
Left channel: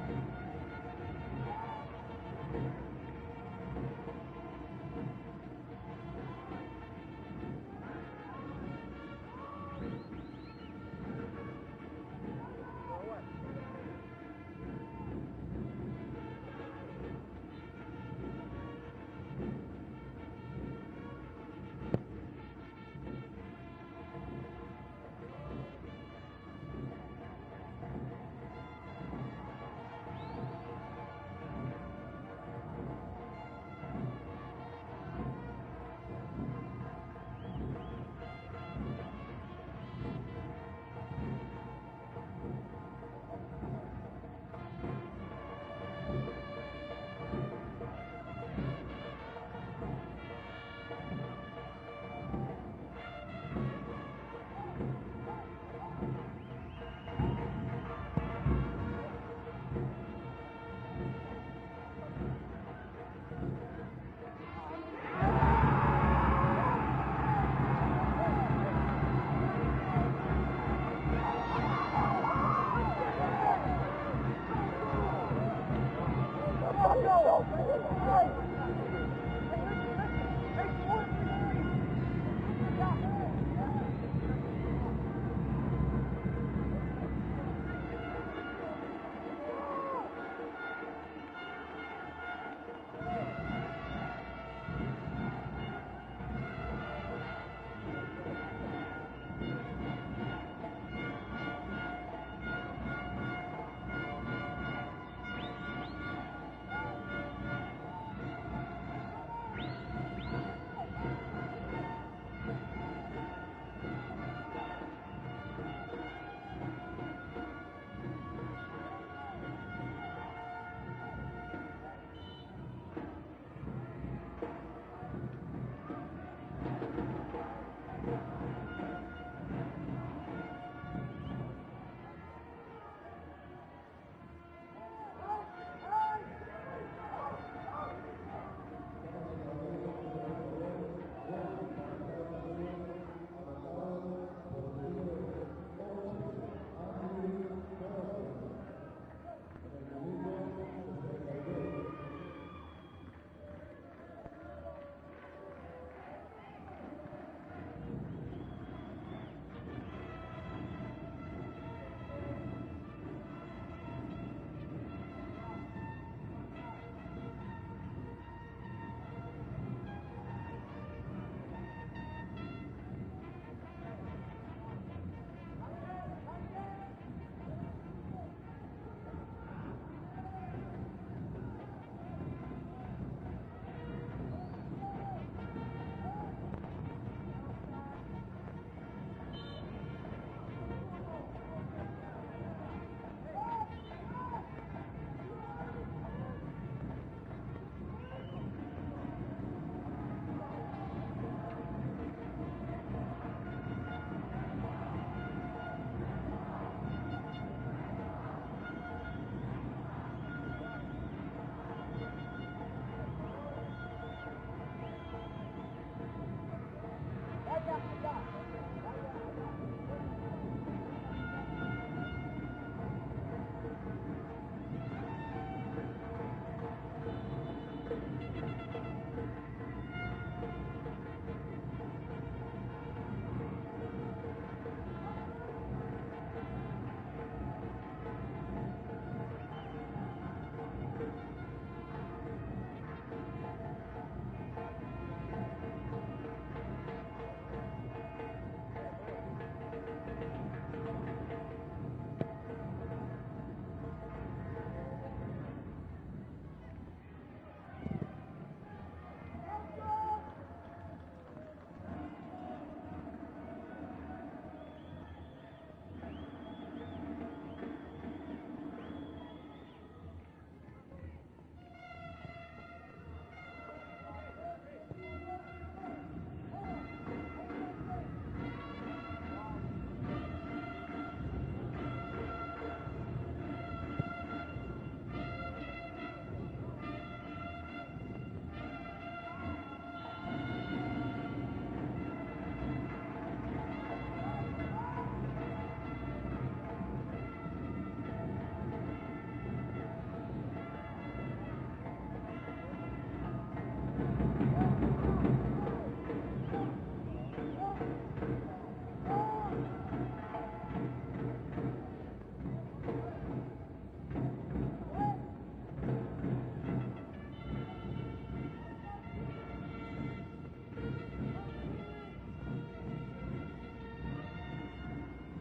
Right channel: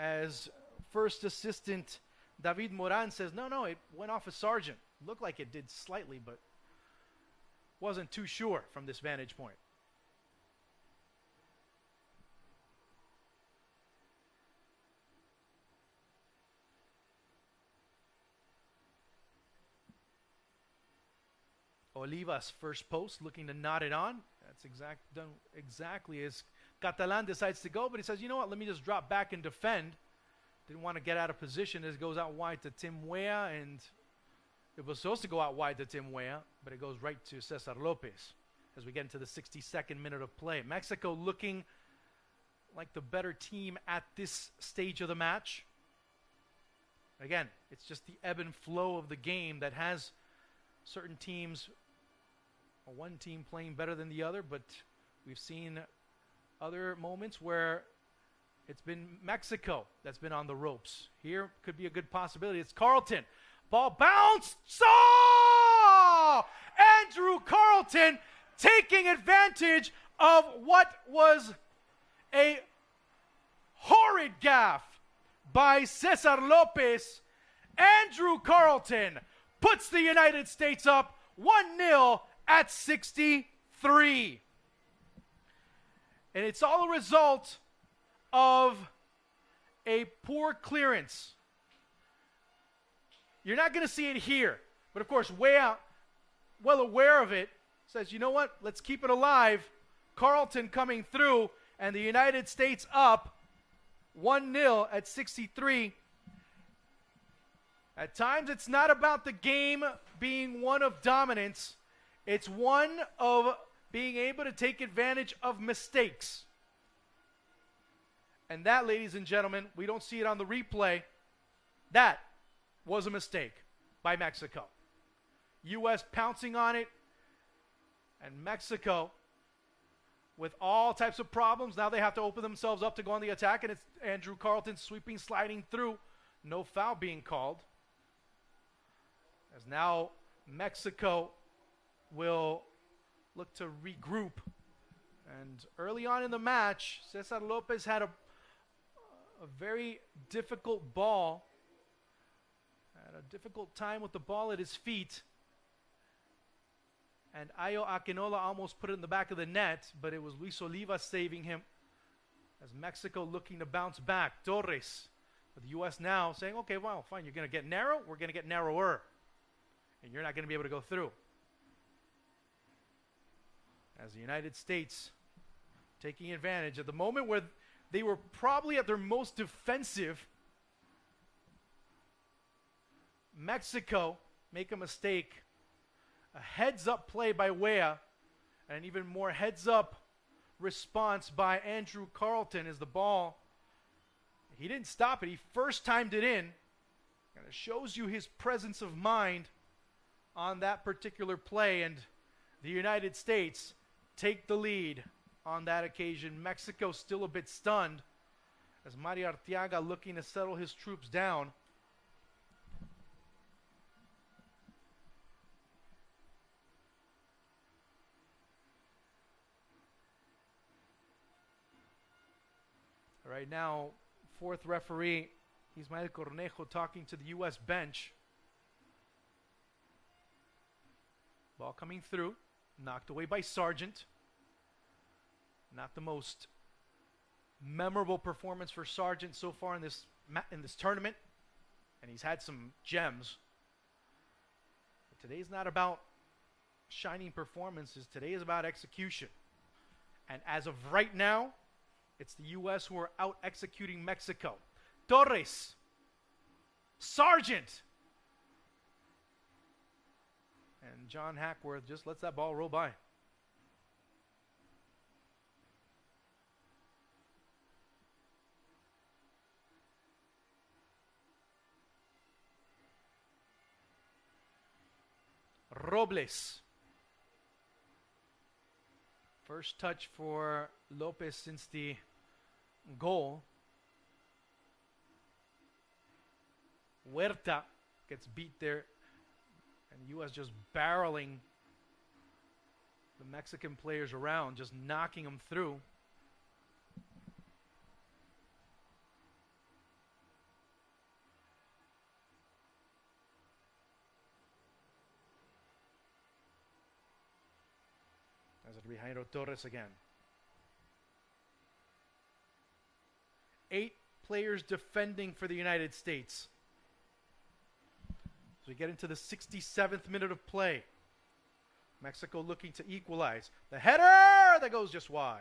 As first assistant David Moran says, no, it went off of Sargent. It looked like it did slightly, but wasn't too sure from this vantage point. Olivas first post, looking to knot it on. That's exactly as Catalan decides to go, but he says, you know what, let me just drop back and defend. Didn't want to get out of position as it goes out wide to Tim Weah, and it was supposed to go out wide to Tim Weah, but it goes right to Cesar Lopez as we get to the 62nd minute of play. Mexico looking like the better team at this stage of the match. Again, it's just the ebb and flow of the game that has certain teams, one team playing better than the other, but we've seen other moments where it's been Mexico that's been on the ropes. Here could be a good possibility. It's Carlton. Ball bounced. Andrew Carlton taking advantage of what was a horrid gaffe by Cesar Lopez. Andrew Carlton puts the United States up 1-0 at 63. And it's all a result of a poor clearance. You're not going to see it here, but of course, Weah, well aware of it, says, you know what, let's keep it alive. Carlton coming through, and the United States up 1-0 at 63. At times, it's not about the game being one of dominance. It's one of being able to take advantage of mistakes. And that, ladies and gentlemen, we don't see it on the replay. That was a mistake by Mexico. U.S. pouncing on it, and Mexico with all types of problems. Now they have to open themselves up to go on the attack, and it's Andrew Carlton sweeping, sliding through. No foul being called. Now Mexico will look to regroup. And early on in the match, Cesar Lopez had a very difficult ball. A difficult time with the ball at his feet. And Ayo Akinola almost put it in the back of the net, but it was Luis Oliva saving him. It's Mexico looking to bounce back. Torres. U.S. now saying, okay, well, fine, you're going to get narrow, we're going to get narrower. You're not going to be able to go through. As the United States taking advantage at the moment where they were probably at their most defensive. Mexico make a mistake. A heads-up play by Weah, and even more heads-up response by Andrew Carlton as the ball, he didn't stop it, he first timed it in. Shows you his presence of mind on that particular play, and the United States take the lead on that occasion. Mexico still a bit stunned as Mario Arteaga looking to settle his troops down. Right now, fourth referee Ismael Cornejo talking to the U.S. bench. Ball coming through, knocked away by Sargent. Not the most memorable performance for Sargent so far in this tournament. He's had some gems. Today's not about shining performances. Today is about execution. And as of right now, it's the U.S. who are out executing Mexico. Torres. Sargent. And John Hackworth just lets that ball roll by. Robles. First touch for Lopez since the goal. Huerta gets beat there. U.S. just barreling Mexican players around, just knocking them through. Torres again. 8 players defending for the United States. Get into the 67th minute of play. Mexico looking to equalize. The header that goes just wide.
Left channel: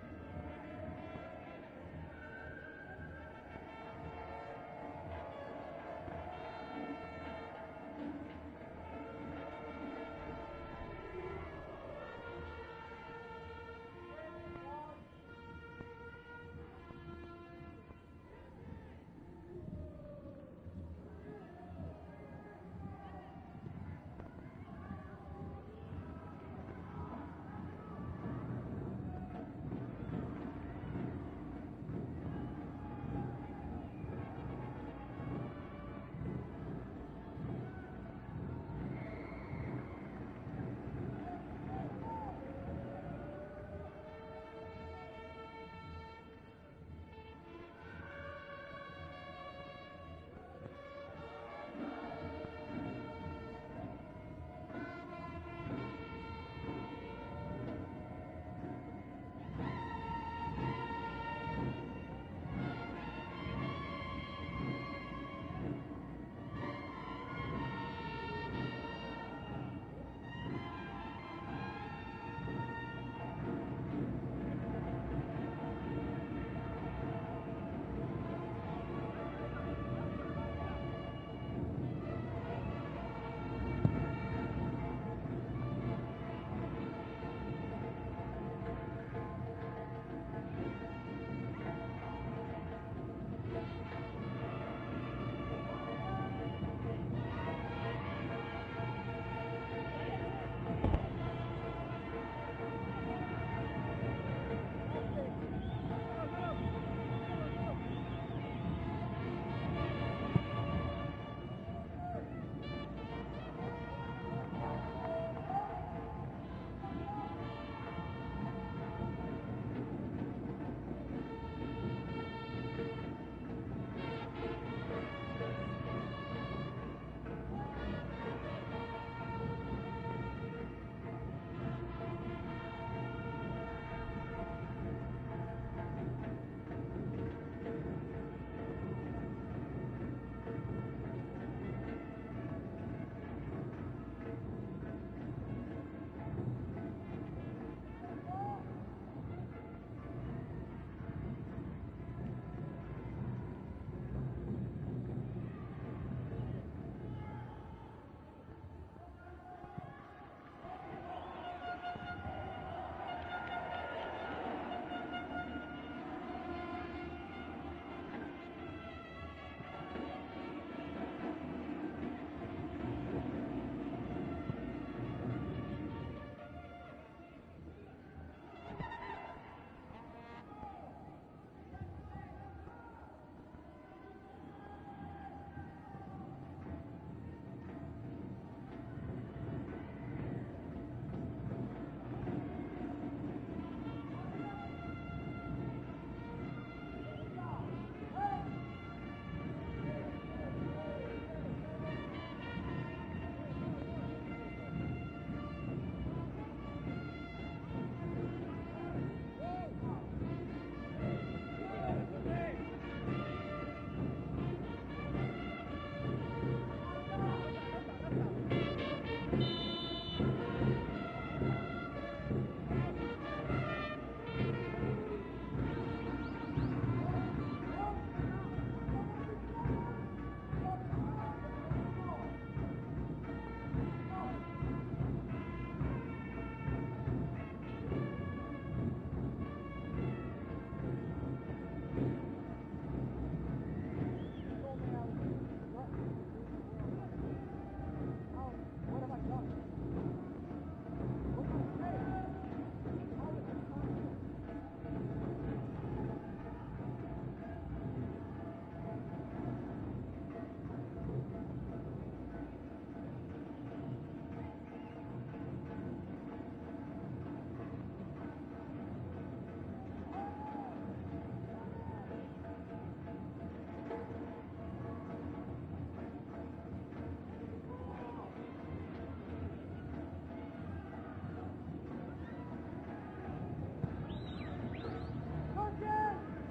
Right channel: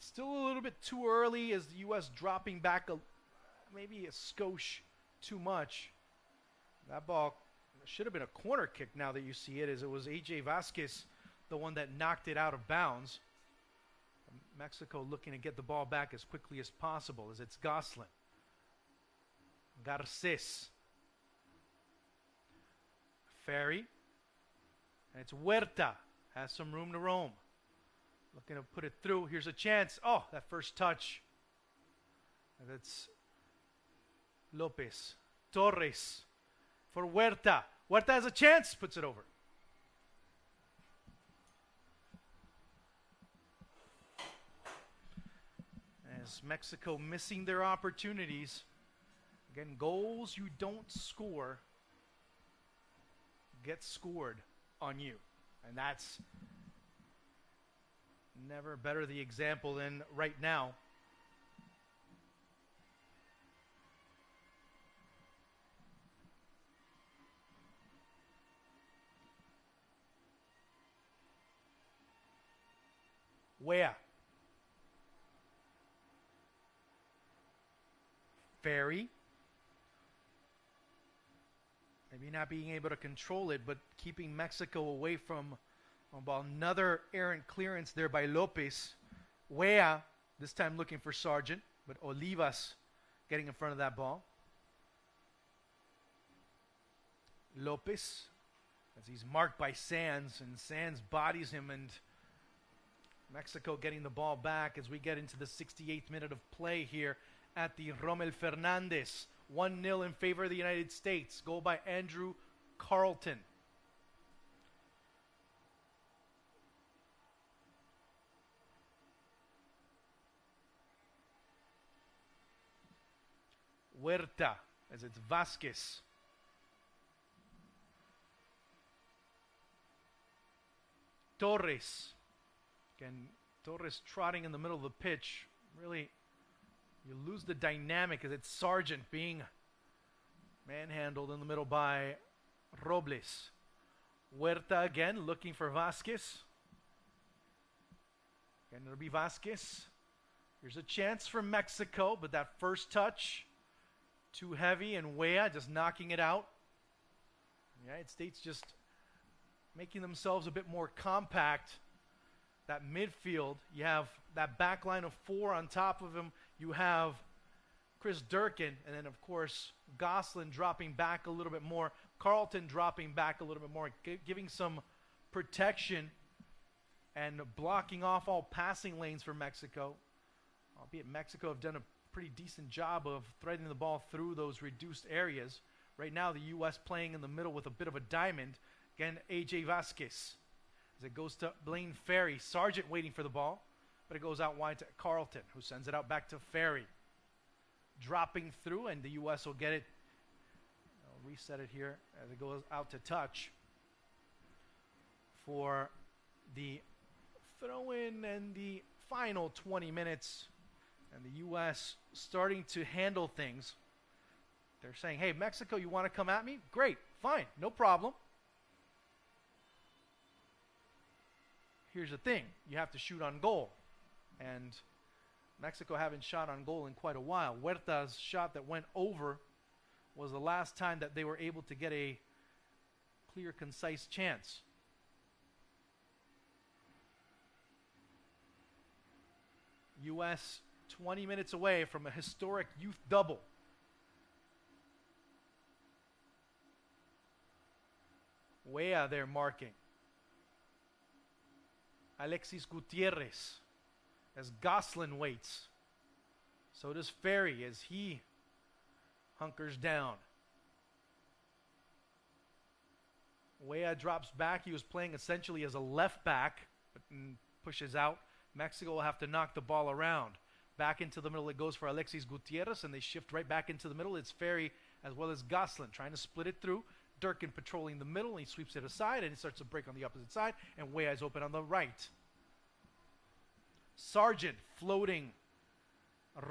Still a little bit too early as the U.S. dropping back maybe a skosh too much. That ball should have been a corner kick now that you see it, as it was A.J. Vasquez, the one that knocked it out of bounds. Mexico looking to get the ball back as quickly as possible as it's Goslin. Garces. Ferry. And it's Huerta. Has some room to roam. Gonna put it through. Here's a chance. Oh, that first touch. That's Lopez. Torres. For Huerta. Huerta has a chance. Puts it over. Mexico missing their opportunities. Again, goals you don't score get scored on you. And that's never better the example than right now. Where? Ferry. Not being able to control it, but keeping Mexico away from, well, another errant clearance there by Lopez. Weah, this time looking for Sargent, with Olivas getting in front of that ball. Lopez is marked by Sands. Sands bodies him, and Mexico getting the ball back as we get into the 68th minute of play here at the Rommel Fernandez. 1-0 in favor of the United States. Goal by Andrew Carlton. Huerta. It's Vasquez. Torres. Torres trotting in the middle of the pitch. Really lose the dynamic as it's Sargent being manhandled in the middle by Robles. Huerta again looking for Vasquez. It'll be Vasquez. There's a chance for Mexico, but that first touch too heavy, and Weah just knocking it out. United States just making themselves a bit more compact. That midfield, you have that back line of four on top of him. You have Chris Durkin, and then of course Gosselin dropping back a little bit more. Carlton dropping back a little bit more, giving some protection and blocking off all passing lanes for Mexico. Albeit Mexico have done a pretty decent job of threading the ball through those reduced areas. Right now the U.S. playing in the middle with a bit of a diamond. Again, A.J. Vasquez. As it goes to Blaine Ferry. Sargent waiting for the ball, but it goes out wide to Carlton, who sends it out back to Ferry. Dropping through, and the U.S. will get it. Set it here. Goes out to touch for the throw-in and the final 20 minutes. U.S. starting to handle things. They're saying, hey, Mexico, you want to come at me? Great, fine, no problem. Here's the thing, you have to shoot on goal. And Mexico haven't shot on goal in quite a while. Huerta's shot that went over was the last time that they were able to get a clear, concise chance. U.S. 20 minutes away from a historic youth double. Weah there marking. Alexis Gutierrez as Gosselin waits. So does Ferry as he hunkers down. Weah drops back. He was playing essentially as a left back. Pushes out. Mexico will have to knock the ball around. Back into the middle it goes for Alexis Gutierrez, and they shift right back into the middle. It's Ferry as well as Gosselin trying to split it through. Durkin patrolling the middle, and he sweeps it aside, and it starts to break on the opposite side, and Weah is open on the right. Sargent floating.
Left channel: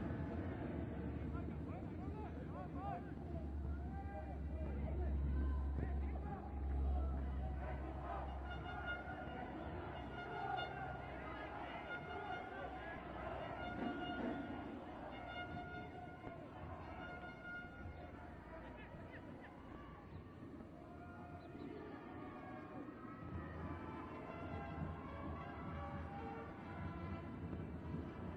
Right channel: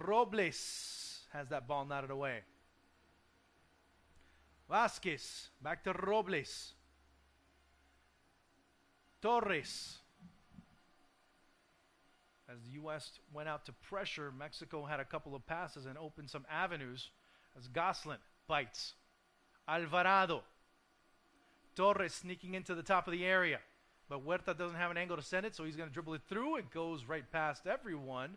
Robles has that ball knotted away. Vasquez back to Robles. Torres. As the U.S. went out to pressure, Mexico had a couple of passes and opened some avenues. As Gosselin bites. Alvarado. Torres sneaking into the top of the area. But Huerta doesn't have an angle to send it, so he's going to dribble it through. It goes right past everyone.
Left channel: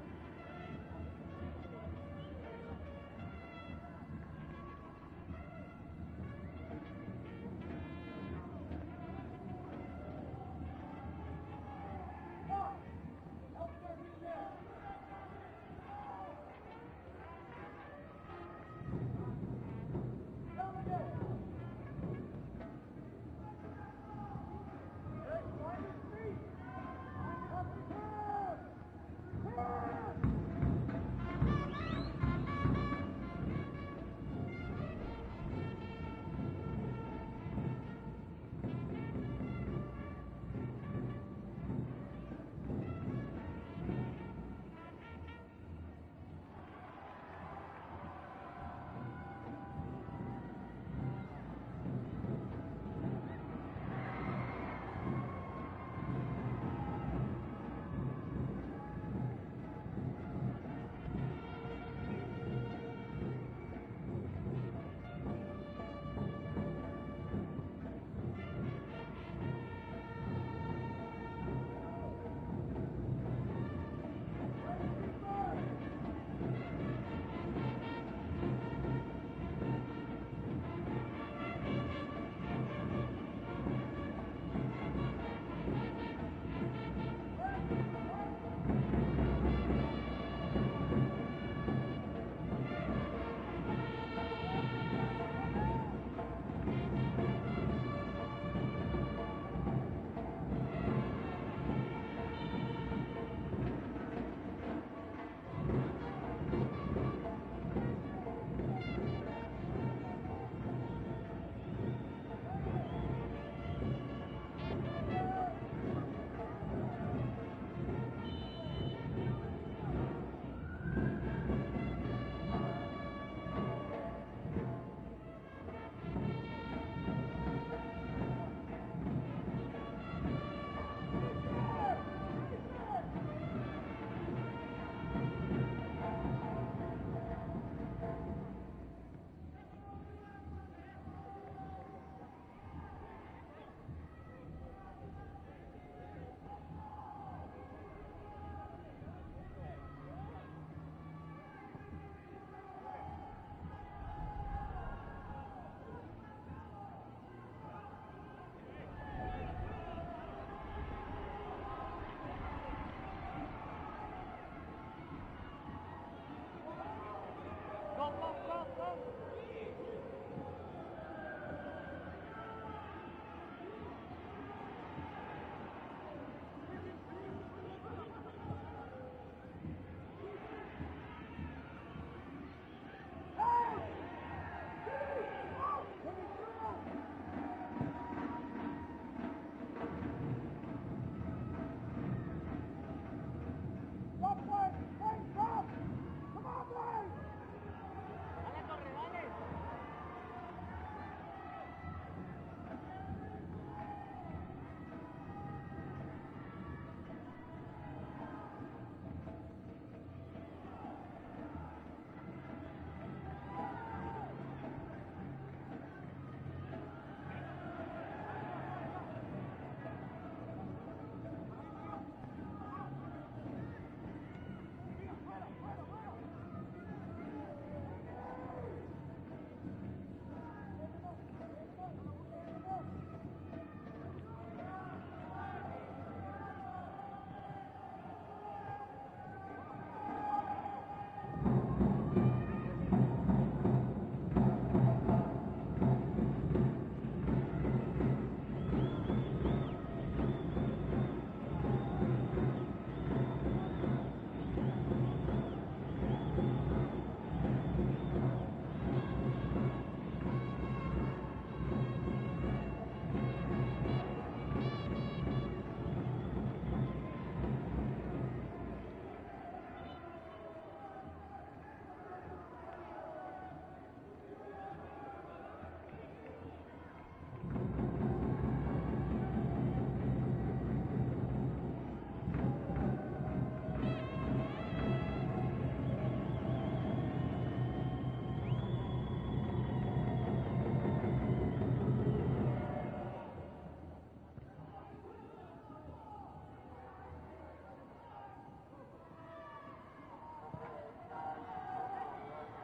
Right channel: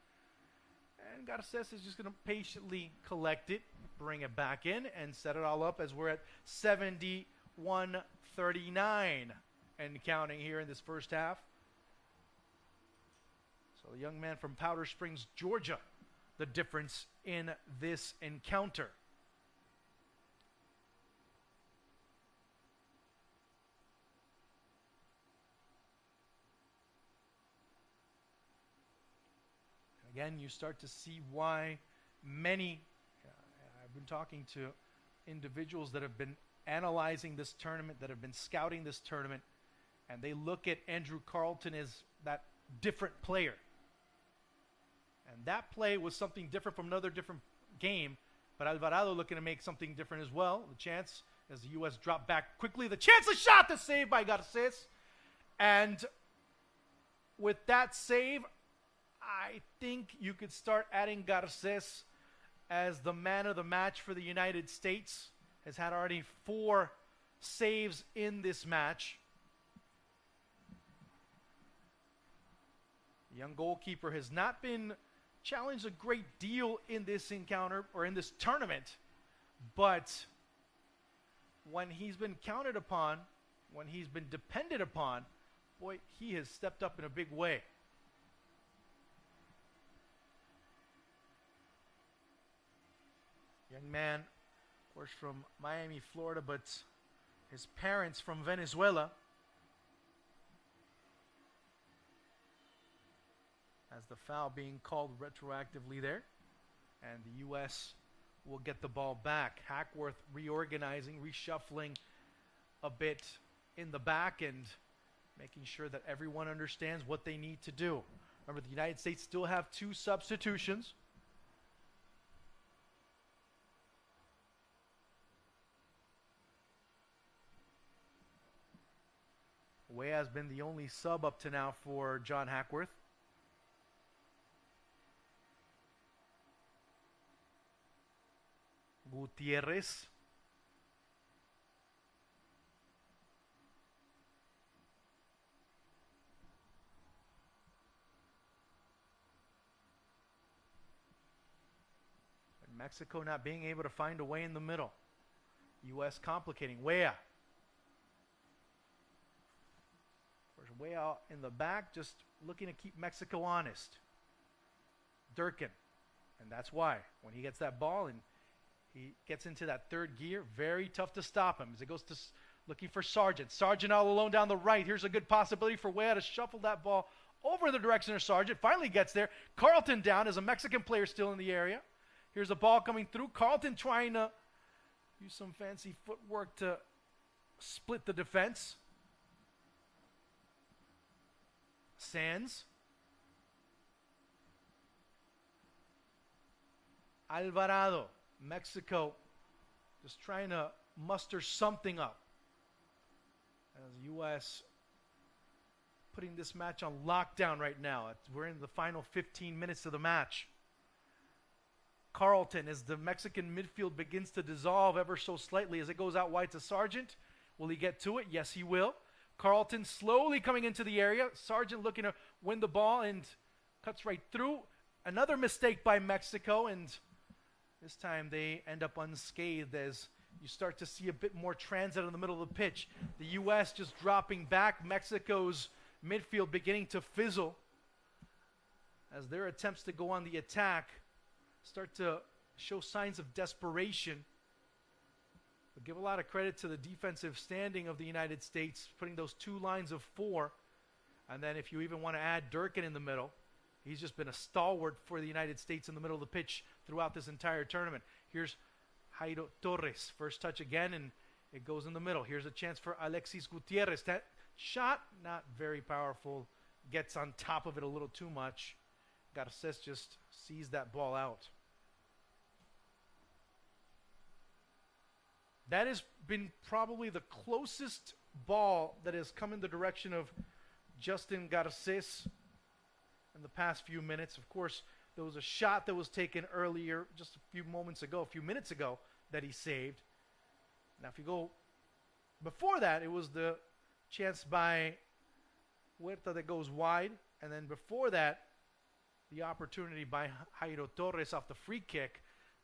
And Garces is just going to patiently collect it, bring it back in, and set it all up as we're at 71-39 and counting here in this first half. So a young man from Powder Springs, Georgia, the difference in this encounter. Again, you start to see why many, talking to individuals that have been analyzing this tournament, that have been scouting this tournament, and they look at Andrew Carlton as that different player. That play was something different from another different game, but Alvarado looking to make something different as well. Chance as the U.S. drop back quickly. The chance, the shot, the save by Garces. And with that save, I think you can start adding Garces as the man of the match for the United States. Has had already 4 saves in this match. Young goalkeeper has not been challenged a great deal in this encounter or in this tournament, but when he's been counted upon, when he's been depended upon, boy, he has stepped up in a big way. Man, he's from Miami, Florida, but his parents from Venezuela. Being called retroactively there. And the U.S. will get the ball back. reshuffling a bit in the back and making sure that everyone understands what they need to do. Remember, the United States still have 2 substitutions. Way has been the only sub up to now for John Hackworth. Gutierrez. Mexico not being able to find a way in the middle. U.S. complicating. Weah. Weah in the back, just looking to keep Mexico honest. Durkin. That's why. He gets that ball and he gets into that third gear. Very tough to stop him as he goes to looking for Sargent. Sargent all alone down the right. Here's a good possibility for Weah to shuffle that ball over the direction of Sargent. Finally gets there. Carlton down as a Mexican player still in the area. Here's a ball coming through. Carlton trying to do some fancy footwork to split the defense. Sands. Alvarado, Mexico, just trying to muster something up. As U.S. putting this match on lockdown right now. We're in the final 15 minutes of the match. Carlton, as the Mexican midfield begins to dissolve ever so slightly as it goes out wide to Sargent. Will he get to it? Yes, he will. Carlton slowly coming into the area. Sargent looking to win the ball and cuts right through. Another mistake by Mexico, and this time they end up unscathed as you start to see a bit more transit in the middle of the pitch. The U.S. just dropping back. Mexico's midfield beginning to fizzle as their attempts to go on the attack start to show signs of desperation. Give a lot of credit to the defensive standing of the United States, putting those 2 lines of 4. And then if you even want to add Durkin in the middle, he's just been a stalwart for the United States in the middle of the pitch throughout this entire tournament. Here's Jairo Torres, first touch again, and it goes in the middle. Here's a chance for Alexis Gutierrez. That shot, not very powerful. Gets on top of it a little too much. Garces just sees that ball out. That has been probably the closest ball that has come in the direction of Justin Garces the past few minutes. Of course, there was a shot that was taken earlier, just a few minutes ago, that he saved. Before that, it was the chance by Huerta that goes wide, and then before that, the opportunity by Jairo Torres off the free kick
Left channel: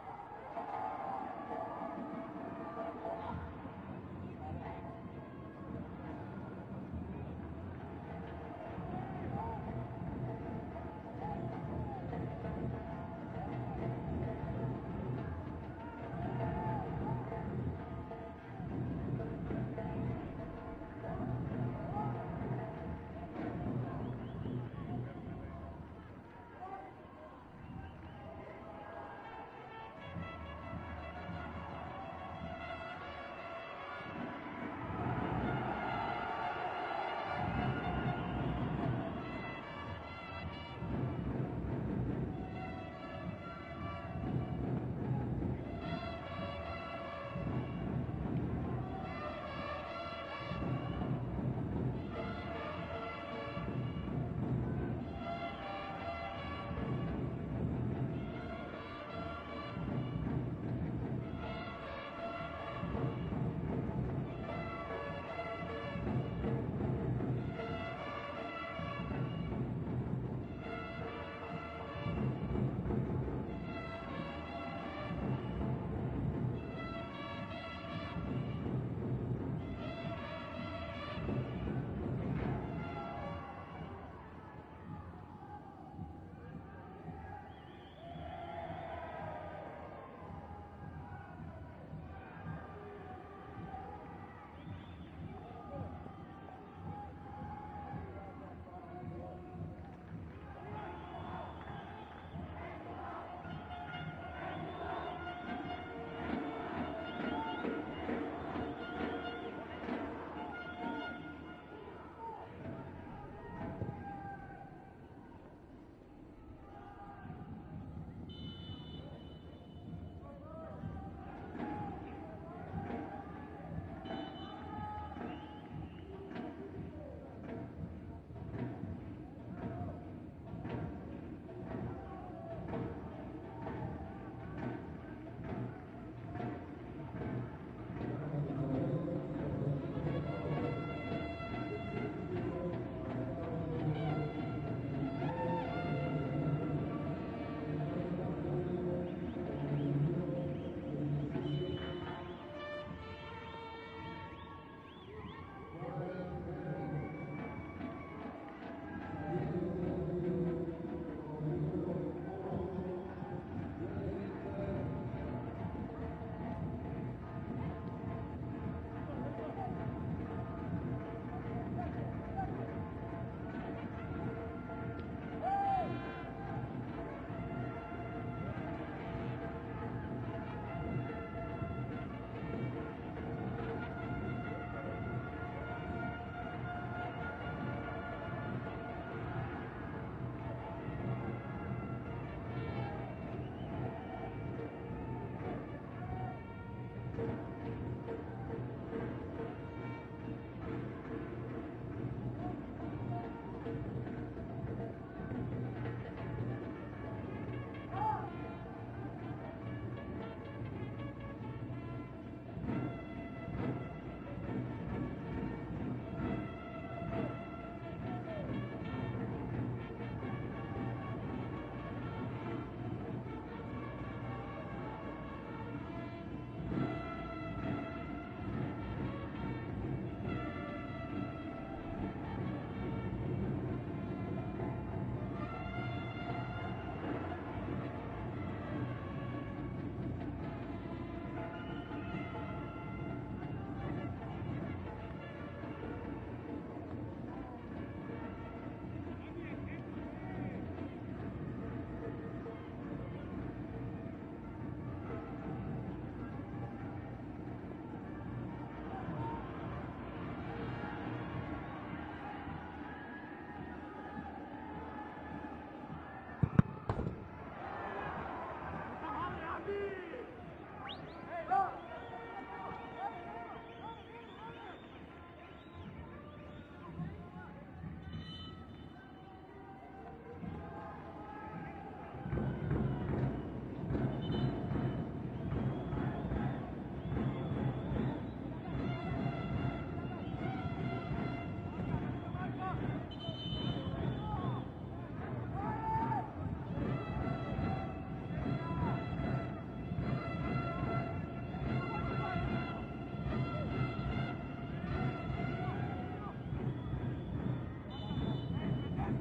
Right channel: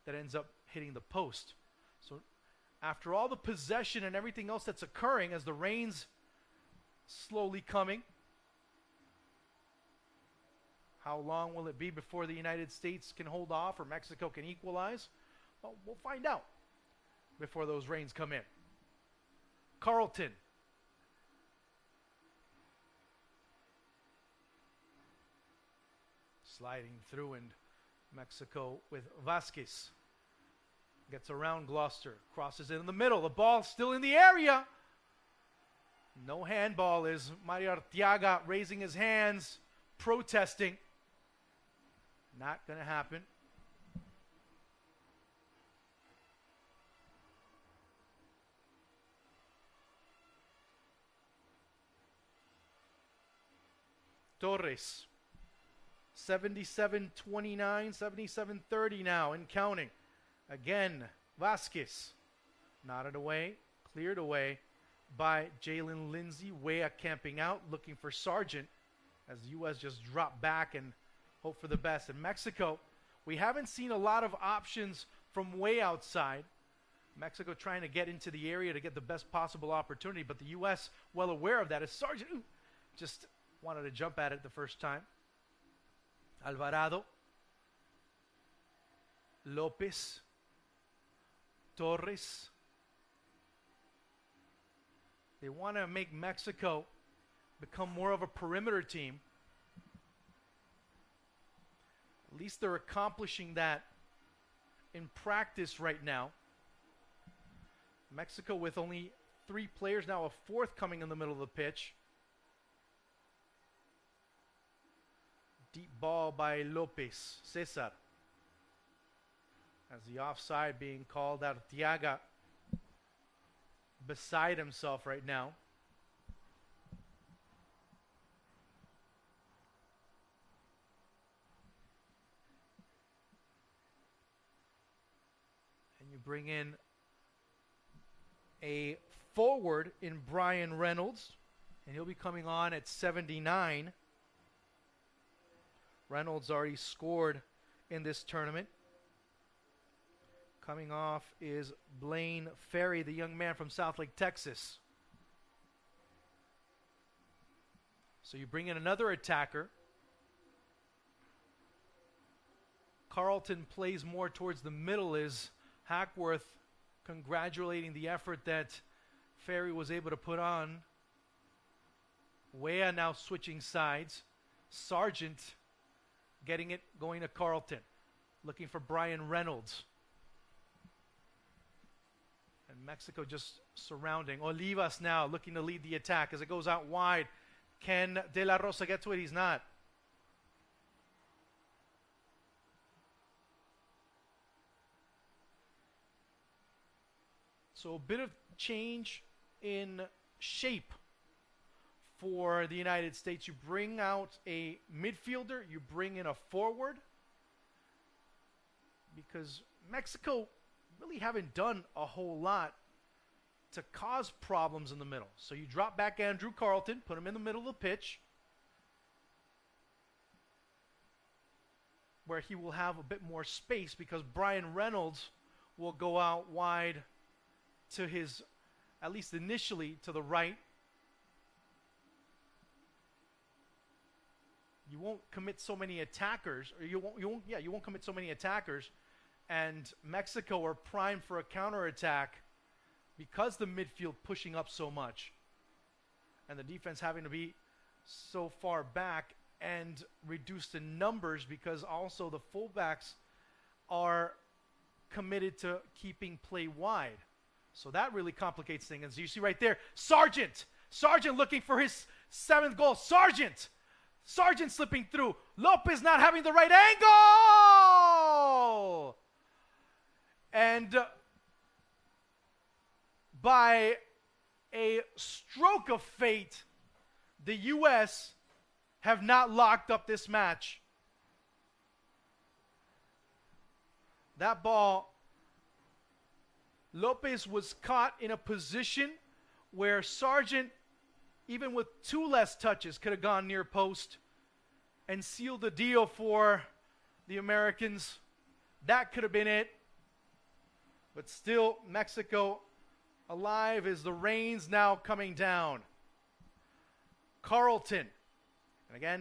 that ends up hitting the post. So after all the possession and everything else that's occurring as the rain's slowly coming, how long will it be before the United States can hold off or Mexico can equalize? We'll find out before those rains come in. Carlton. Sliding through, and Mexico with Vasquez. Gets around Gloucester, crosses it in the middle. The ball still in the area. No handball as Mario Arteaga raising his hands, protesting. Not going to happen. Torres. 77-29, 77-30 now and counting. Again, Vasquez nodded away, cleared away by Jalen Lindsay. Weah camping out, looking for Sargent as the U.S. just dropped back and hope for the best. In Mexico, we haven't seen a lot of options from way outside. Mexico trying to get into the area to get the best possible opportunity, but the U.S. well aware of that as Sargent just wanted to jump at it the first time. Alvarado, Lopez, Torres. They want to make Mexico become more of a perimeter team. At least they're accomplishing that in practice right now. Mexico with only 3 players, now a 4th coming in the middle of the pitch. Deep ball by Lopez, Cesar. As the offside being called out, Tiaga beside himself right now. Bring in a forward in Brian Reynolds. He'll be coming on at 79. Reynolds already scored in this tournament. Coming off is Blaine Ferry, the young man from Southlake, Texas. So you bring in another attacker. Carlton plays more towards the middle. Is Hackworth congratulating the effort that Ferry was able to put on. Wea now switching sides. Sargent getting it, going to Carlton. Looking for Brian Reynolds. Mexico just surrounding. Olivas now looking to lead the attack as it goes out wide. Can De La Rosa get to it? He's not. So a bit of change in shape for the United States. You bring out a midfielder, you bring in a forward, because Mexico really haven't done a whole lot to cause problems in the middle. So you drop back Andrew Carlton, put him in the middle of the pitch, where he will have a bit more space, because Brian Reynolds will go out wide to his, at least initially, to the right. You won't commit so many attackers. You won't commit so many attackers, and Mexico are primed for a counterattack because the midfield pushing up so much, and the defense having to be so far back and reduced in numbers, because also the fullbacks are committed to keeping play wide. So that really complicates things. As you see right there, Sargent looking for his 7th goal. Sargent slipping through. Lopez not having the right angle! And by a stroke of fate, the U.S. have not locked up this match. That ball, Lopez was caught in a position where Sargent, even with 2 less touches, could have gone near post and sealed the deal for the Americans. That could have been it. But still, Mexico alive as the rain's now coming down. Carlton, again,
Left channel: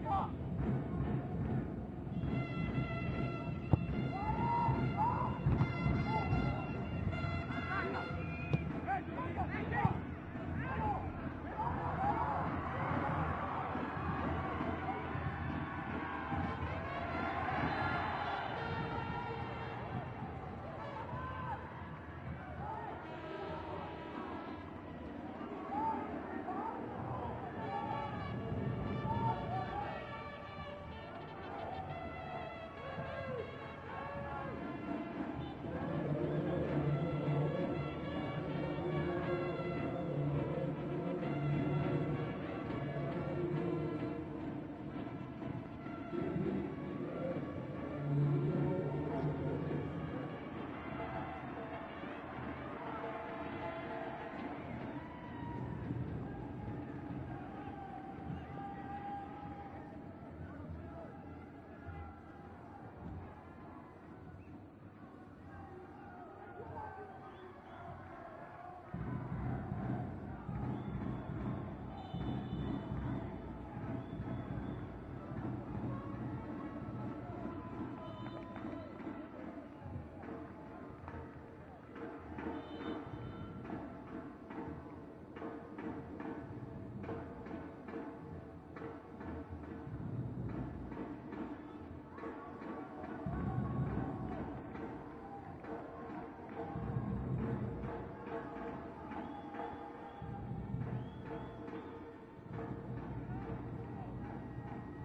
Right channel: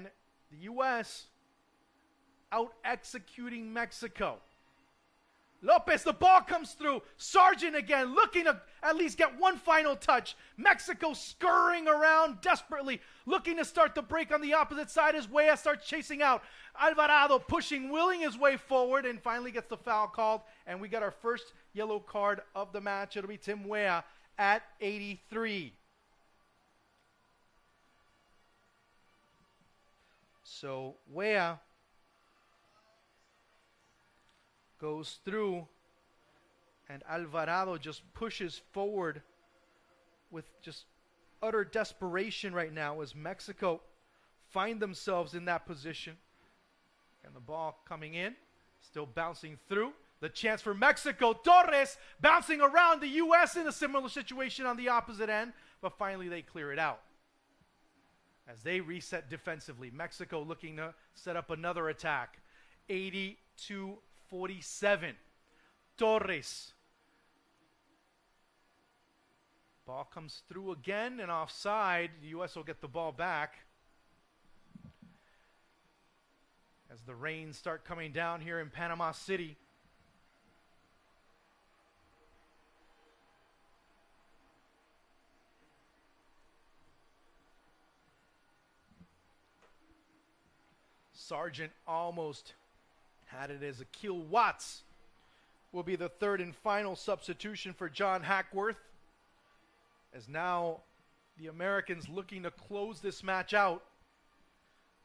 the U.S. out executing Mexico. Lopez, the ball comes through. Sargent again, looking to at least get one final touch. Mexico scurrying around desperately, looking to start the break on the opposite side as Wea starts chasing out. Alvarado pushing, willing his way forward, and finally gets the foul called. And we got our first yellow card of the match. It'll be Tim Wea at 83. So Wea goes through, and Alvarado just pushes forward with just utter desperation right now as Mexico find themselves in that position. The ball coming in, still bouncing through. The chance for Mexico. Torres bouncing around. The U.S. in a similar situation on the opposite end, but finally they clear it out. As they reset defensively, Mexico looking to set up another attack. 80-47. Torres. Ball comes through again and offside. The U.S. will get the ball back. As the rains start coming down here in Panama City. Sargent almost had it as Akil Watts will be the 3rd and final substitution for John Hackworth. It's now the Americans looking to close this match out.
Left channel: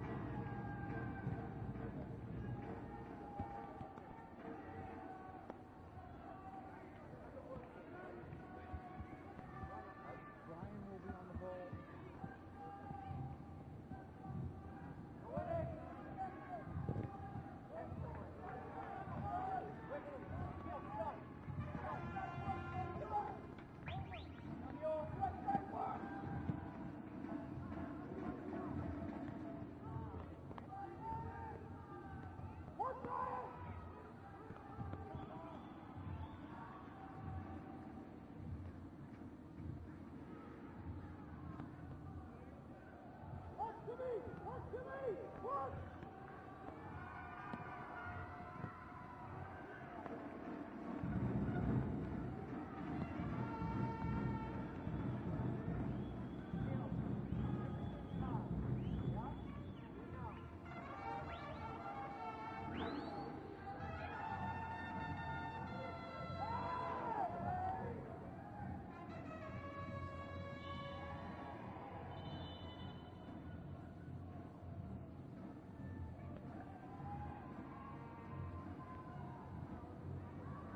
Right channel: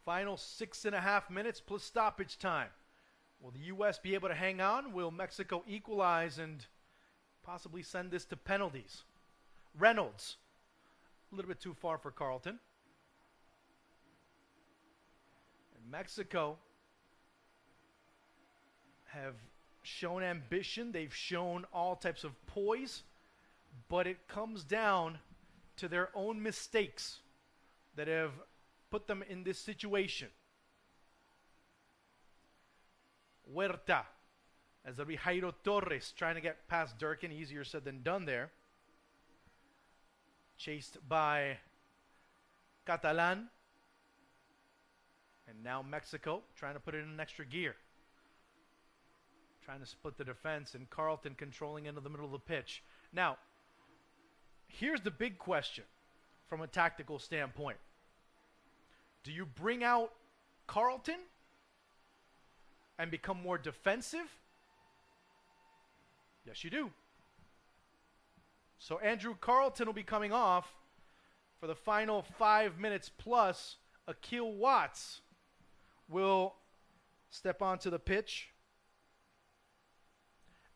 Final 6.5 minutes plus stoppage time. Will the U.S. be able to hang on? Will Mexico equalize and possibly send this to penalties? Reynolds, a little bit too far for Carlton. Mexico have shown ambition. They've shown all types of poise, but it comes down to their own mistakes that have put them in this situation. Huerta, as it'll be Jairo Torres trying to get past Durkin. Easier said than done there. Chased by Catalan. And now Mexico trying to put it in an extra gear. Trying to split the defense, and Carlton controlling into the middle of the pitch. Now, here's the big question from a tactical standpoint. Do you bring out Carlton and become more defensive? Yes, you do. So Andrew Carlton will be coming off for the final 5 minutes plus. Akil Watts will step onto the pitch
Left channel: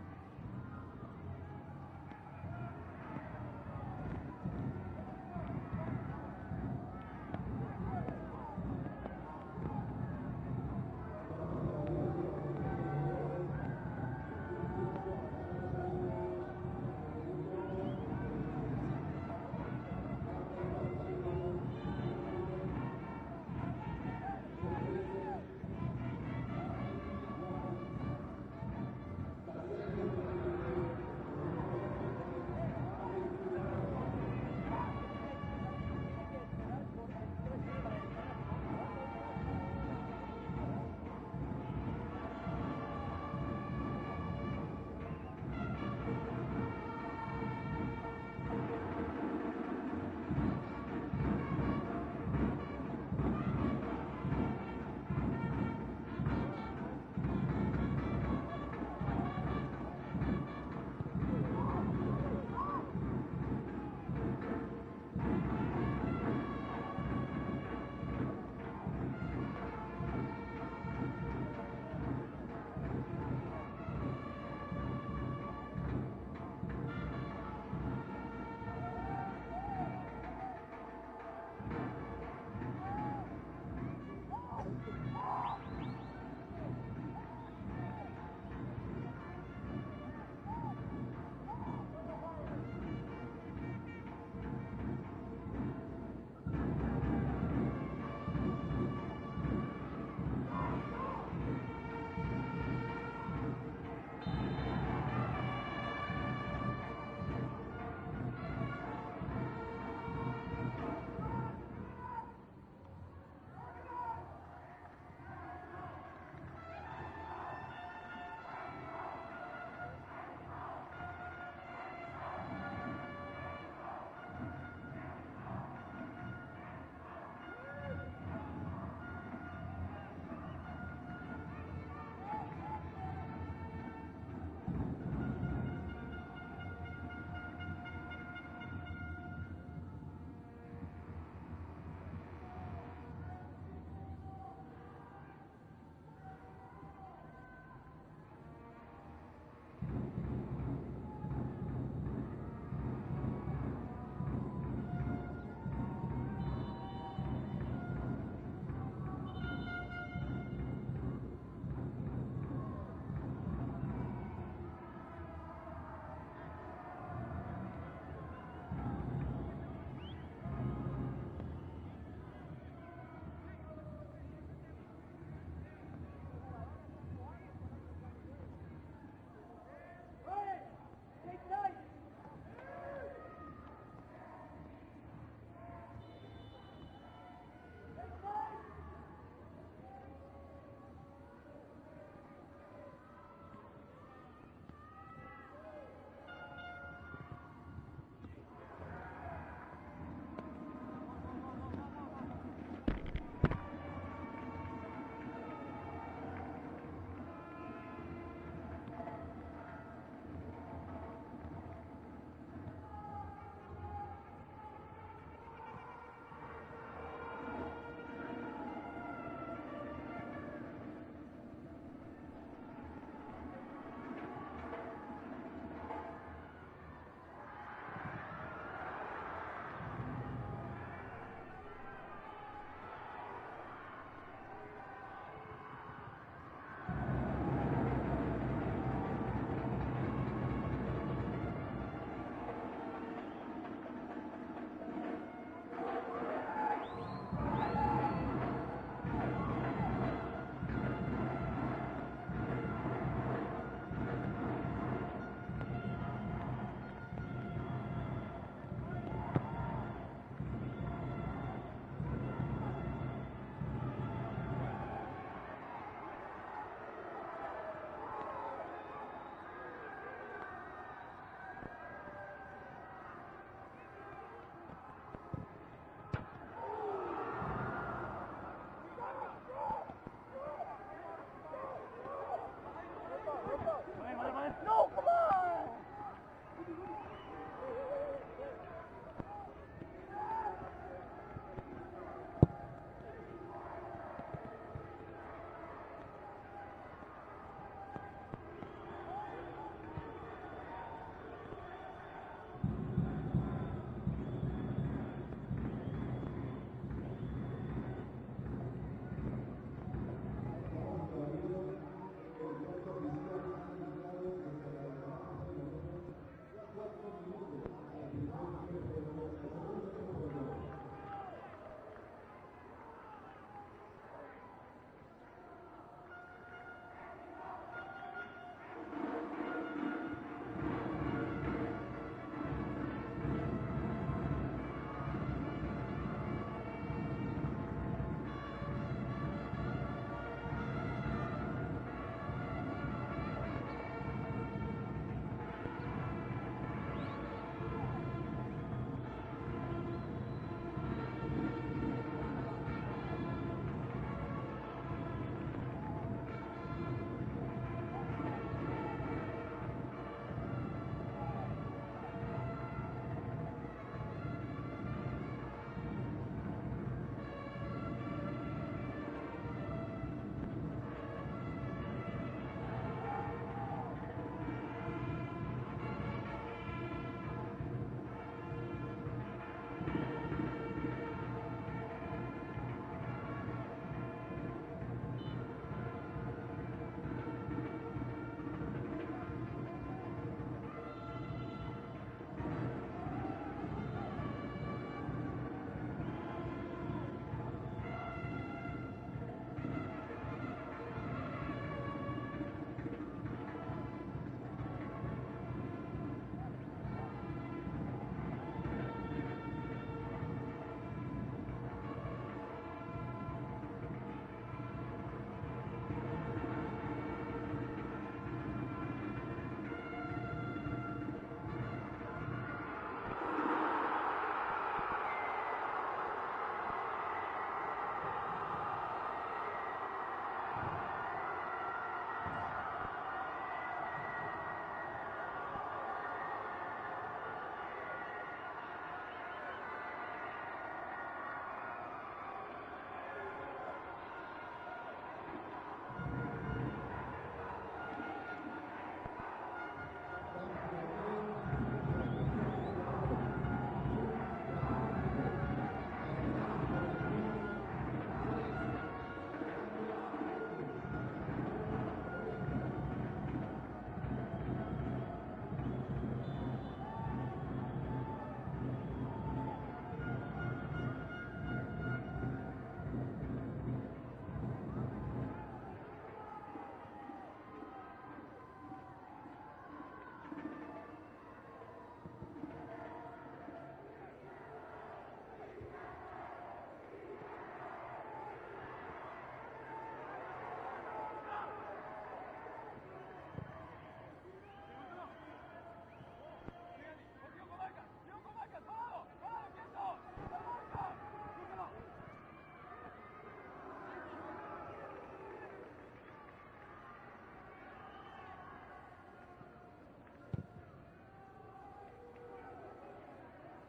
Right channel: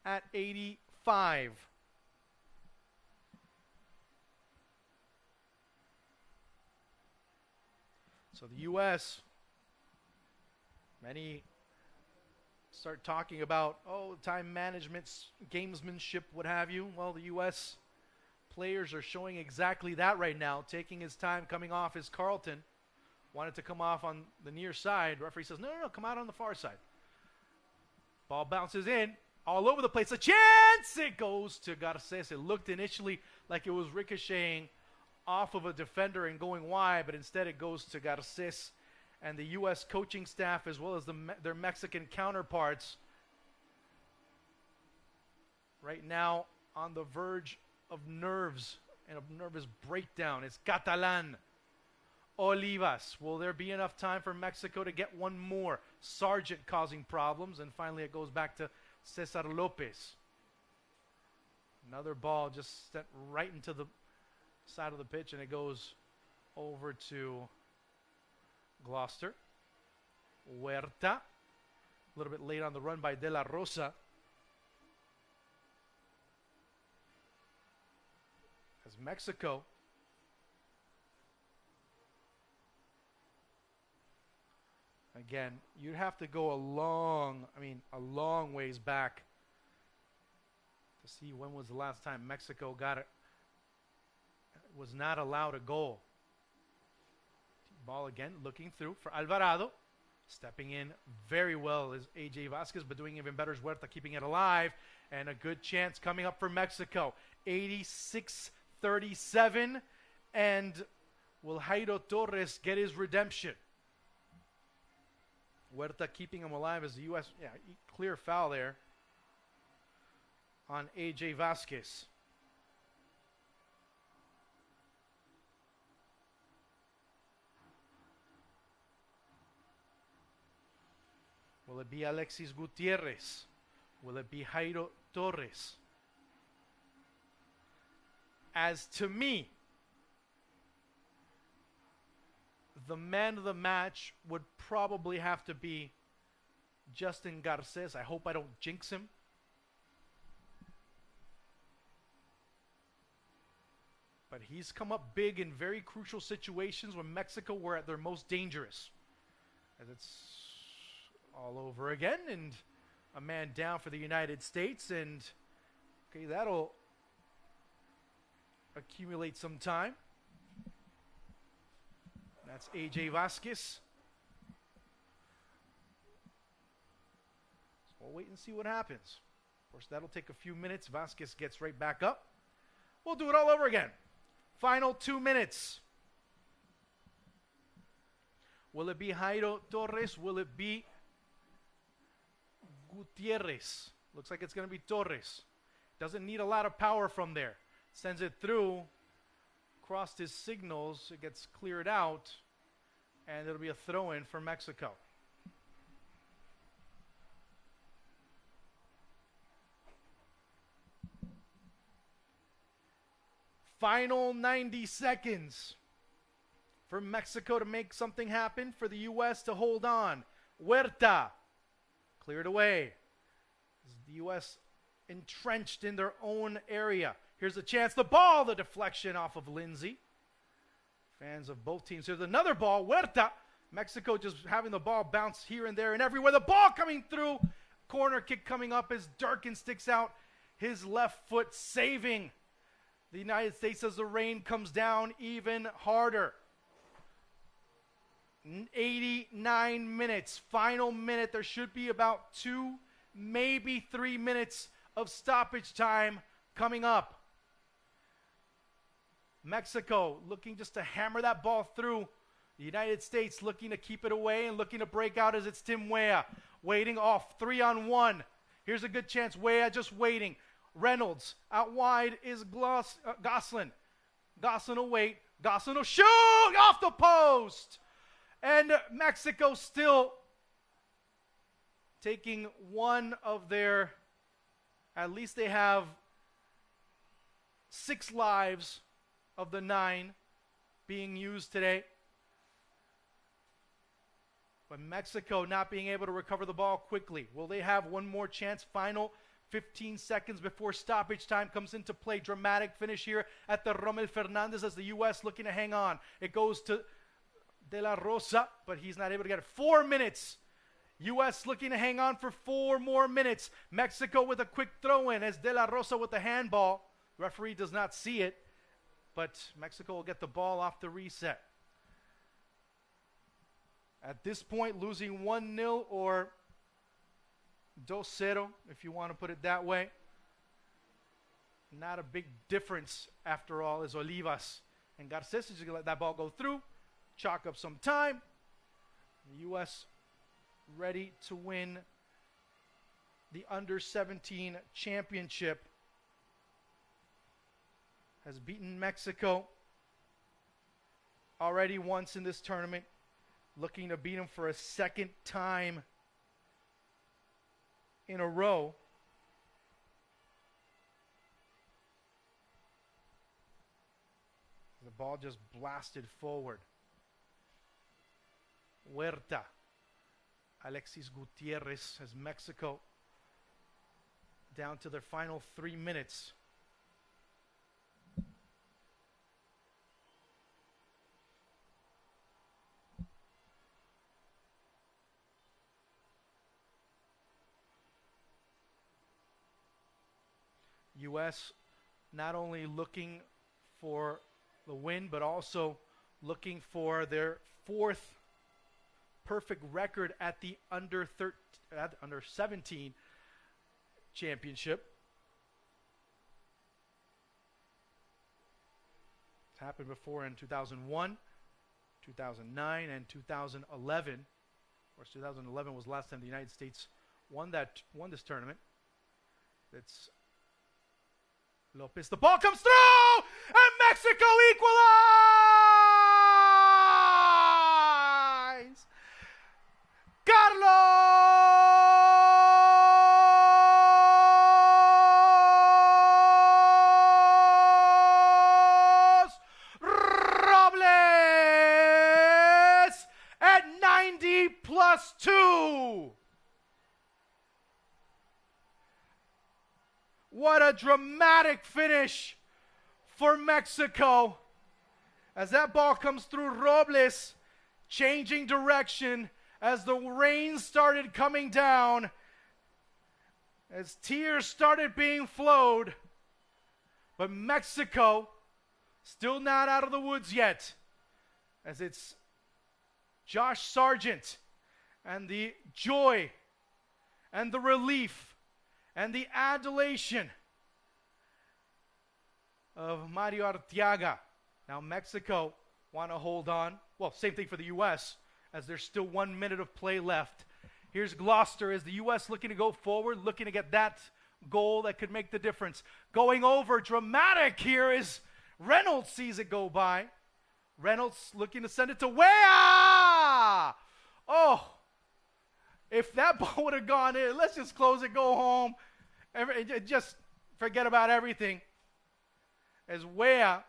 at 85. So the U.S. many start talking about, time management, gamesmanship, what have you. Well, the U.S. players are showing exactly that right now, taking his time coming off as Carlton wanted to come off on the near side. Referee says, no, come out on the far side. Ball bounces in, all over the place. A chance! It goes to Garces. It looked initially like it was ricocheting off of a defender and going wide, but instead it goes to Garces and the U.S. coaching staff, as well as their Mexican counterparts. Right now, on the verge of nerves, nervous breakdown is Catalan. Olivas. Will there be enough time for Mexico to get one more? Sargent causing problems, and finally it goes back to Cesar Lopez. Another ball just stepped right into the side of the pitch, and it goes over to Gloucester. Huerta, a little bit late on the run by De La Rosa. It's Mexico. Again, you have to go a long ways back to see when was the last time Mexico was not allowed a goal. Ball again looking through for Alvarado. Stepping in very well is AJ Vasquez, but doing even better is Huerta keeping it alive. And a good chance coming up for Mexico. 86-37. And will Jairo Torres get his redemption? Huerta keeping him alive as the U.S. Clear foul there on AJ Vasquez. Will it be Alexis Gutierrez? Will it be Jairo Torres? As to me, the man of the match would probably have to be Justin Garces. I hope I don't jinx him. But he's come up big in very crucial situations when Mexico were at their most dangerous. It's all over again, and a man down for the United States, and okay, that'll accumulate some time. That's AJ Vasquez. See what happens. Of course, that'll take a few minutes. Vasquez gets right back up. We'll do it all over again. Final 2 minutes. Will it be Jairo Torres? Will it be Gutierrez? Looks like it's going to be Torres. Doesn't need a lot of power from there. Sends it through across his signals. It gets cleared out. And it'll be a throw-in for Mexico. Final 90 seconds for Mexico to make something happen, for the U.S. to hold on. Huerta cleared away. The U.S. entrenched in their own area. Here's a chance, the ball, the deflection off of Lindsay. Fans of both teams. Here's another ball, Huerta. Mexico just having the ball bounce here and there and everywhere. The ball coming through. Corner kick coming up as Durkin sticks out his left foot, saving the United States as the rain comes down even harder. 89 minutes, final minute. There should be about 2, maybe 3 minutes of stoppage time coming up. Mexico looking just to hammer that ball through. The United States looking to keep it away and looking to break out as it's Tim Weah. Waiting off, 3-on-1. Here's a good chance, Weah just waiting. Reynolds, out wide is Gosselin. Gosselin will wait, Gosselin will shoot off the post! And Mexico still taking one of their, at least they have 6 lives of the 9 being used today. But Mexico not being able to recover the ball quickly. Will they have one more chance? Final 15 seconds before stoppage time comes into play. Dramatic finish here at the Rommel Fernandez as the U.S. looking to hang on. It goes to De La Rosa, but he's not able to get it. 4 minutes. U.S. looking to hang on for 4 more minutes. Mexico with a quick throw in as De La Rosa with the handball. Referee does not see it, but Mexico will get the ball off the reset. At this point, losing 1-0 or 2-0, if you want to put it that way. Not a big difference after all, is Olivas. And Garces is going to let that ball go through. Chalk up some time. U.S. ready to win the Under-17 championship. Has beaten Mexico already once in this tournament. Looking to beat them for a second time in a row. The ball just blasted forward. Huerta, Alexis Gutierrez as Mexico down to their final 3 minutes. U.S. not only looking for a win, but also looking for their 4th perfect record at the Under-17 championship. It's happened before in 2001, 2009, and 2011. 2011 was the last time the United States won this tournament. The ball comes through, and Mexico equalizes! Carlos Robles at 90+2. What a dramatic finish for Mexico. As that ball comes through, Robles changing direction as the rain started coming down, as tears started being flowed. But Mexico still not out of the woods yet, as it's Josh Sargent and the joy and the relief and the adulation of Mario Arteaga. Now Mexico want to hold on. Well, same thing for the U.S. as there's still 1 minute of play left. Here's Gloucester as the U.S. looking to go forward, looking to get that goal that could make the difference. Going over, dramatic here is Reynolds sees it go by. Reynolds looking to send it to Weah! Oh, if that ball would have gone in, let's just close it, go home. Just forget about everything. As Weah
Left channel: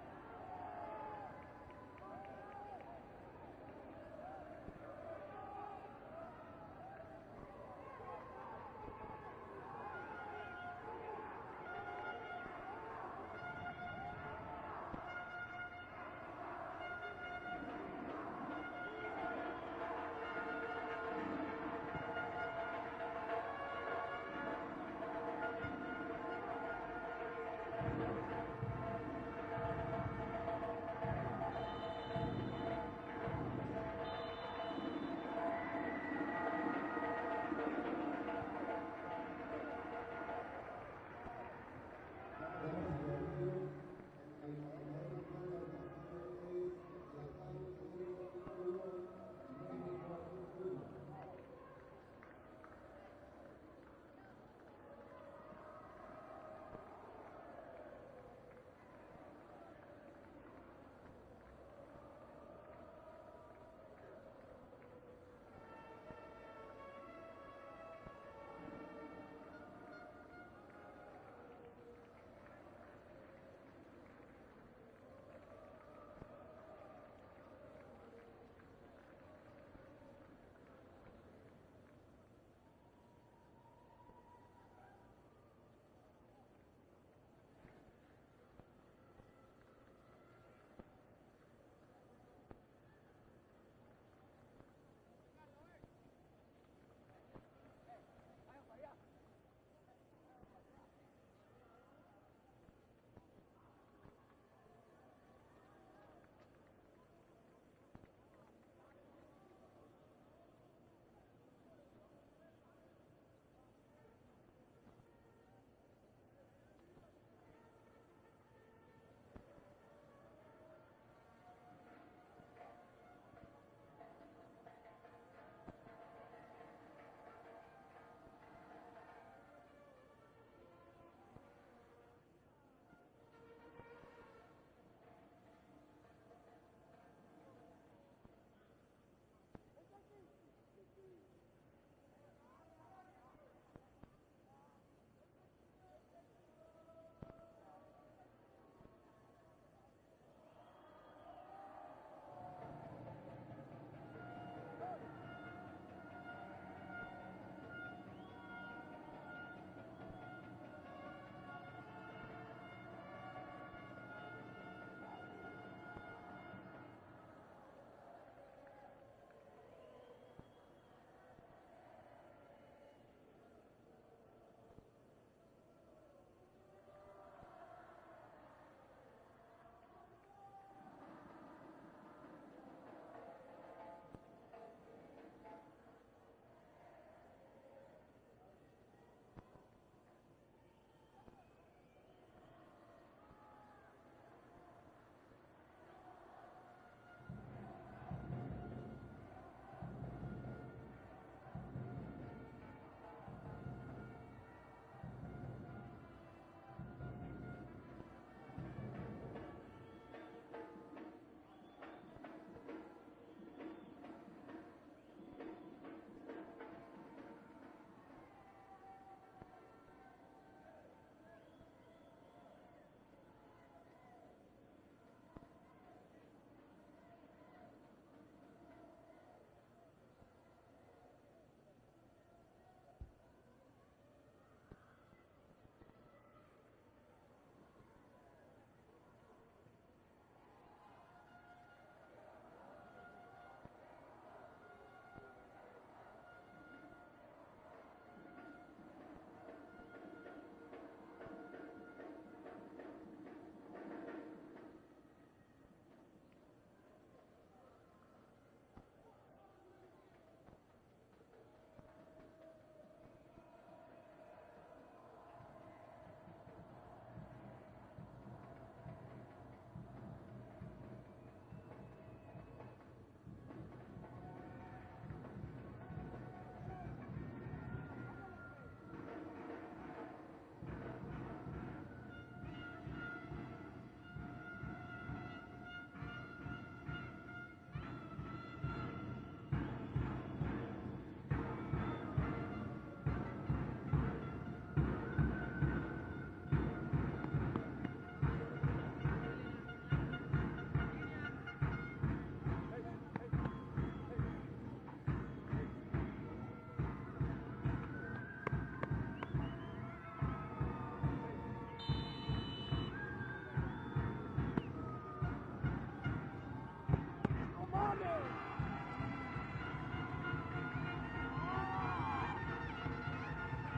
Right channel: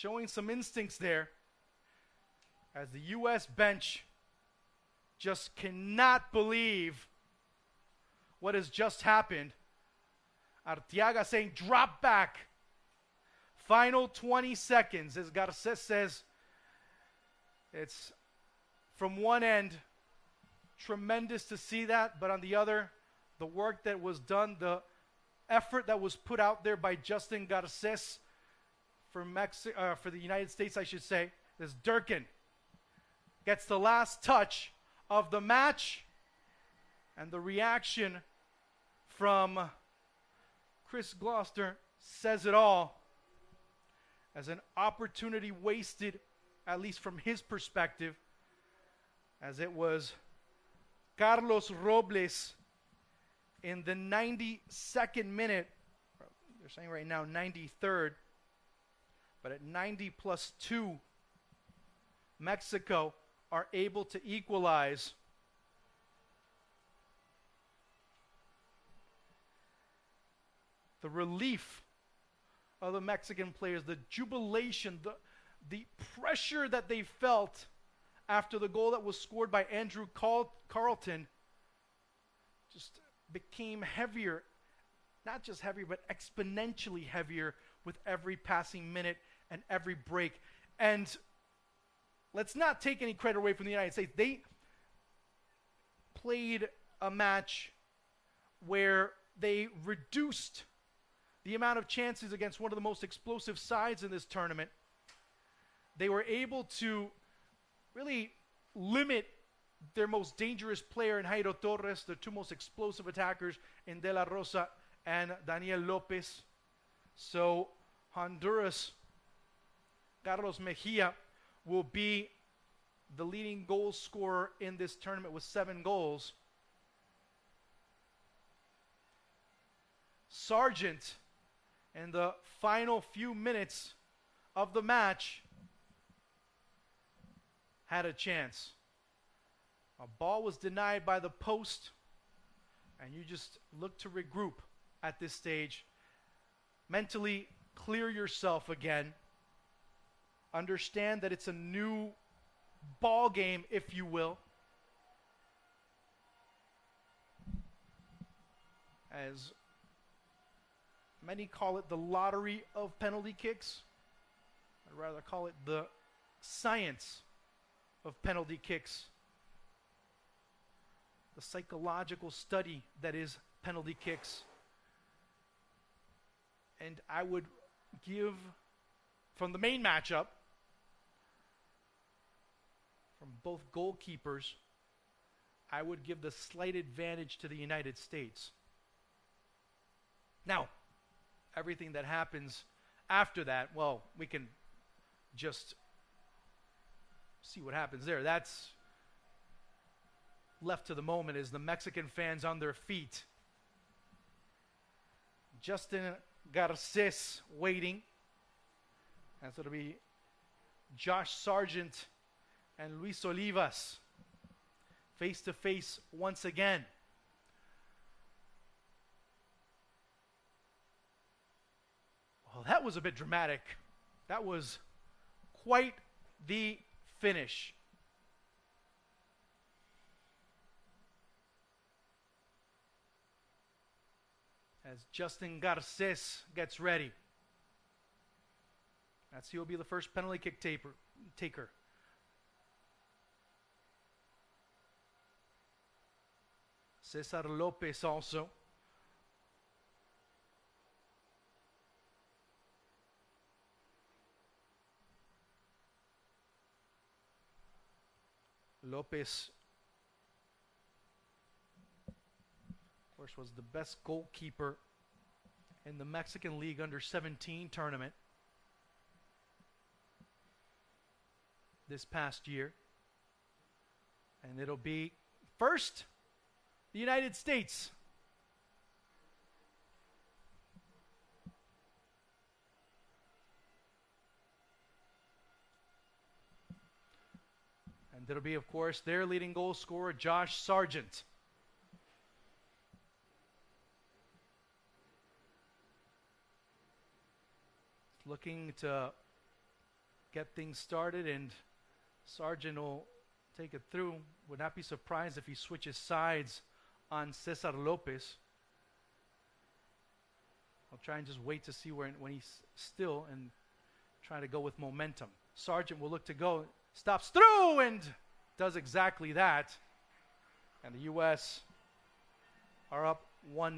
showing some instincts there as the U.S. bench just cannot believe what has just happened. Arteaga saying drop back. Final 20 seconds, as Garces says. It's from one end, tremendous to see that, but on the other, the work that was done, the effort that was put out there by Justin Garces for the United States, I should say, as Durkin gets the last touch of the match, and the reaction from Chris Gloucester says it all, as an opportunity wasted, at least from his perspective, as it was Carlos Robles in the 92nd minute. We're saying right now 93rd, but at 90 plus 2, Mexico are able to equalize. The relief of the Mexican players, the jubilation, the pressure that they felt after the goal that was scored by Andrew Carlton just became heavier. Not just heavier, but exponentially heavier with every passing minute and every break. And let's not take any credit away from the United States. They played a match where they reduced the amount of chances against one of the most explosive sides in this tournament. They were able to really limit their most dangerous player in Jairo Torres, their two most explosive attackers in De La Rosa and Daniel Lopez. So Honduras, Carlos Mejia, will be the leading goal scorer in this tournament with 7 goals. Sargent, in the final few minutes of the match, had a chance. A ball was denied by the post, and you just look to regroup at this stage. Mentally clear yourself again. Understand that it's a new ball game, if you will. As many call it the lottery of penalty kicks, I'd rather call it the science of penalty kicks. The psychological study that is penalty kicks. And I would give, from the main matchup, from both goalkeepers, I would give the slight advantage to the United States. Now, everything that happens after that, well, we can just see what happens there. That's left to the moment as the Mexican fans on their feet. Justin Garces waiting. That's going to be Josh Sargent and Luis Olivas face to face once again. Well, that was a bit dramatic. That was quite the finish. As Justin Garces gets ready. He'll be the first penalty kick taker. Cesar Lopez also. Lopez, of course, was the best goalkeeper in the Mexican League Under-17 tournament this past year. And it'll be first the United States. It'll be, of course, their leading goal scorer, Josh Sargent. Looking to and Sargent will take it through. Would not be surprised if he switches sides on Cesar Lopez. Try and just wait to see when he's still and try to go with momentum. Sargent will look to go, stops through and does exactly that. And the U.S. are up 1-0.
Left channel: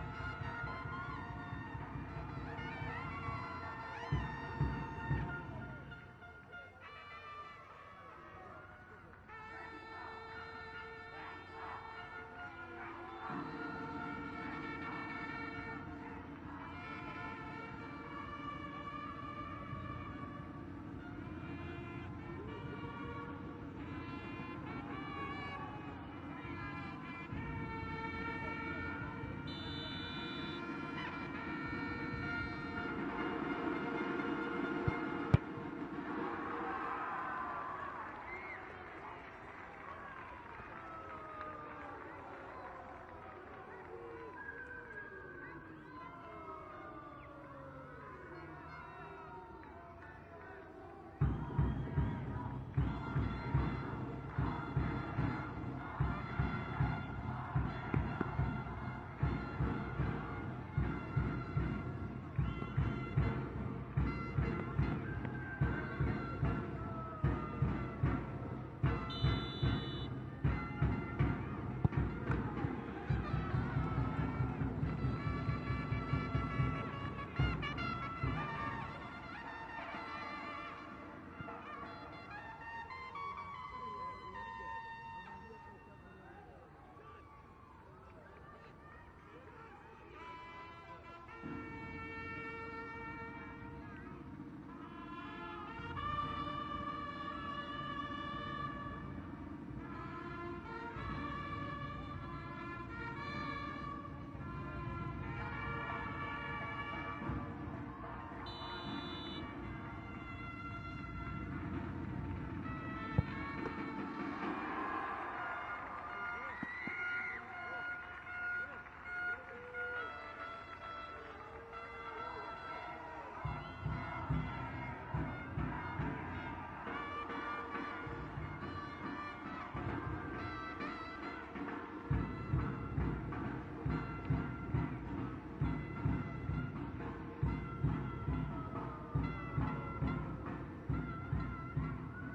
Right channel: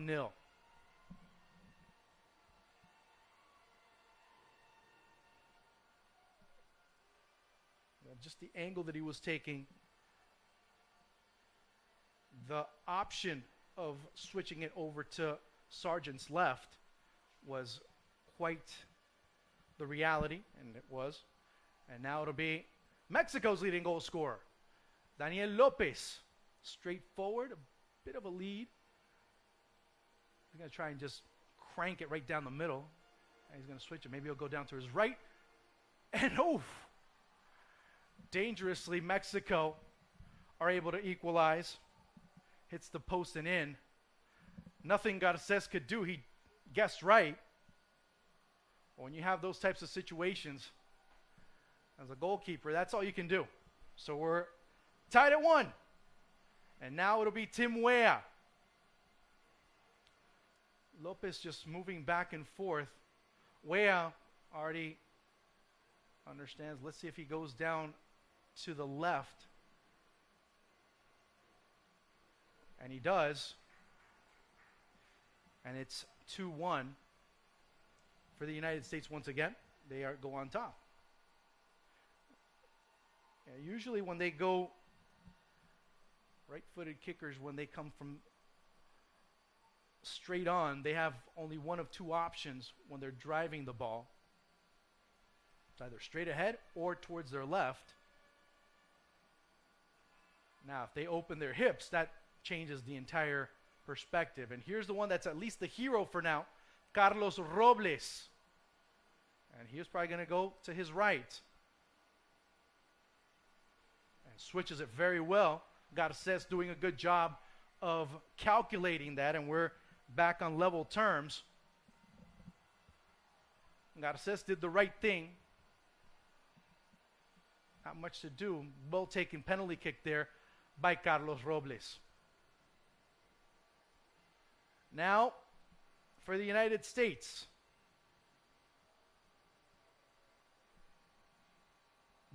Just the angle that he was taking, the option of switching it over to Sargent's left was quite the reality. It was. And now it'll be Mexico's leading goal scorer, Daniel Lopez. Straightforward, bit of a lead. I'll try and just crank it right down the middle. Switch, maybe he'll go down to his right. And dangerously, Mexico are able to equalize. Hits the post and in. Nothing Garces could do. He guessed right. When you have those types of situations, as a goalkeeper, that's all you can do. So we're tied at 1. And now it'll be Tim Weah. Lopez just moving back and forth. Weah already understands. Let's see if he goes down to the left. And he does. And it's 2-1 for the United States once again. They go on top. And usually when they go right-footed kickers, when they come from straight on, they have only one of two options when they're driving the ball. It's either straight ahead or towards their left. Now, if they open their hips, that changes the entire perspective. And here's the one that's at least the hero for now, Carlos Robles. He was probably going to go to his right. Switches it very well. Garces doing a good job of calculating that, and we're back on level terms. Garces did the right thing. Not much to do. Well-taken penalty kick there by Carlos Robles. Now, for the United States.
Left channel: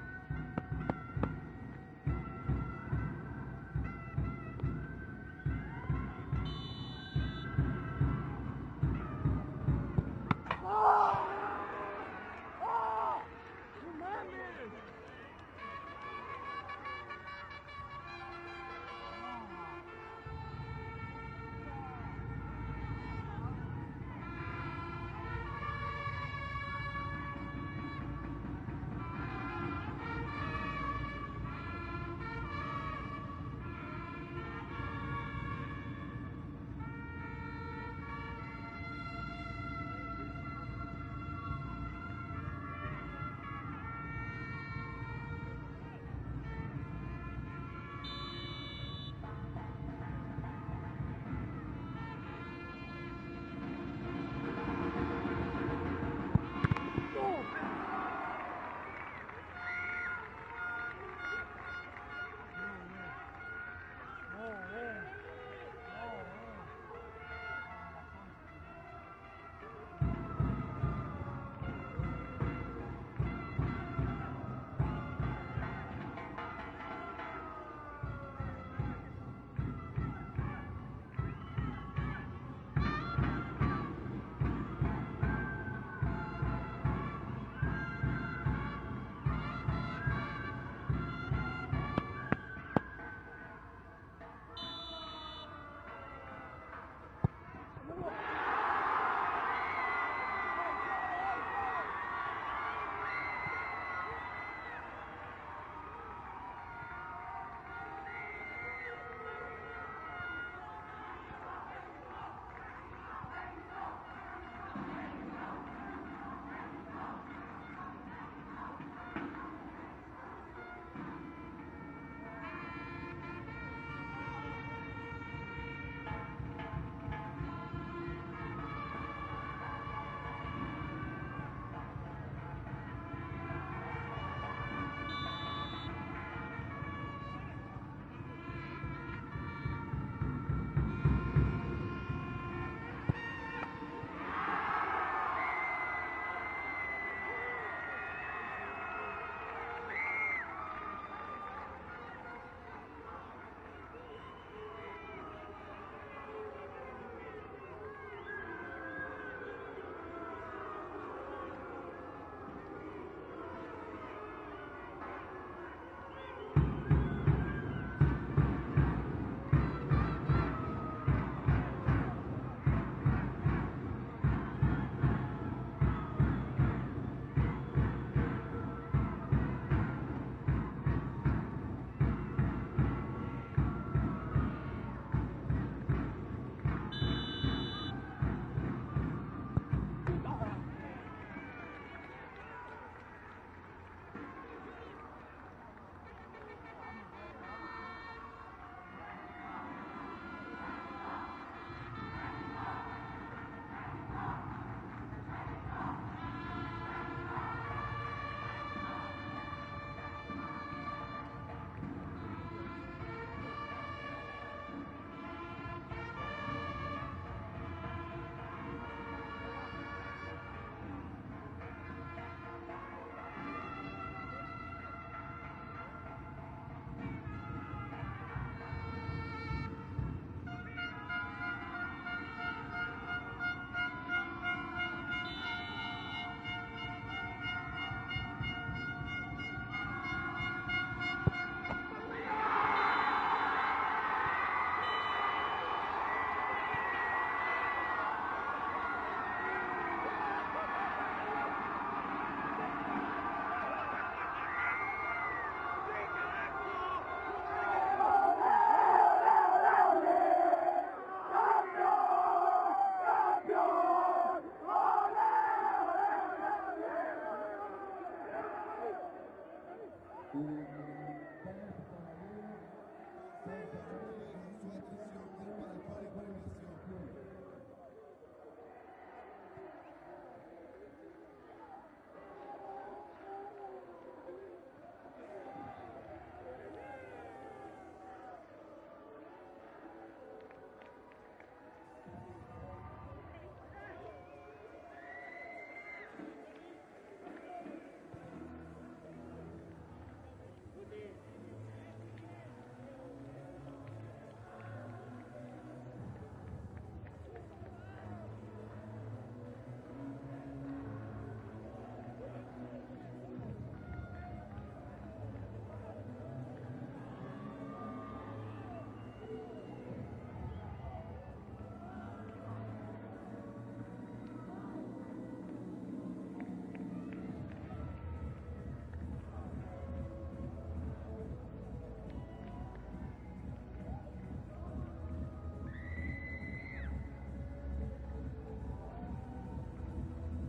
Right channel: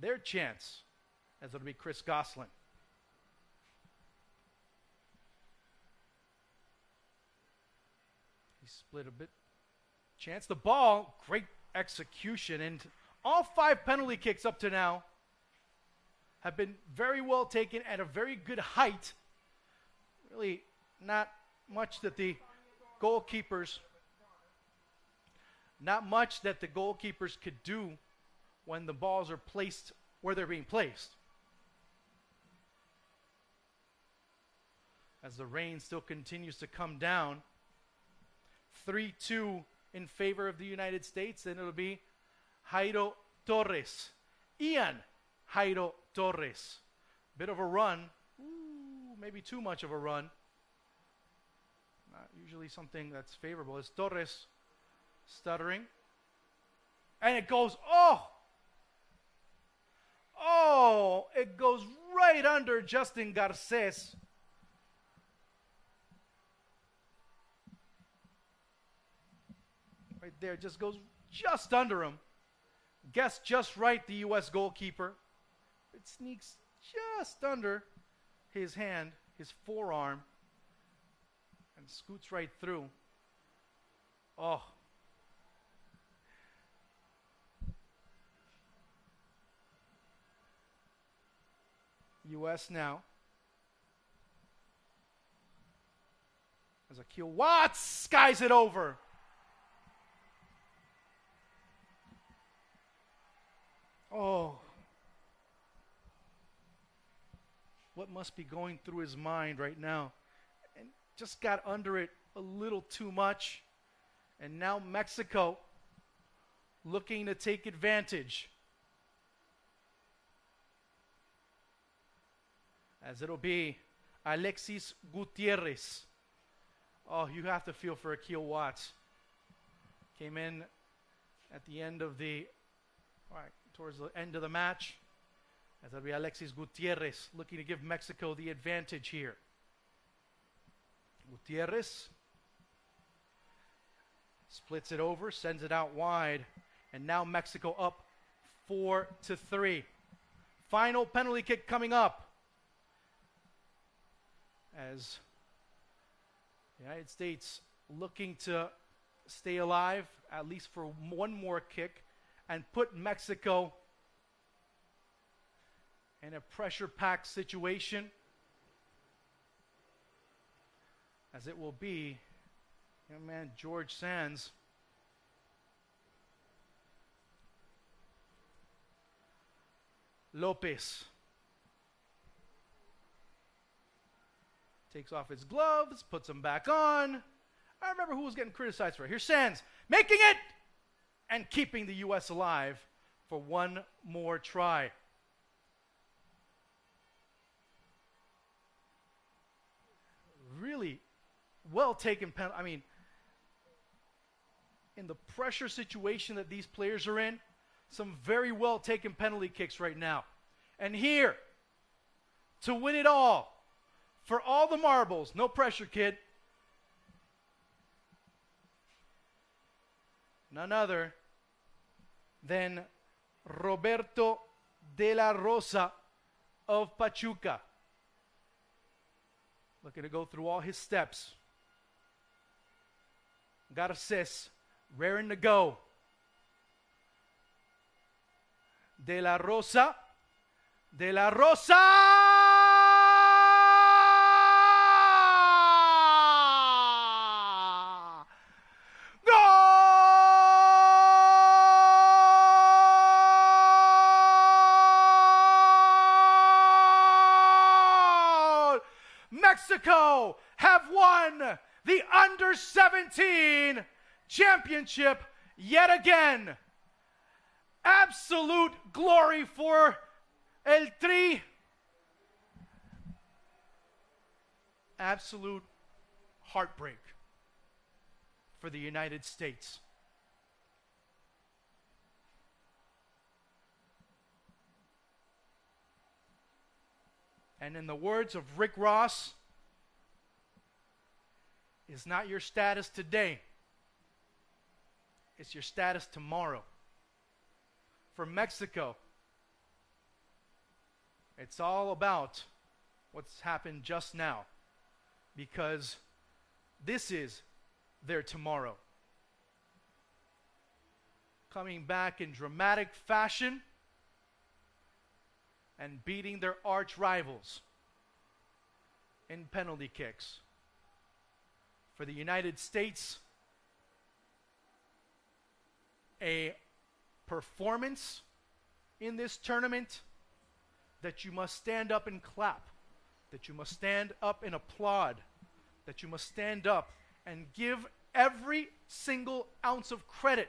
Their chance, as it'll be Chris Gosselin. Chance the ball, great execution, and all 5 penalty kicks up to now have been very well taken at a very good height. Really not much that the goalkeepers could do when the balls are placed where they're being placed. As the rain still continues to come down, 3-2 in favor of the United States, and it'll be Jairo Torres. Ian Jairo Torres. Bit of a run, maybe too much of a run. Usually something that's favorable is Torres stuttering. And it goes, it goes right under Justin Garces. Right there, just goes just under him. Guessed just right, the U.S. goalkeeper. It sneaks just under his hand, his forearm. Scoots right through. Oh. U.S. now. Ezekiel Watts skies it over. Oh. What must be going through his mind right now? Just got under it a little too much. And now Mexico looking to take advantage. As it'll be Alexis Gutierrez. Oh, you have to feel for Akil Watts. Came in at the end of towards the end of the match. Maybe Alexis Gutierrez looking to give Mexico the advantage here. Gutierrez splits it over, sends it out wide, and now Mexico up 4-3. Final penalty kick coming up as the United States looking to stay alive at least for one more kick and put Mexico in a pressure-packed situation, as it will be, and George Sands. Lopez takes off his gloves, puts them back on. I remember who was getting criticized for it. Here's Sands making it and keeping the U.S. alive for one more try. Really well taken penalty. I mean, in the pressure situation that these players are in, some very well taken penalty kicks right now. And here, to win it all, for all the marbles, no pressure, kid. None other than Roberto de la Rosa of Pachuca. Looking to go through all his steps. Garces, raring to go. De la Rosa. De la Rosa! Mexico have won the Under-17 championship yet again. Absolute glory for El Tri. Absolute heartbreak for the United States. And in the words of Rick Ross, it's not your status today, it's your status tomorrow. For Mexico, it's all about what's happened just now, because this is their tomorrow. Coming back in dramatic fashion and beating their arch rivals in penalty kicks. For the United States, a performance in this tournament that you must stand up and clap, that you must stand up and applaud, that you must stand up and give every single ounce of credit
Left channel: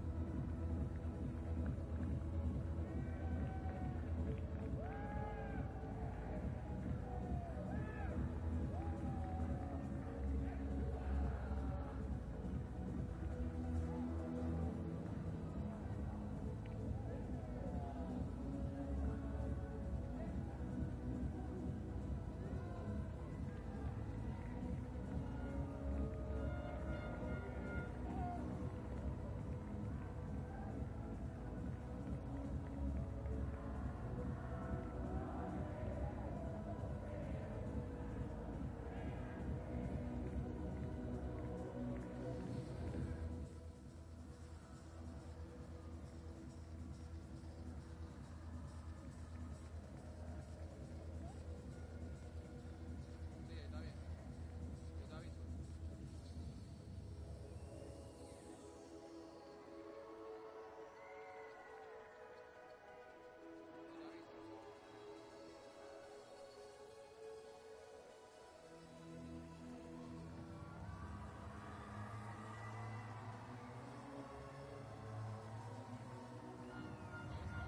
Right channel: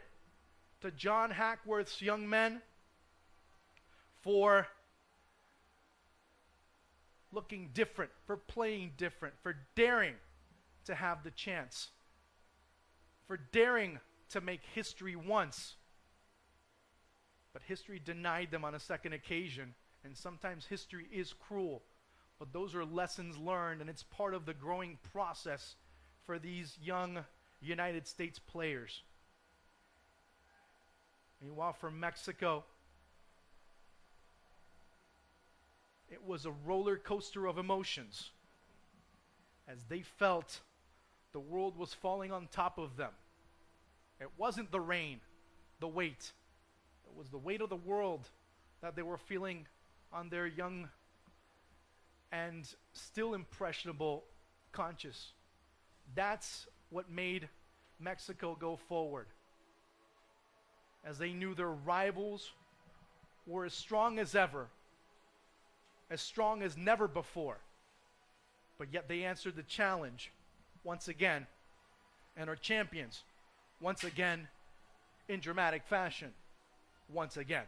to John Hackworth's young men for looking different, for playing different, for daring to have the chance, for daring to make history once. But history denied them on a second occasion. Sometimes history is cruel, but those are lessons learned, and it's part of the growing process for these young United States players. Meanwhile, for Mexico, it was a roller coaster of emotions as they felt the world was falling on top of them. It wasn't the rain, the weight. It was the weight of the world that they were feeling on their young and still impressionable conscience. That's what made Mexico go forward, as they knew their rivals were as strong as ever, as strong as never before, but yet they answered the challenge once again and are champions once again in dramatic fashion once again.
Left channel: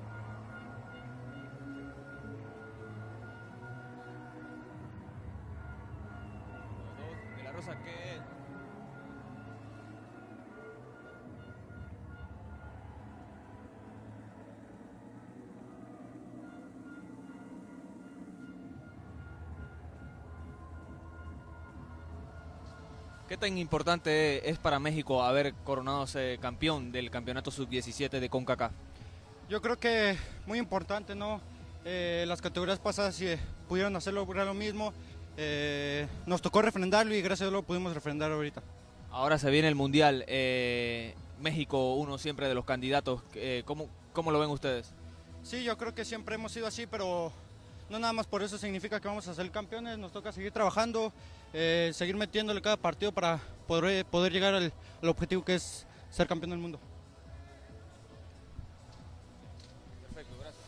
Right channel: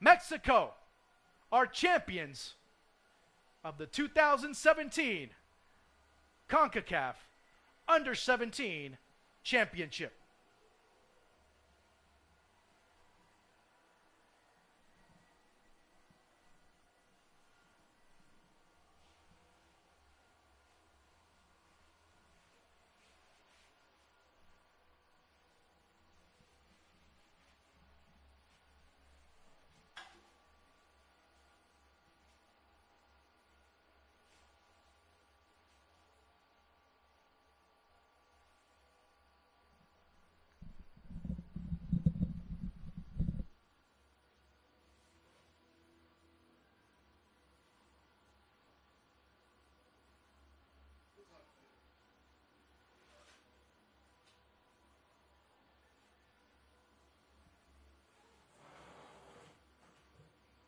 Mexico are champions of the 2017 Concacaf Under-17 Championship. ¿Qué tan importante es para México haber coronado campeón del campeonato sub-17 de Concacaf? Yo creo que muy importante, ¿no? Las categorías pasadas pudieron hacerlo lo mismo. Nos tocó refrendarlo y gracias a Dios lo pudimos refrendar ahorita. Ahora se viene el Mundial. México, uno siempre de los candidatos. ¿Cómo lo ven ustedes? Sí, yo creo que siempre hemos sido así, pero no nada más por eso significa que vamos a ser campeones. Nos toca seguir trabajando, seguir metiéndole cada partido para poder llegar al objetivo que es ser campeón del mundo. Perfecto, gracias.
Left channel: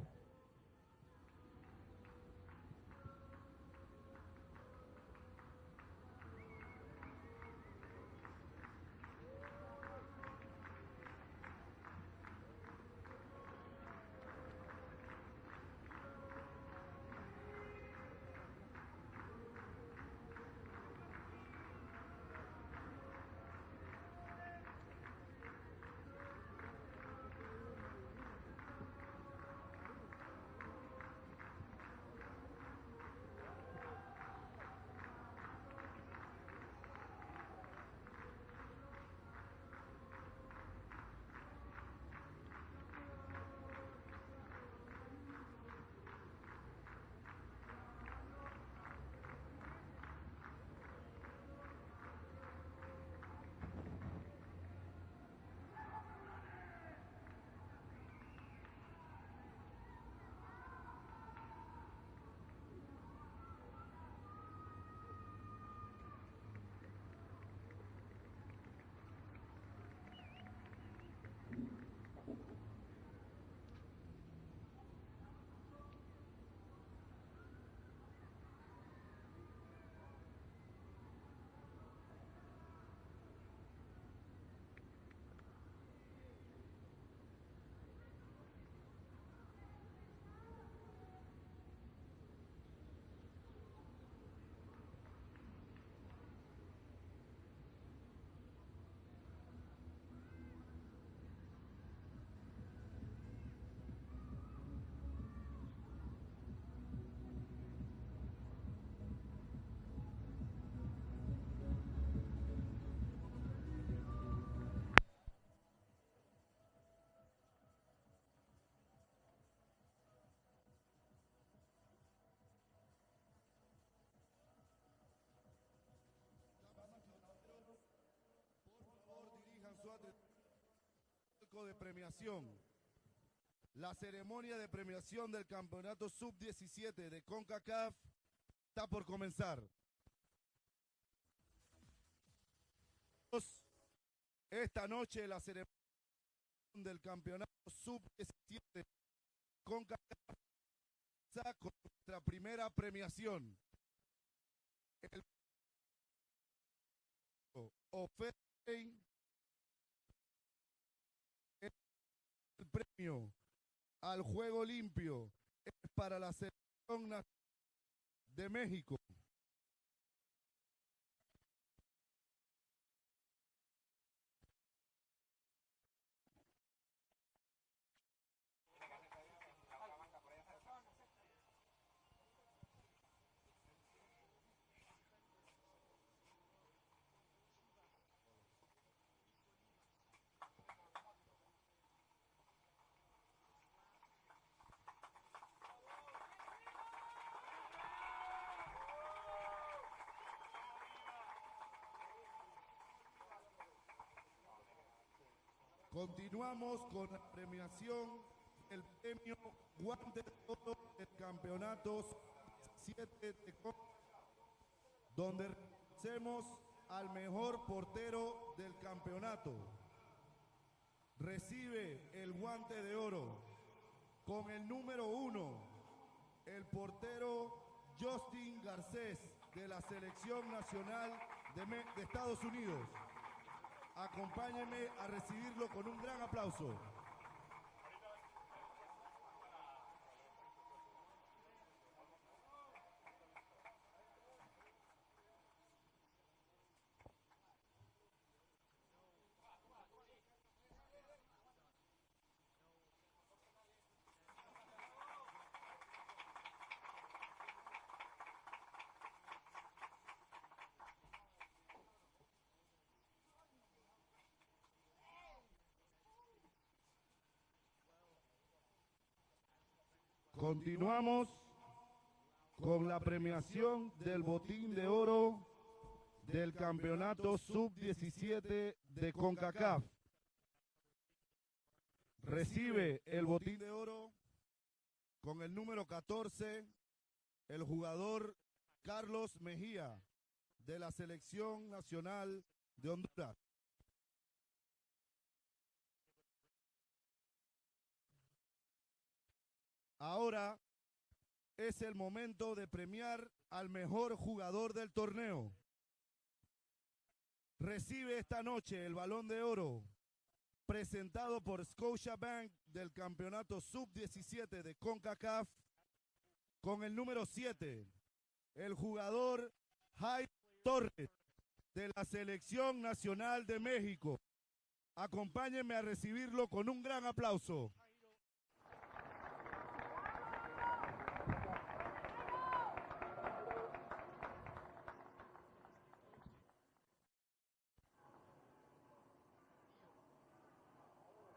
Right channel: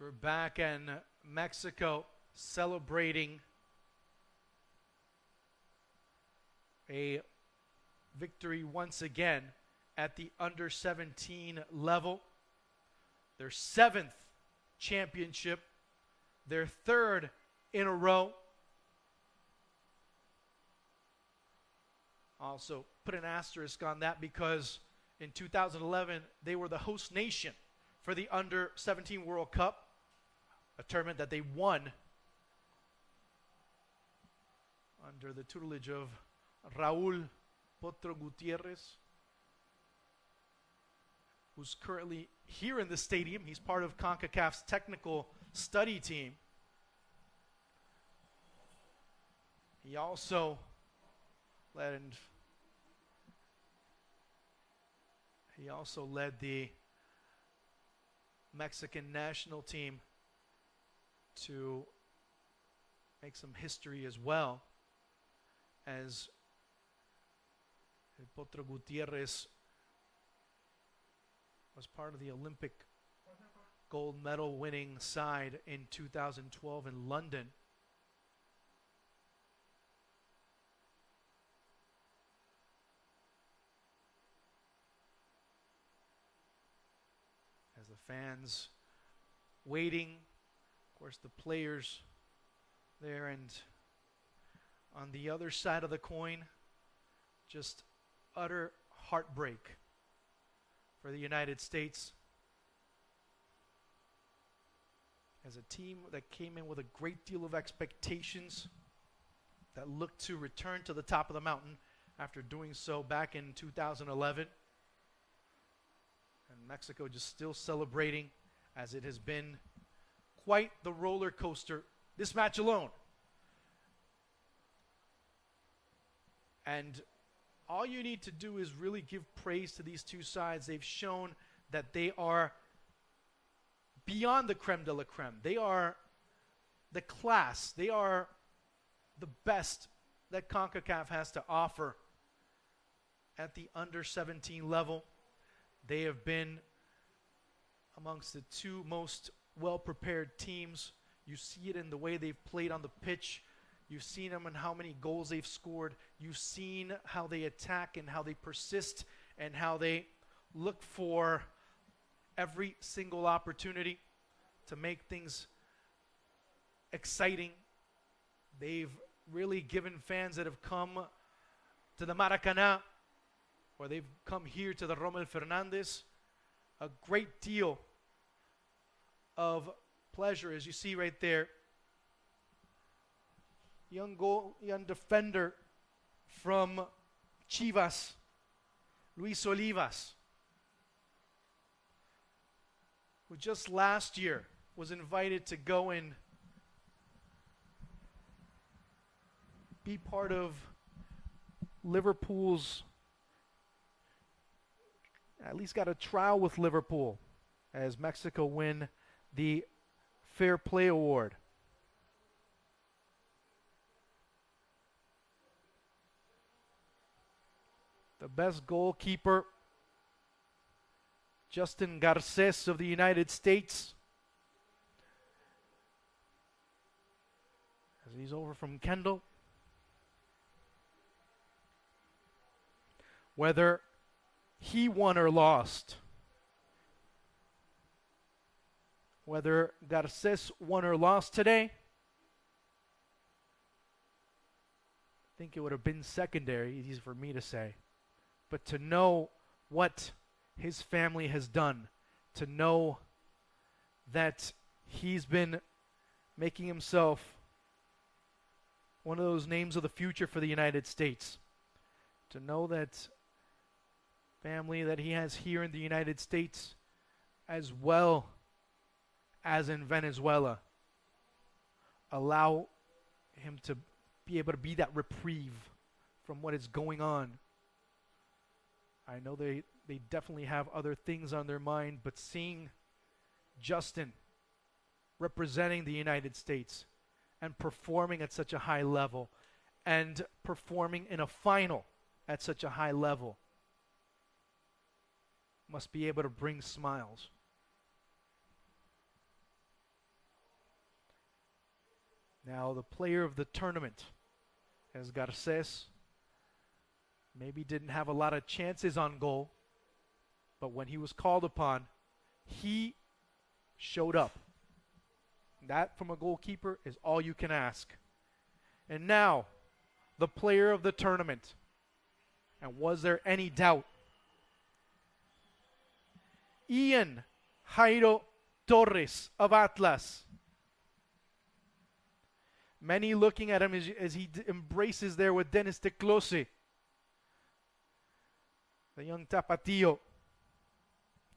We're back in Mexico celebrating a victory once again at the under-17 level. Their 7th championship, their 3rd in a row. Also put an asterisk on that because in 2011 they were the host nation for the Under-17 World Cup, a tournament that they won under the tutelage of Raúl Potro Gutierrez, who's currently here in the stadium. He's part of Concacaf's technical study team. He also led the Mexican national team to make some history as well, as Potro Gutierrez was part of the Olympic gold medal winning side in 2012 in London. As the fans waiting, of course the players there, and on the other side of the coin, just utter heartbreak for the United States as a team that came in with a great deal of expectations, that looked to return to the top of the mountain after doing so back in 2011. And Mexico just still celebrating, as it has been quite the roller coaster this match alone. And all you need to do is really give praise to these two sides. They've shown that they are beyond the creme de la creme. They are the class. They are the best that CONCACAF has to offer at the under-17 level. They have been amongst the two most well-prepared teams. You see it in the way they've played on the pitch. You've seen them and how many goals they've scored. You've seen how they attack and how they persist and how they look for every single opportunity al juego to make limpio things para la selección exciting. de They've México. really given fans that have come to the Maracanã, or they've come here to the Rommel Fernandez, a great deal of pleasure, as you see right there. Young defender from Chivas, Luis Olivas, who just last year was invited to go and be part of Liverpool's, at least got a trial with Liverpool as Mexico win the Fair Play Award. Campeonatos, 7 de Copa, donde reconocemos al mejor portero The best del goalkeeper, campeonato. Recibe Justin el Garces of guante the de United oro States. con el número 1, el portero He's Justin over from Garcés Kendall. de la selección nacional de Estados Unidos. Whether Acompáñenme he a won or recibirlo lost, con un gran aplauso. whether Garces won or lost today, I think it would have been secondary, easy for me to say. But to know what his family has done, to know that he's been making himself one of those names of the future for the United States, to know that family that he has here in the United States as well as in Venezuela Continuamos allow con la him to premiación del be able to be botín that de oro reprieve from del what is going on. campeonato sub-17 de I know Concacaf. they definitely have other things on their mind, but seeing Recibe el botín de Justin oro representing the United 14, States and el performing jugador at such a high level Carlos Mejía and de la performing in a selección final nacional at such a high de level must be able to bring smiles. Ahora es el momento Now de the premiar player of the al tournament, mejor jugador del as torneo. Garces maybe didn't have a Recibe lot esta of noche chances el on Balón de goal, Oro, but when he was presentado called por upon, Scotiabank he del campeonato showed up. sub-17 de Concacaf, that from a goalkeeper con el is número all you can 7, ask. el And now, jugador the player of the Torres tournament. de la selección And was there nacional any de doubt? México. Acompáñenme a recibirlo con un Ian gran aplauso. Jairo Torres of Atlas. Many looking at him as he embraces there with Dennis Teclose, the young Tapatío,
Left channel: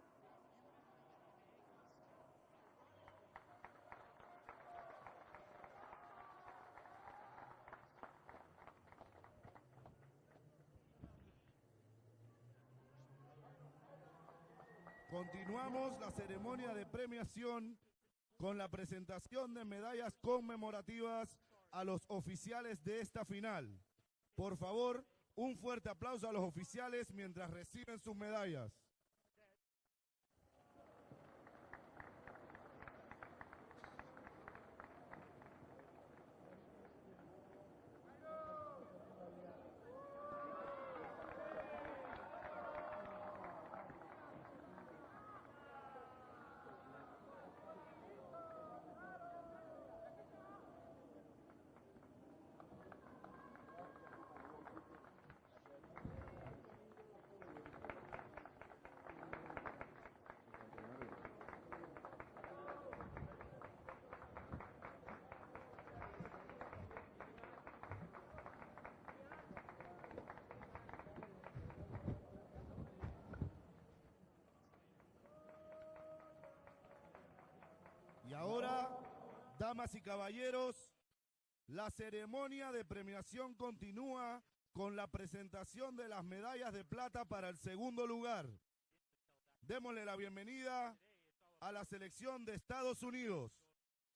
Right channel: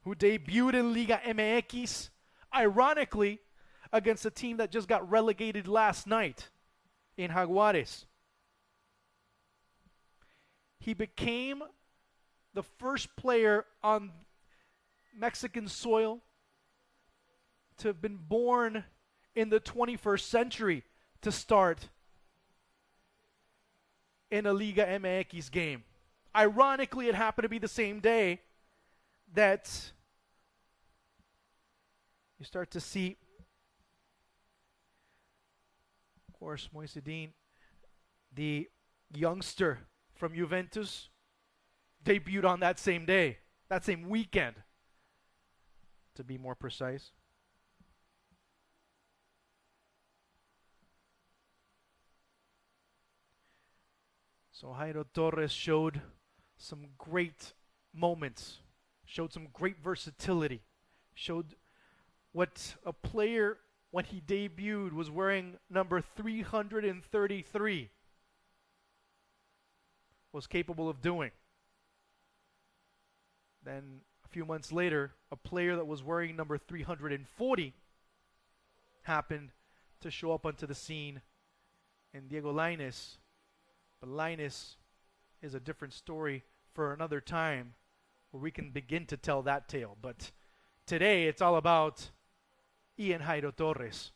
who debuted in Liga MX, ironically, against a team that just got relegated last night in Jaguares. He became the first player on Mexican Continuamos soil la ceremonia de premiación to have been con la born presentación in the de medallas 21st century conmemorativas to start a los oficiales de esta final. in a Por Liga favor, MX un game. fuerte aplauso a los Ironically, oficiales it happened to be the mientras same reciben day sus medallas. that you start to see, of course, Moisedin, the youngster from Juventus, debuted on that same day, that same weekend, to be more precise. So Jairo Torres showed some great moments, showed some great versatility, showed what a player, when he debuted, was wearing number 333, was capable of doing. Then a few months later, a player that was wearing number 340 Y ahora, happened damas y to show up onto the caballeros, scene. la Diego ceremonia de Lainez. premiación continúa But Lainez con la is a presentación different de las story medallas de for plata another para el time. segundo lugar. We can begin to tell that tale, Démosle la but bienvenida today it's all a la about selección de Estados Ian Unidos. Jairo Torres,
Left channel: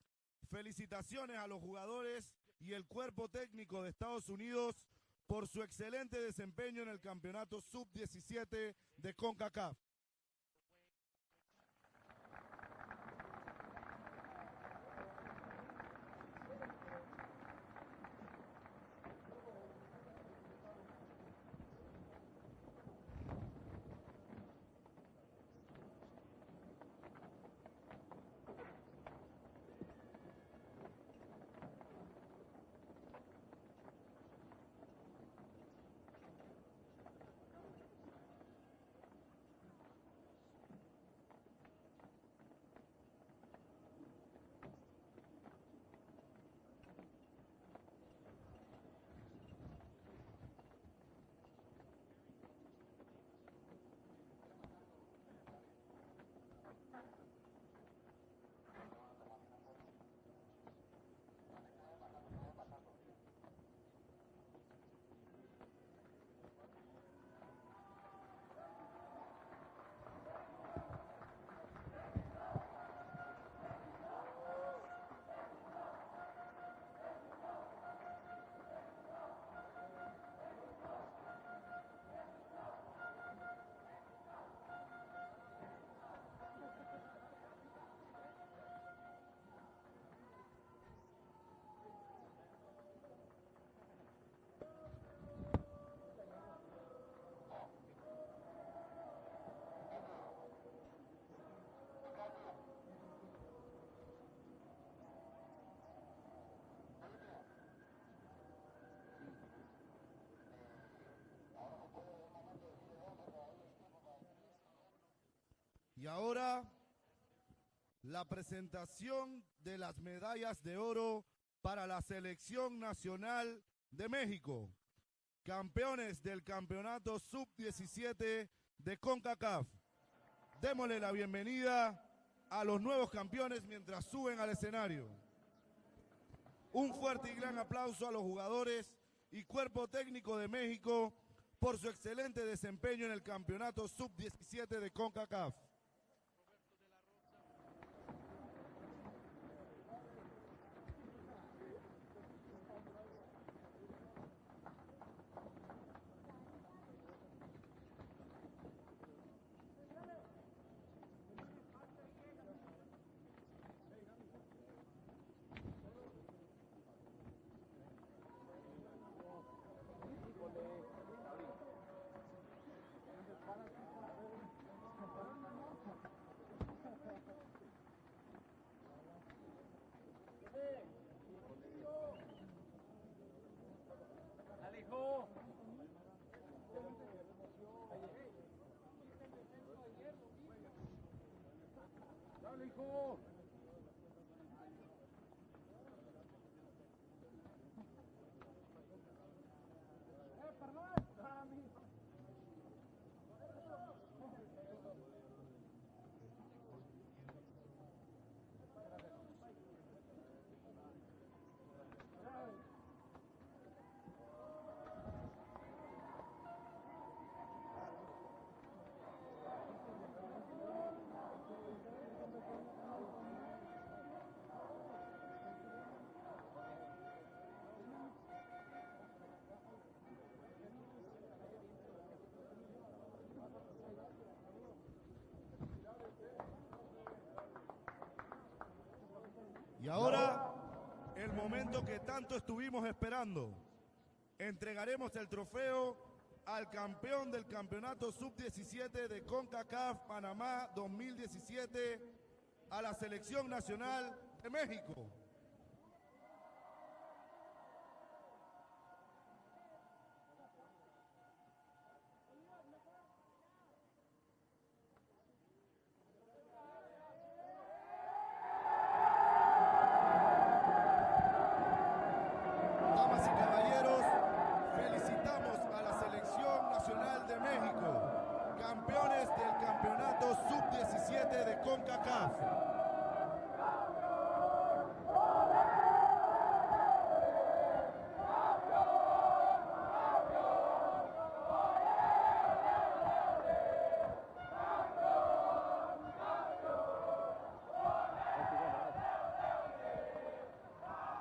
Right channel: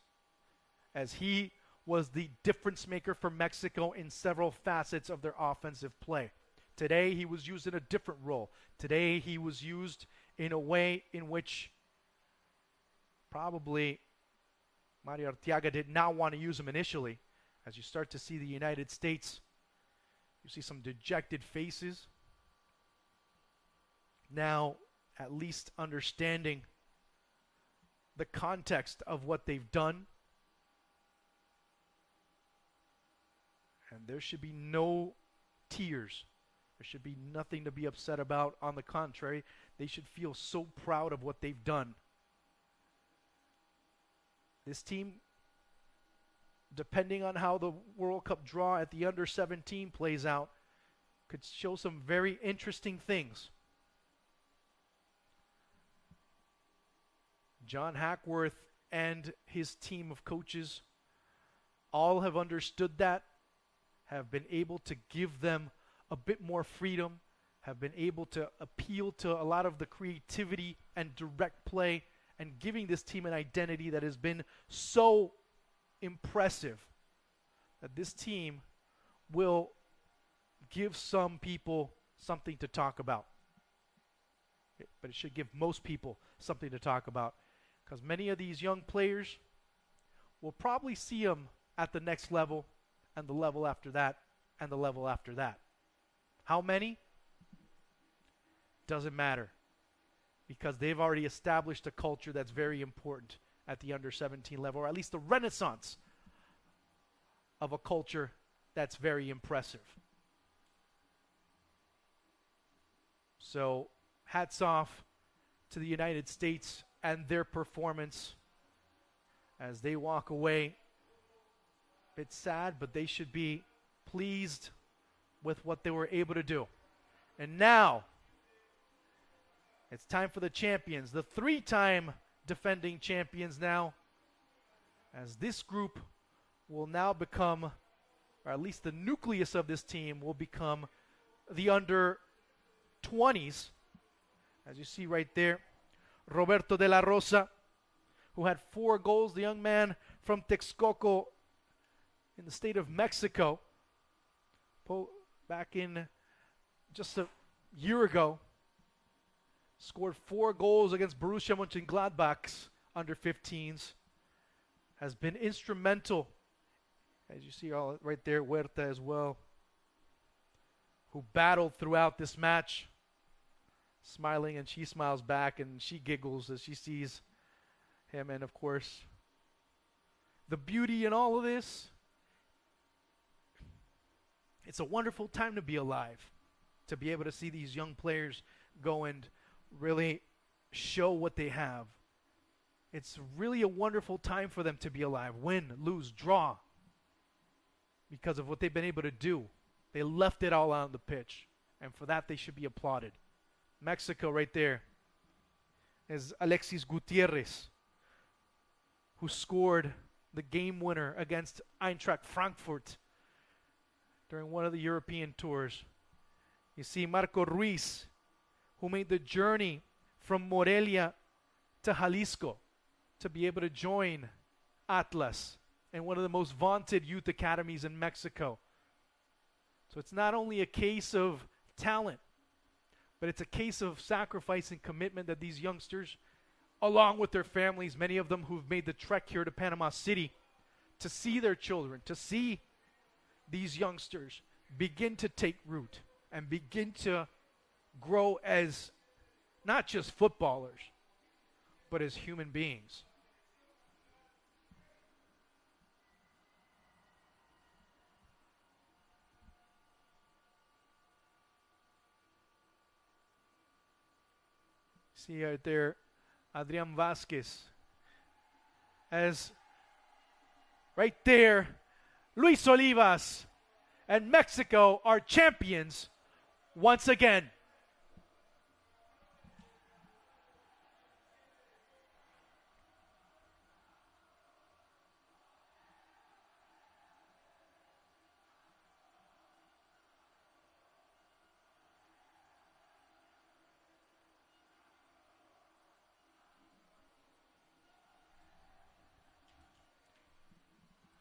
as Felicitaciones he a los was jugadores the y difference el maker cuerpo for técnico Mexico de in Estados several Unidos facets of their por su offensive excelente play. desempeño en el Today he was campeonato used in a different role. sub-17 Today de he was CONCACAF. used in a way in which probably Mario Arteaga did not want to use him initially, As you start to see the United States, you see some dejected faces. Now, at least understanding the context of what they've done. And there should be no tears. There should be nothing to be upset about. On the contrary, they should feel so proud of what they've done. This team, depending on how the World Cup draw at the Under-17 plays out, could show some very interesting things. John Hackworth and his team of coaches all have understood that, have been able to give them a bit more freedom, have been able to appeal to a lot of the creativity and direct play, and giving this team an identity that has been so impressive that this team will give some people something to talk about. But it should give most people something to talk about, because many of these young players will probably see them at the next level, and the level after that, and the level after that. How many? Doesn't matter, because they've already established a culture that's very important at the Under-17 level, or at least the renaissance of a culture that's very impressive. So, hats off to the United States and their performance as they walk away. It's sad, but they should be pleased with what they were able to do. And now, it's time for the champions, the three-time defending champions now, as this group will now become, or at least the nucleus of this team will become the Under-20s. As you see right there, Roberto de la Rosa, who had 4 goals, the young man from Texcoco in the state of Mexico, back in just a year ago, scored 4 goals against Borussia Mönchengladbach's Under-15s, has been instrumental, as you see all right there, Huerta as well, who battled throughout this match, smiling, and she smiles back and she giggles as she sees him. And of course, the beauty in all of this, it's a wonderful time to be alive, to be able to see these young players go and really show what they have. It's really a wonderful time for them to be alive. Win, lose, draw, because of what they've been able to do. They left it all out on the pitch, and for that they should be applauded. Mexico right there is Alexis Gutierrez, who scored the game winner against Eintracht Frankfurt during one of the European tours. You see Marco Ruiz, who made the journey from Morelia to Jalisco to be able to join Atlas in one of the most vaunted youth academies in Mexico. So it's not only a case of talent, but it's a case of sacrifice and commitment that these youngsters, along with their families, many of them who've made the trek here to Panama City to see their children, to see these youngsters begin to take root and begin to grow as not just footballers, but as human beings. See right there, Adrian Vasquez. As right there, Luis Olivas and Mexico are champions once again. Campeones del campeonato sub-17 de Concacaf.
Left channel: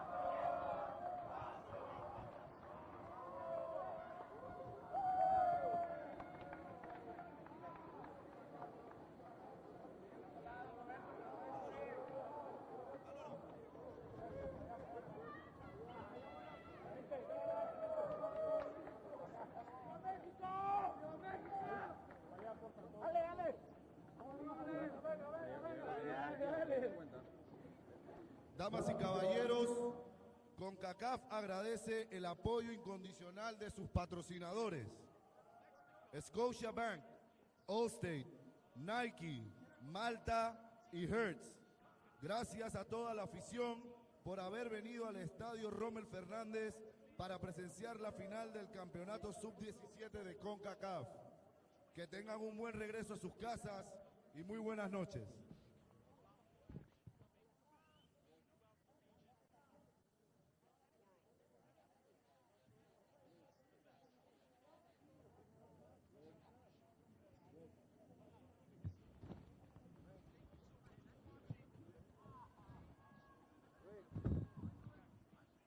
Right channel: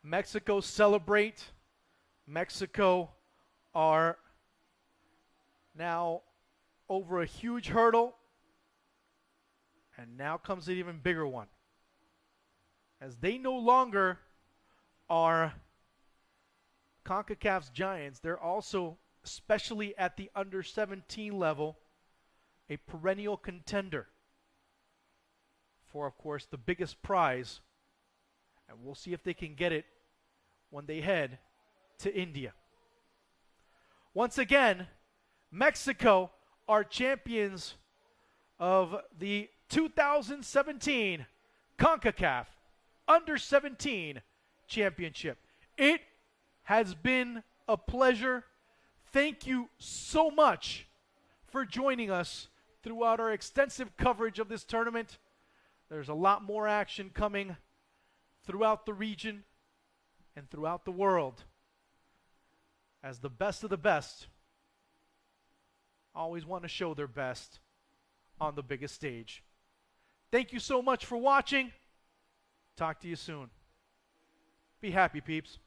Mexico celebrate. Mexico are now over a huge hurdle, and now comes an even bigger one, as they no longer are CONCACAF's giants, they're also, especially at the under-17 level, a perennial contender for, of course, the biggest prize. And we'll see if they can get it when they head to India. Once again, Mexico are champions of the 2017 CONCACAF Under-17 Championship. It has been a pleasure. Thank you so much for joining us throughout our extensive coverage of this tournament. There's a lot more action coming throughout the region and throughout the world, as the best of the best always want to show their best on the biggest stage. Thank you so much for watching. Talk to you soon. Be happy, peeps.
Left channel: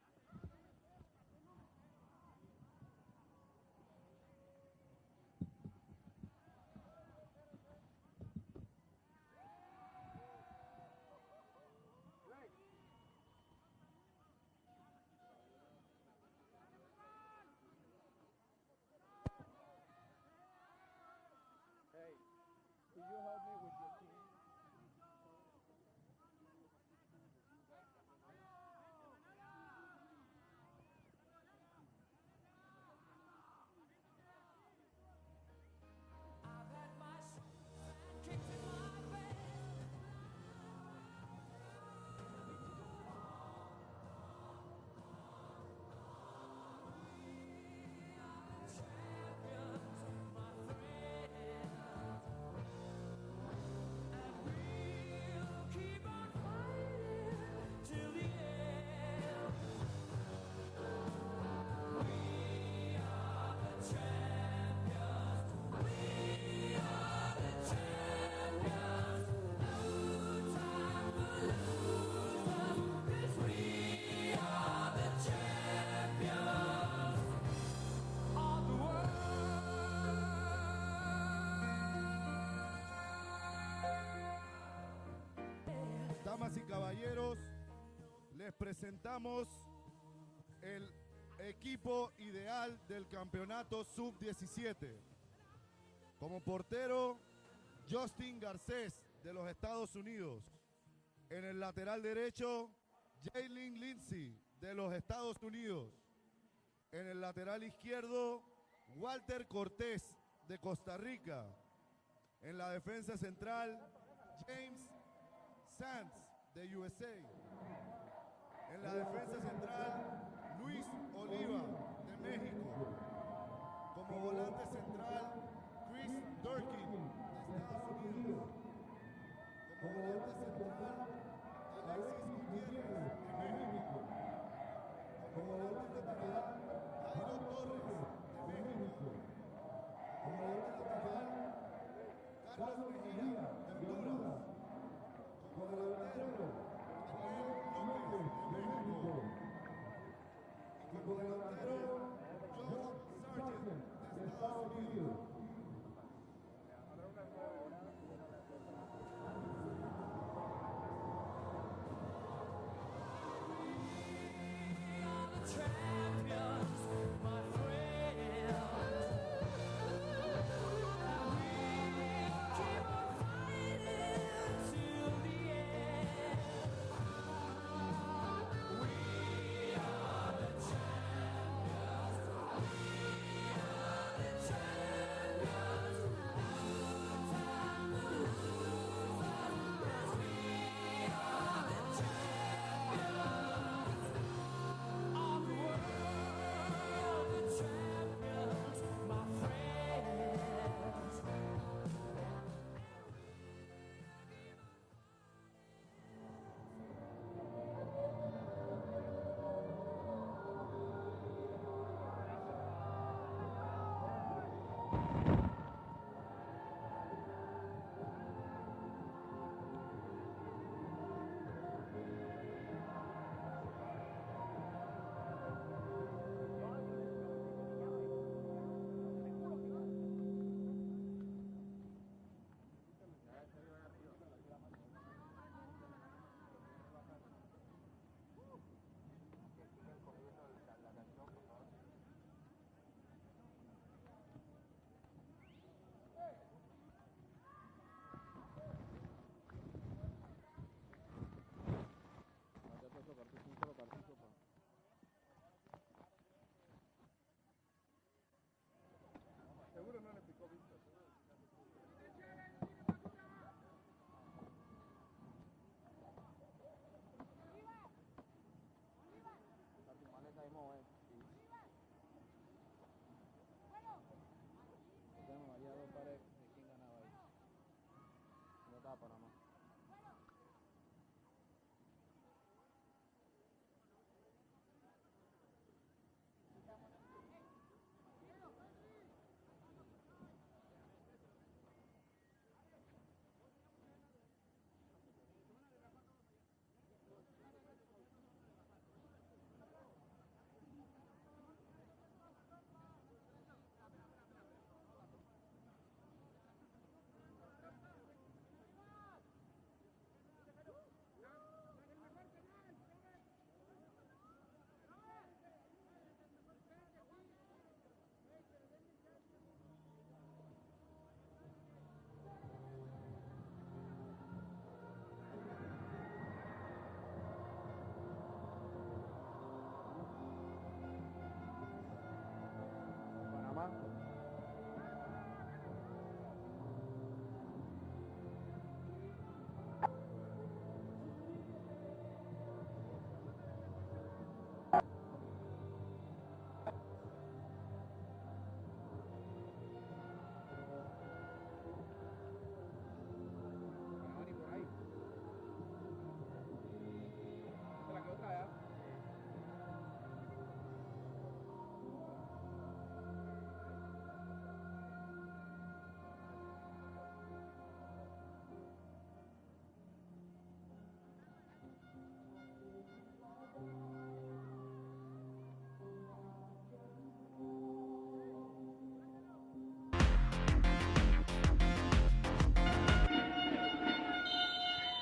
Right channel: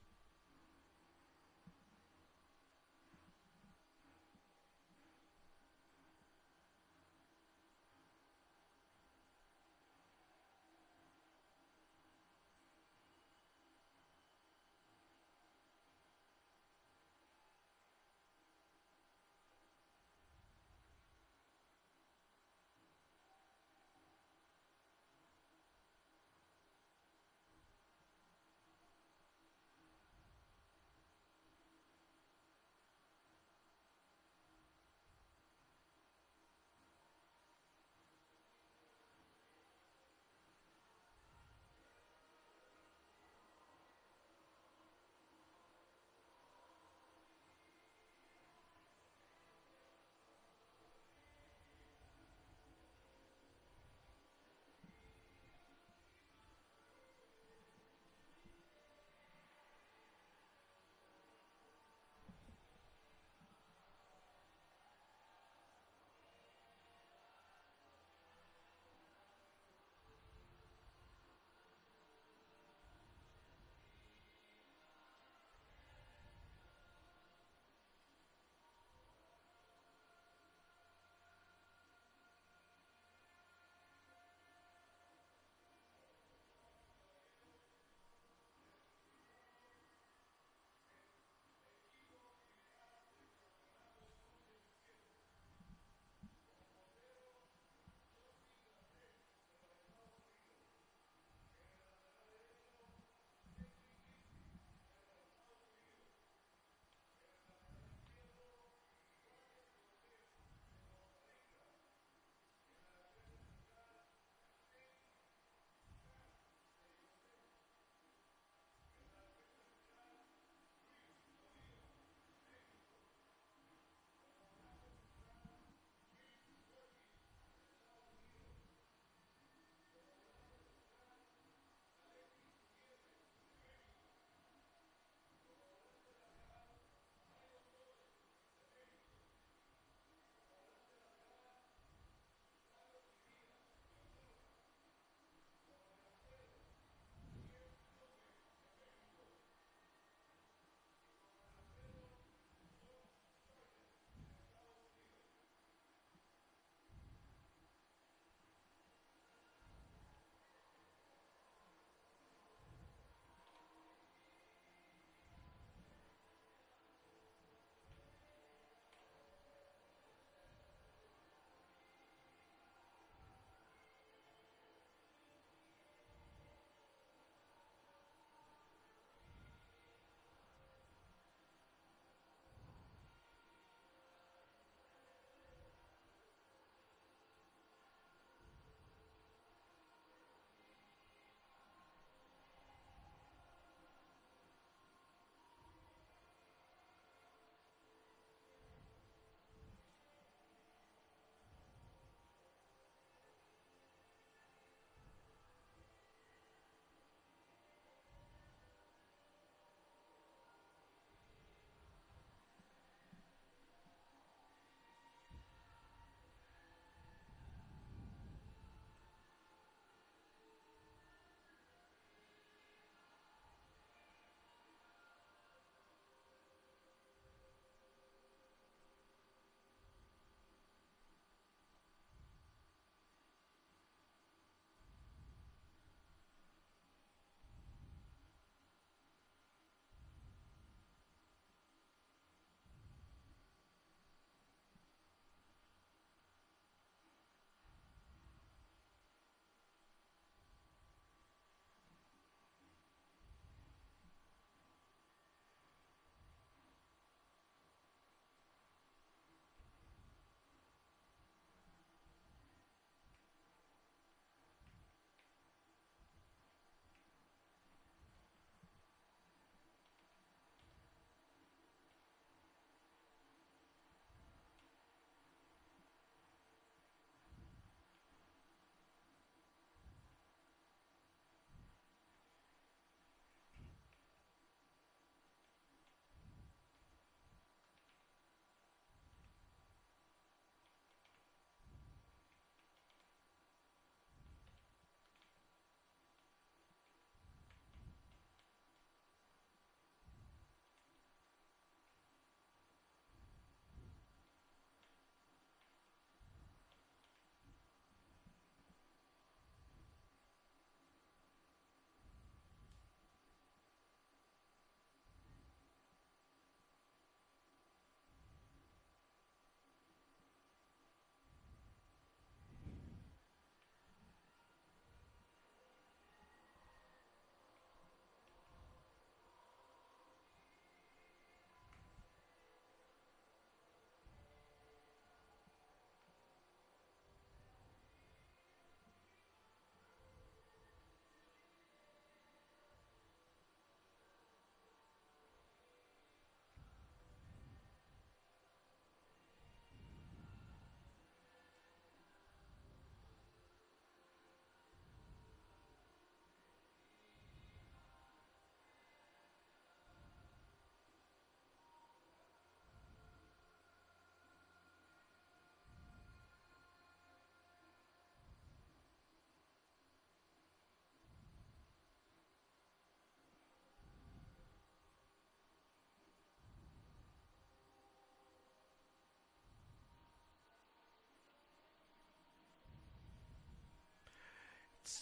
Damas y caballeros, les presentamos el equipo ideal del campeonato sub-17. Como portero, Justin Garcés, de los Estados Unidos. En el lateral derecho, Jalen Lindsay, de los Estados Unidos. En el lateral izquierdo, Walter Cortés, de Costa Rica. En la defensa central, James Sands, de USA. En la defensa central, Luis Oliva, de México. Como volante central, Chris Durkin, de Estados Unidos. Como volante central, Alexis Gutiérrez, de México. Como volante lateral, Jairo Torres, de México. Como volante lateral, Carlos Mejía, de Honduras. Como delantero, Daniel López, de México.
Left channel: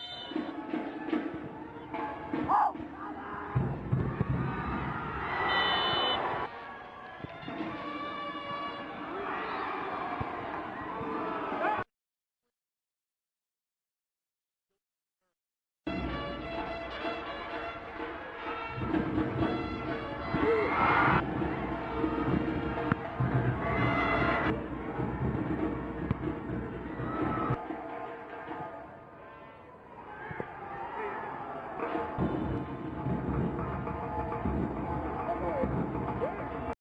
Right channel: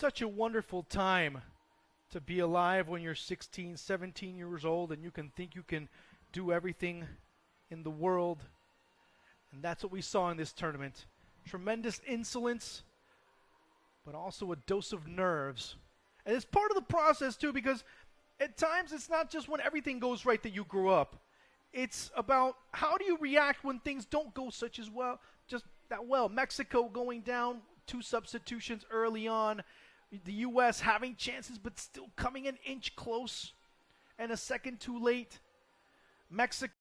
such a wonderful time to be alive when you're 16, 17 years old and you can think you can do everything in the world. And that's what we saw in this tournament. Tremendous insolence, but also a dose of nerves. And it's part of the process too, because at times it's not just when everything goes right that you grow up. It's about how do you react when things don't go such as well. Just that well, Mexico going down 2 substitutions early on, with the U.S. having chances but still coming an inch close, and a second too late. Mexico